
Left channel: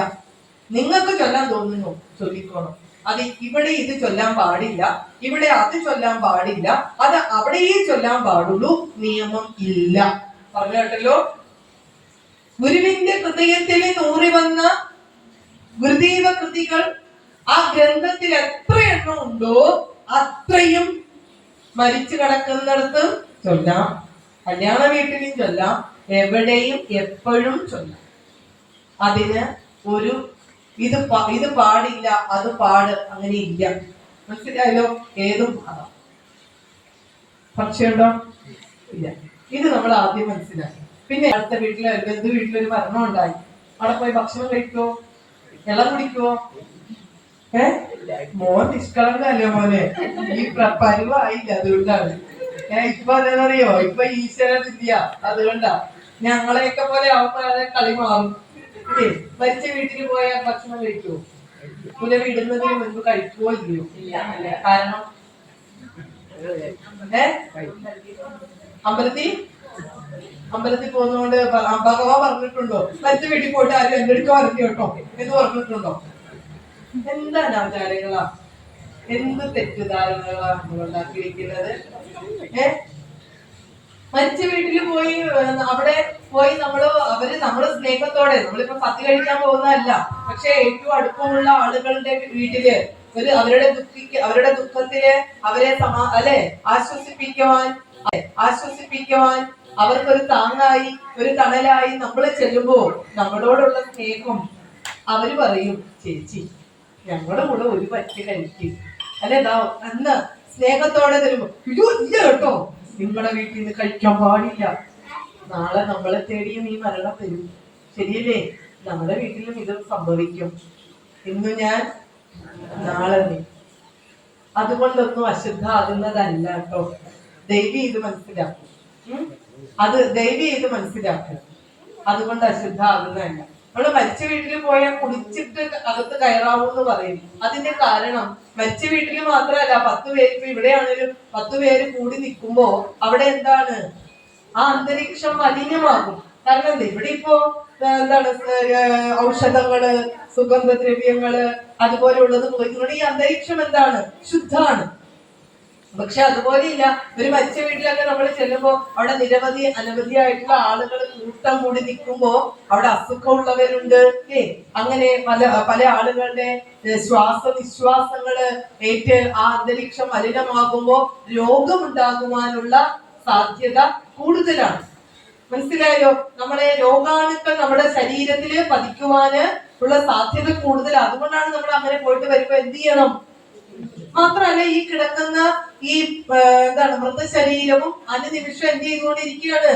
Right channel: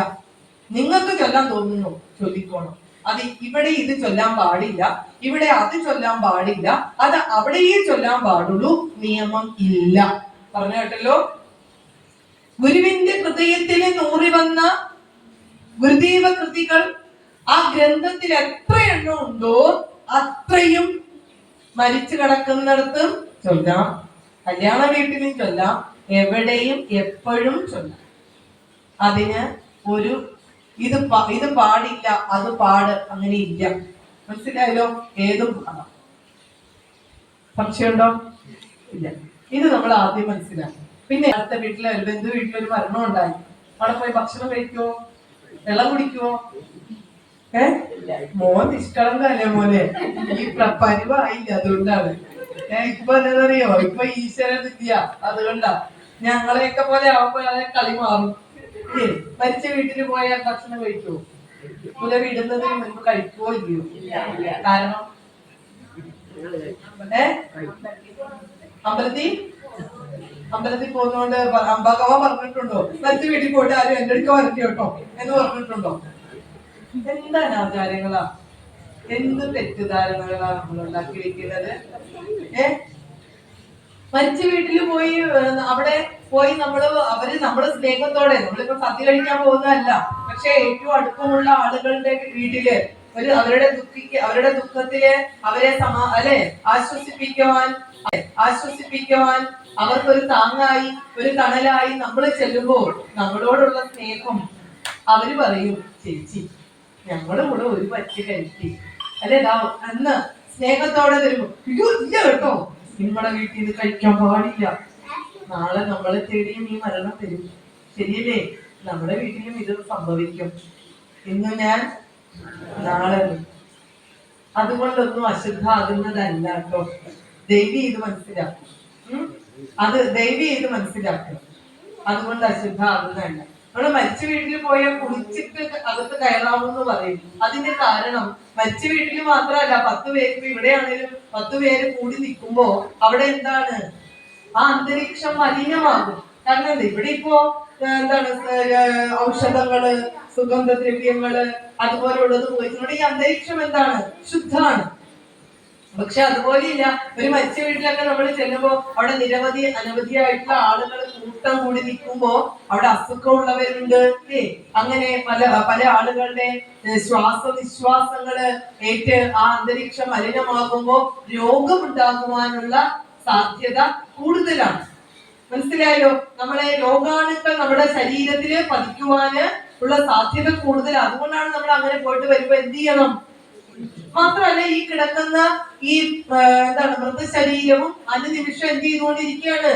നിങ്ങൾക്ക് ചൊല്ലാൻ തോന്നുന്നു ചൊല്ലിക്കോണം. അത് ഇവിടെ ഇത് ചൊല്ലാൻ പാടില്ല, ഇവിടെ അത് ചൊല്ലാൻ പാടില്ല, അത് അവിടെയേ ചൊല്ലാൻ പാടുള്ളൂ, നിയമം ഇല്ല. പറഞ്ഞു കേട്ടല്ലോ. ഗുരുവിന്റെ ഹൃദയത്തിൽ നൂറി വന്ന ഗുരുദേവ കൃതികൾ ആ ഗ്രന്ഥത്തിൽ എത്ര എണ്ണം ഉണ്ടോ അത്രയും മരിച്ചു കിടക്കുന്നിടത്തും ചൊല്ലാം, കല്യാണ വീട്ടിലും ചൊല്ലാം, എവിടെയും എപ്പോഴും ചൊല്ലാം. അതിന് ഒരു ഇത് പാടില്ല അത് പാട് അങ്ങനെ ഇല്ല. മനസ്സിലായല്ലോ? ഏതും പാടാം. സംശയമുണ്ടോ? ഇല്ല. ഇത് നമ്മൾ ആദ്യം മനസ്സിലാക്കി. പിന്നെ അടുത്ത വീട്ടിലെ ബന്ധു വീട്ടിലൊരു മരണം ഉണ്ടായി, അവിടെ പോയി ഭക്ഷണം കഴിക്കുവോ, വെള്ളം കുടിക്കുവോ? മോൻ നിഷ്കളങ്കല്ലേ മോനെ, ഈ പരുവായില്ല, അതുകൊണ്ടാണ്. ഇപ്പൊ എന്താണെന്നറിയോ, ഇപ്പൊ ഈശ്വരനില്ല, അതുകൊണ്ടാ. ഞങ്ങളെയൊക്കെ പോലെ ആവുമ്പോ അതെ കളി മാറും. മരിച്ച വീട്ടിൽ പോയാൽ ഭക്ഷണം കഴിക്കുവോ? പുല വിടുന്നതിന് മുൻപ് കഴിക്കുവോ ഇല്ലയോ? കാരണം അമ്പലത്തിൽ പോകുന്നോണ്ട് ഭഗവാൻ പറഞ്ഞിട്ടുണ്ടോ മരിച്ച വീട്ടിൽ പോയിട്ട് ആരും എന്റെ അടുക്ക വരട്ടെ കേട്ടോ എന്ന് പറഞ്ഞിട്ടുണ്ടോ? എന്താണ് ആചാരങ്ങളാ, എന്ത് തെറ്റിദ്ധാരണകളാ നമ്മൾ ഉണ്ടാക്കിയിരിക്കുന്നത്? മരിച്ച വീട്ടിൽ പോയി അവിടെ പോയി നമ്മള് സ്നേഹത്തോടെ, നമ്മളിപ്പോ സദ്യ കഴിക്കാൻ പോകുന്നതല്ല, പക്ഷെ ഏറ്റവും അടുപ്പമുള്ള ആളുകളുടെ വീട്ടില് അവരുടെ ദുഃഖത്തില് അവരെ ആശ്വസിപ്പിക്കുവാൻ അവർക്കൊരു താങ്ങായി ഒരു തണലായി നമ്മൾ ചെല്ലുമ്പോ നമ്മളോടുള്ള സ്നേഹം അവര് പറയും, ചേച്ചി ഞങ്ങളുടെ കൂടെ ഒരു പറ്റി കഴിക്കും അല്ലെ, അന്ന് സ്നേഹത്തോടെ തരുമ്പോ അയ്യോ ഇല്ല കേട്ടോ, നിങ്ങളുടെ വീട്ടിൽ നിന്ന് കഴിക്കാൻ പാടില്ല, നാളെ നമ്മളെ തേടിയും ഈ മരണം തരും. ശരിയല്ലേ? നമ്മുടെ വീട്ടിലും ഇത് സംഭവിക്കും. ഇന്ന് ഞാൻ നാളെ നീ. അതുകൊണ്ടൊന്നും അശുദ്ധാകുന്നതല്ല കേട്ടോ. ദൈവി ഇത് മനസ്സിലാക്കും. ദൈവി ഇത് മനസ്സിലാക്കുക. അതുകൊണ്ട് അശുദ്ധാകുന്നതല്ല. നമ്മള് മരിച്ച വീട്ടിൽ പോയാൽ കുളിച്ചിട്ട് അകത്ത് കയറാവൂന്ന് പറയും. അതിന്റെ കാരണം മരിച്ച വീട്ടിൽ മാത്രമല്ല, 10 പേര് ഇപ്പൊ ഇവിടെയാണേലും 10 പേര് കൂടി നിൽക്കുമ്പോ അവിടെ എന്താണ്, ആ അന്തരീക്ഷം മലിനമാകും. കാരണം എന്താ, ഇവിടെ ഇപ്പോ എന്താണ് ഔഷധങ്ങള് സുഗന്ധദ്രവ്യങ്ങള് അതുപോലെയുള്ളത് പോയിട്ടുണ്ടെങ്കിൽ ഈ അന്തരീക്ഷം എന്താണ്, ശുദ്ധാണ്. പക്ഷെ അതുപോലെയില്ല, ഒരു മരിച്ച വീട്ടിലൊക്കെ നമ്മൾ ചെല്ലുമ്പോ അവിടെ അനവധിയായിട്ടുള്ള ആളുകൾ കൂട്ടം കൂടി നിൽക്കുമ്പോ അവിടെ അസുഖമുള്ളവരുണ്ട്, അങ്ങനെ പല ആളുകളുടെ ശ്വാസനിശ്വാസങ്ങള് ഏറ്റ് ആ അന്തരീക്ഷം മലിനമാകുമ്പോ രോഗമുണ്ടാകുവാനുള്ള സാധ്യത കൂടുതലാണ്. മനസ്സിലായോ? നമ്മളെ രോഗാണുക്കൾ നമ്മുടെ ശരീരത്തില് പതിക്കുവാന് ഉള്ള സാധ്യത കൂടുതൽ. അതുകൊണ്ടാണ് നമ്മൾ അങ്ങനെ പോയിട്ട് വരുമ്പോ എന്ത് ചെയ്യണം? മാത്രമല്ല, ഈ കിടക്കുന്ന ഈ മൃതശരീരവും അനുനിമിഷം എന്ത് ചെയ്തുകൊണ്ടിരിക്കുകയാണ്,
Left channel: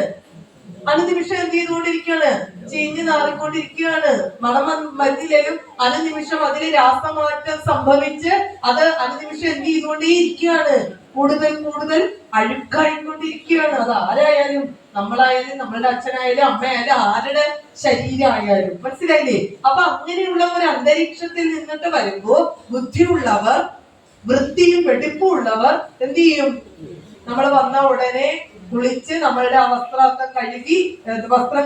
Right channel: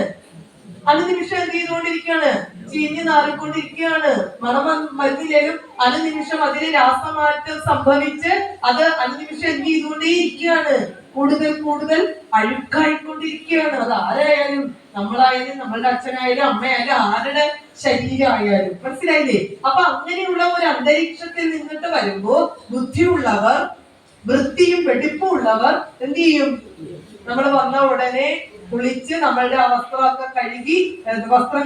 ചീഞ്ഞു നാറിക്കൊണ്ടിരിക്കുകയാണ്. മണം മരുന്നിലും അനുനിമിഷം അതിന് രാസമാറ്റം സംഭവിച്ച് അത് അനുനിമിഷം എന്ത് ചെയ്തുകൊണ്ടേയിരിക്കുകയാണ്, കൂടുതൽ അഴുക്കായിക്കൊണ്ടിരിക്കുകയാണ്. അത് ആരായാലും, നമ്മളായാലും നമ്മളുടെ അച്ഛനായാലും അമ്മയായാലും ആരുടെ ശരീരമായാലും. മനസ്സിലായില്ലേ? അപ്പൊ അങ്ങനെയുള്ള ഒരു അന്തരീക്ഷത്തിൽ നിന്നിട്ട് വരുമ്പോ ബുദ്ധിയുള്ളവർ, വൃത്തിയും വെടിപ്പും ഉള്ളവർ എന്ത് ചെയ്യും? നമ്മൾ വന്ന ഉടനെ കുളിച്ച് നമ്മളുടെ ആ വസ്ത്രം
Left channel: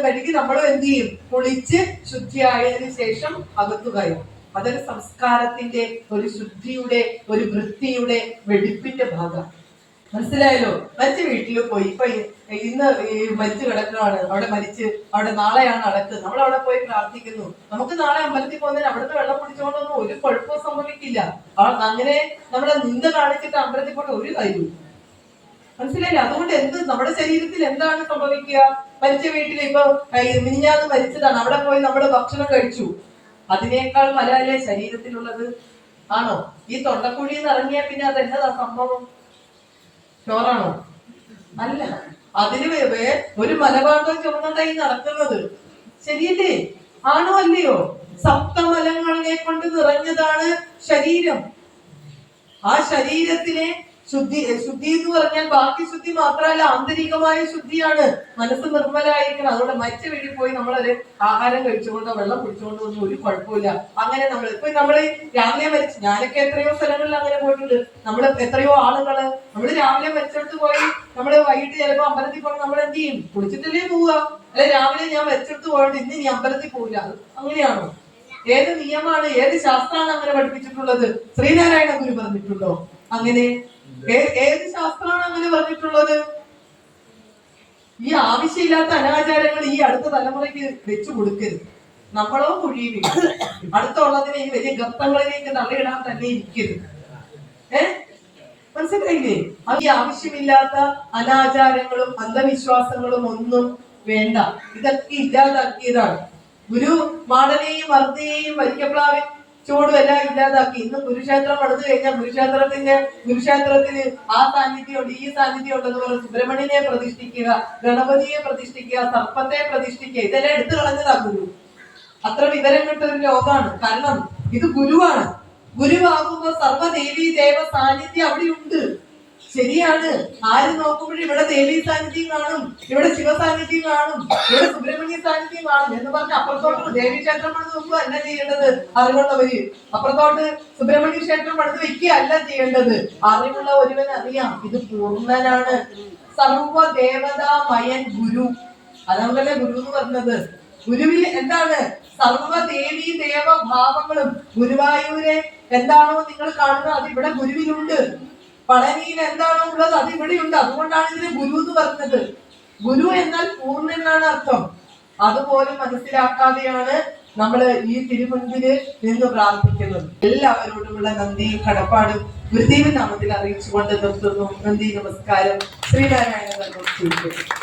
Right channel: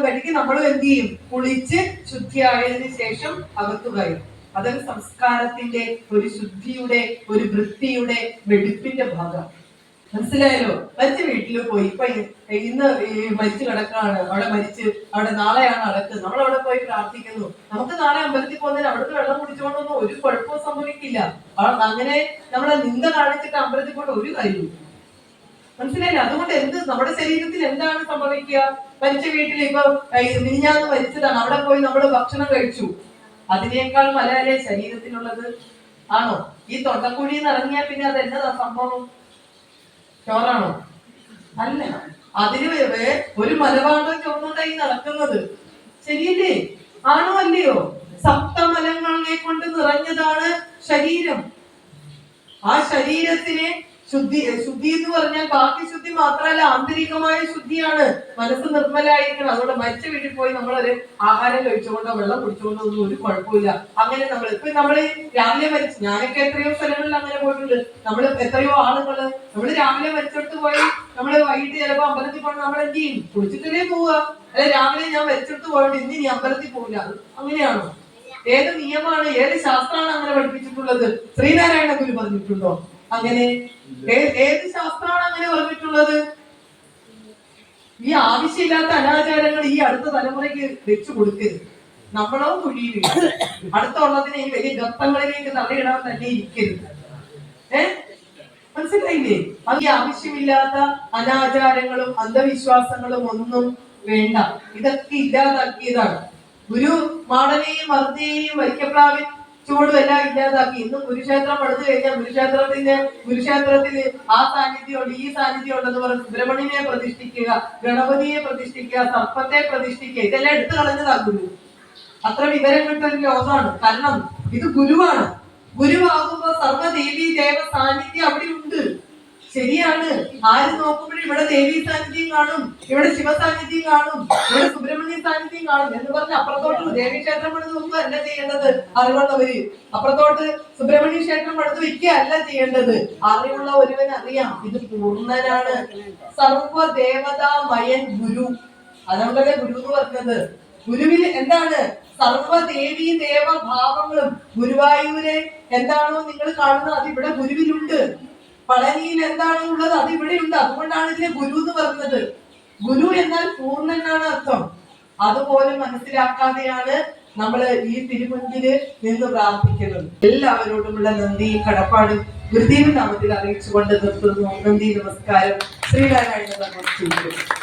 കഴുകി നമ്മൾ എന്ത് ചെയ്യും? കുളിച്ച് ശുദ്ധിയായതിനു ശേഷം അകത്തു കയറും. അതൊരു സംസ്കാരത്തിന്റെ, ഒരു ശുദ്ധിയുടെ, ഒരു വൃത്തിയുടെ, വെടിപ്പിന്റെ ഭാഗം. മനസ്സിലായല്ലോ? മരിച്ച വീട്ടിൽ പോയി ഇപ്പൊ ഇന്ന് മരിച്ചു കിടക്കാണ്, അവിടെ നാളെയാണ് അടക്ക്, നമ്മൾ അവിടെ പോയി പ്രാർത്ഥിക്കുന്നു. നമുക്ക് നാളെ അമ്പലത്തിൽ പോകുന്നതിന് അവിടുത്തെ വെള്ളം കുടിച്ചുകൊണ്ടൊന്നും ഒരു കുഴപ്പവും സംഭവിക്കില്ല. അങ്ങനെ നമ്മളെ നിന്ദ കാണിച്ചിട്ട് അമ്പലത്തിൽ പോയിട്ട് ഒരു കാര്യവും. മനസ്സിലായില്ല? അതുകൊണ്ട് നമ്മുടെ ശരീരത്തിൽ എന്താണ് സംഭവിക്കുക? മരിച്ച വീട്ടിൽ ഇപ്പൊ മിനിഞ്ഞാന്ന് മരിച്ചതാണ്, അവിടെ പോയി നമ്മൾ ഭക്ഷണം കഴിച്ചു, അതിനേക്കാൾ മലയല്ലേ ശരീരത്തിലുള്ളത്? ആണോ? ഈ തൊണ്ടക്കുഴിയിൽ നിന്ന് ഇറങ്ങിയാൽ പിന്നെ അത് എന്നതാ സംഭവം? ചോറാണോ? അല്ല, അതിന് ഒരു മലഭാഗം ചുവന്നുണ്ടായി നടക്കുന്നത്. ശരിയല്ലേ? ആണോ അല്ലയോ? സപ്തമലങ്ങളെ കൊണ്ട് നിറഞ്ഞതാണ് ശരീരം. ആ ശരീരത്തിനെ ശുദ്ധി എന്ന് പറഞ്ഞാൽ ബാക്കി ശുദ്ധി മാത്രമല്ല, ആന്തരികമായ ശുദ്ധിയാണ്. മനസ്സ് നിർമ്മലായിരിക്കണം. അതുകൊണ്ട് മരിച്ച വീട്ടിൽ പോയി നമ്മളൊരു ആഹാരം കഴിച്ചുകൊണ്ടോ വെള്ളം കുടിച്ചുകൊണ്ടോ ഒന്നും ഒരു കുഴപ്പമില്ല. അങ്ങനെ നമ്മള് രാവിലെ മരിച്ചു, ഞാനൊക്കെ എത്രയോ സ്ഥലങ്ങളിൽ അങ്ങനെ പോയിട്ടുണ്ട്. നമ്മള് എത്രയോ ആളുകള് നമ്മള് രാവിലെ മരിച്ചെടുത്ത് പോയി നമ്മള് വൈകിട്ട് ചിലപ്പോ അമ്പലത്തിൽ പോകണം, നമ്മൾ എന്ത് ചെയ്യും? കുളിച്ചിട്ടല്ലേ പോവുക. അല്ലെ രാവിലെ ഞാൻ മരിച്ചെടുത്ത് പോയോണ്ട് ഇന്ന് നീ അമ്പലത്തിൽ പോവില്ല, അങ്ങനെയാണോ? ഏത് നിയമമാണ്, ഏത് ശാസ്ത്രമാണ് അങ്ങനെ പഠിപ്പിച്ചിട്ടുള്ളത്? ശ്രീനാരായണ ഗുരു പറഞ്ഞിട്ടുണ്ടോ അങ്ങനെ? ഏത് ശാസ്ത്രമാണ് അങ്ങനെ പറഞ്ഞിട്ടുള്ളത്? ഈ ആവശ്യമില്ലാത്ത അനാചാരങ്ങൾ ഈ അടുത്ത തലമുറയ്ക്ക് വെച്ചു കൊടുക്കരുത്. നമ്മളോ കുഴിയിൽ അടുത്തുള്ളതിനെ ഈ വലിയ ഗർത്തങ്ങളിലേക്ക് തള്ളിയിടാൻ തന്നെ ഇരിക്കരുത്. മനസ്സിലായില്ലേ? അത് ഈ ആവശ്യമില്ലാത്ത അനാചാരങ്ങളും അന്ധവിശ്വാസങ്ങളും ഒന്നും വേണ്ട. ഇതൊക്കെ ഇല്ലാതാക്കിയതാണ് ഗുരു. മാടനെയും മർദ്ദയെയും വൈക്കപ്ലാവിൻ ചൂടും എല്ലാം ഇല്ലാതാക്കി. ഇന്ന് കുരുക്ഷേത്രം പണിത് കഴിഞ്ഞാൽ കുരുക്ഷേത്രത്തില് ആ സാന്നിധ്യം ഉണ്ട്, ഈ സാന്നിധ്യം ഉണ്ടെന്ന് പറഞ്ഞ് സുബ്രഹ്മണ്യനെ പ്രതിഷ്ഠിക്കുക, ഗണപതിയെ പ്രതിഷ്ഠിക്കുക, സർപ്പത്തെ പ്രതിഷ്ഠിക്കുക, ഇതെല്ലാം എടുത്തു കളഞ്ഞതാ ഗുരു. അത്ര വിവരം കിട്ടൊരു ലോകമാണ്. കാരണം ഇത് ഗുരുവാണ്. ഗുരുവാകുമ്പോ സർവ്വദേവീ ദേവ സാന്നിധ്യം അവിടെ ഉണ്ട്. ശരിയാണ്. ആര് നോക്കുമ്പോഴും ഇവിടെ ദേവീ സാന്നിധ്യം കാണും, ഇവിടെ ശിവ സാന്നിധ്യം കാണും, ഇവിടെ സുബ്രഹ്മണ്യ സാന്നിധ്യം കാണും എന്ന് പറഞ്ഞ് അപ്പുറത്തോട്ട് ദേവീ ക്ഷേത്രം പണിത് നോക്കുക അല്ല ചെയ്യേണ്ടത് അറിവുള്ളവര്. അപ്പുറത്തോട്ട് സുബ്രഹ്മണ്യ ക്ഷേത്രം പണിത് വെക്കുക അല്ല ചെയ്യേണ്ടത്. അറിവുള്ള ഒരുവൻ അറിയാം ഇത് പൂർണ്ണനാണ്. സർവദേവതാമയൻ ഗുരു. അതുകൊണ്ടല്ലേ ഗുരു എന്ന് പറഞ്ഞത്. ഗുരുവിൽ എന്താണ്? സർവ്വദേവീ ദേവഭാവങ്ങളും. ഗുരുവായൂരെ എന്താണോ നിങ്ങൾ കാണുന്നത് അത് ഇവിടെ ഗുരുവിലുണ്ട്. പളനിയിൽ എന്താണോ ഉള്ളത് അത് ഇവിടെയുണ്ട്. അതുകൊണ്ടാണ് ഇതിനെ ഗുരു എന്ന് പറഞ്ഞത്. ഗുരു എന്നാൽ പൂർണ്ണനാണ് അർത്ഥം. അതുപോലെ മനസ്സിലാക്കാതെയാണ് നമ്മൾ ഈ തിരുമുൻപില് നിന്ന് പ്രാർത്ഥിക്കുന്നത്. എല്ലാവരോടുമുള്ള നന്ദി കടപ്പാടും ഗുരുദേവൻ നാമത്തിൽ അറിയിച്ചുകൊണ്ട് നിർത്തുന്നു. നന്ദി, നമസ്കാരം. ശ്രീനാരായണ ധർമ്മം.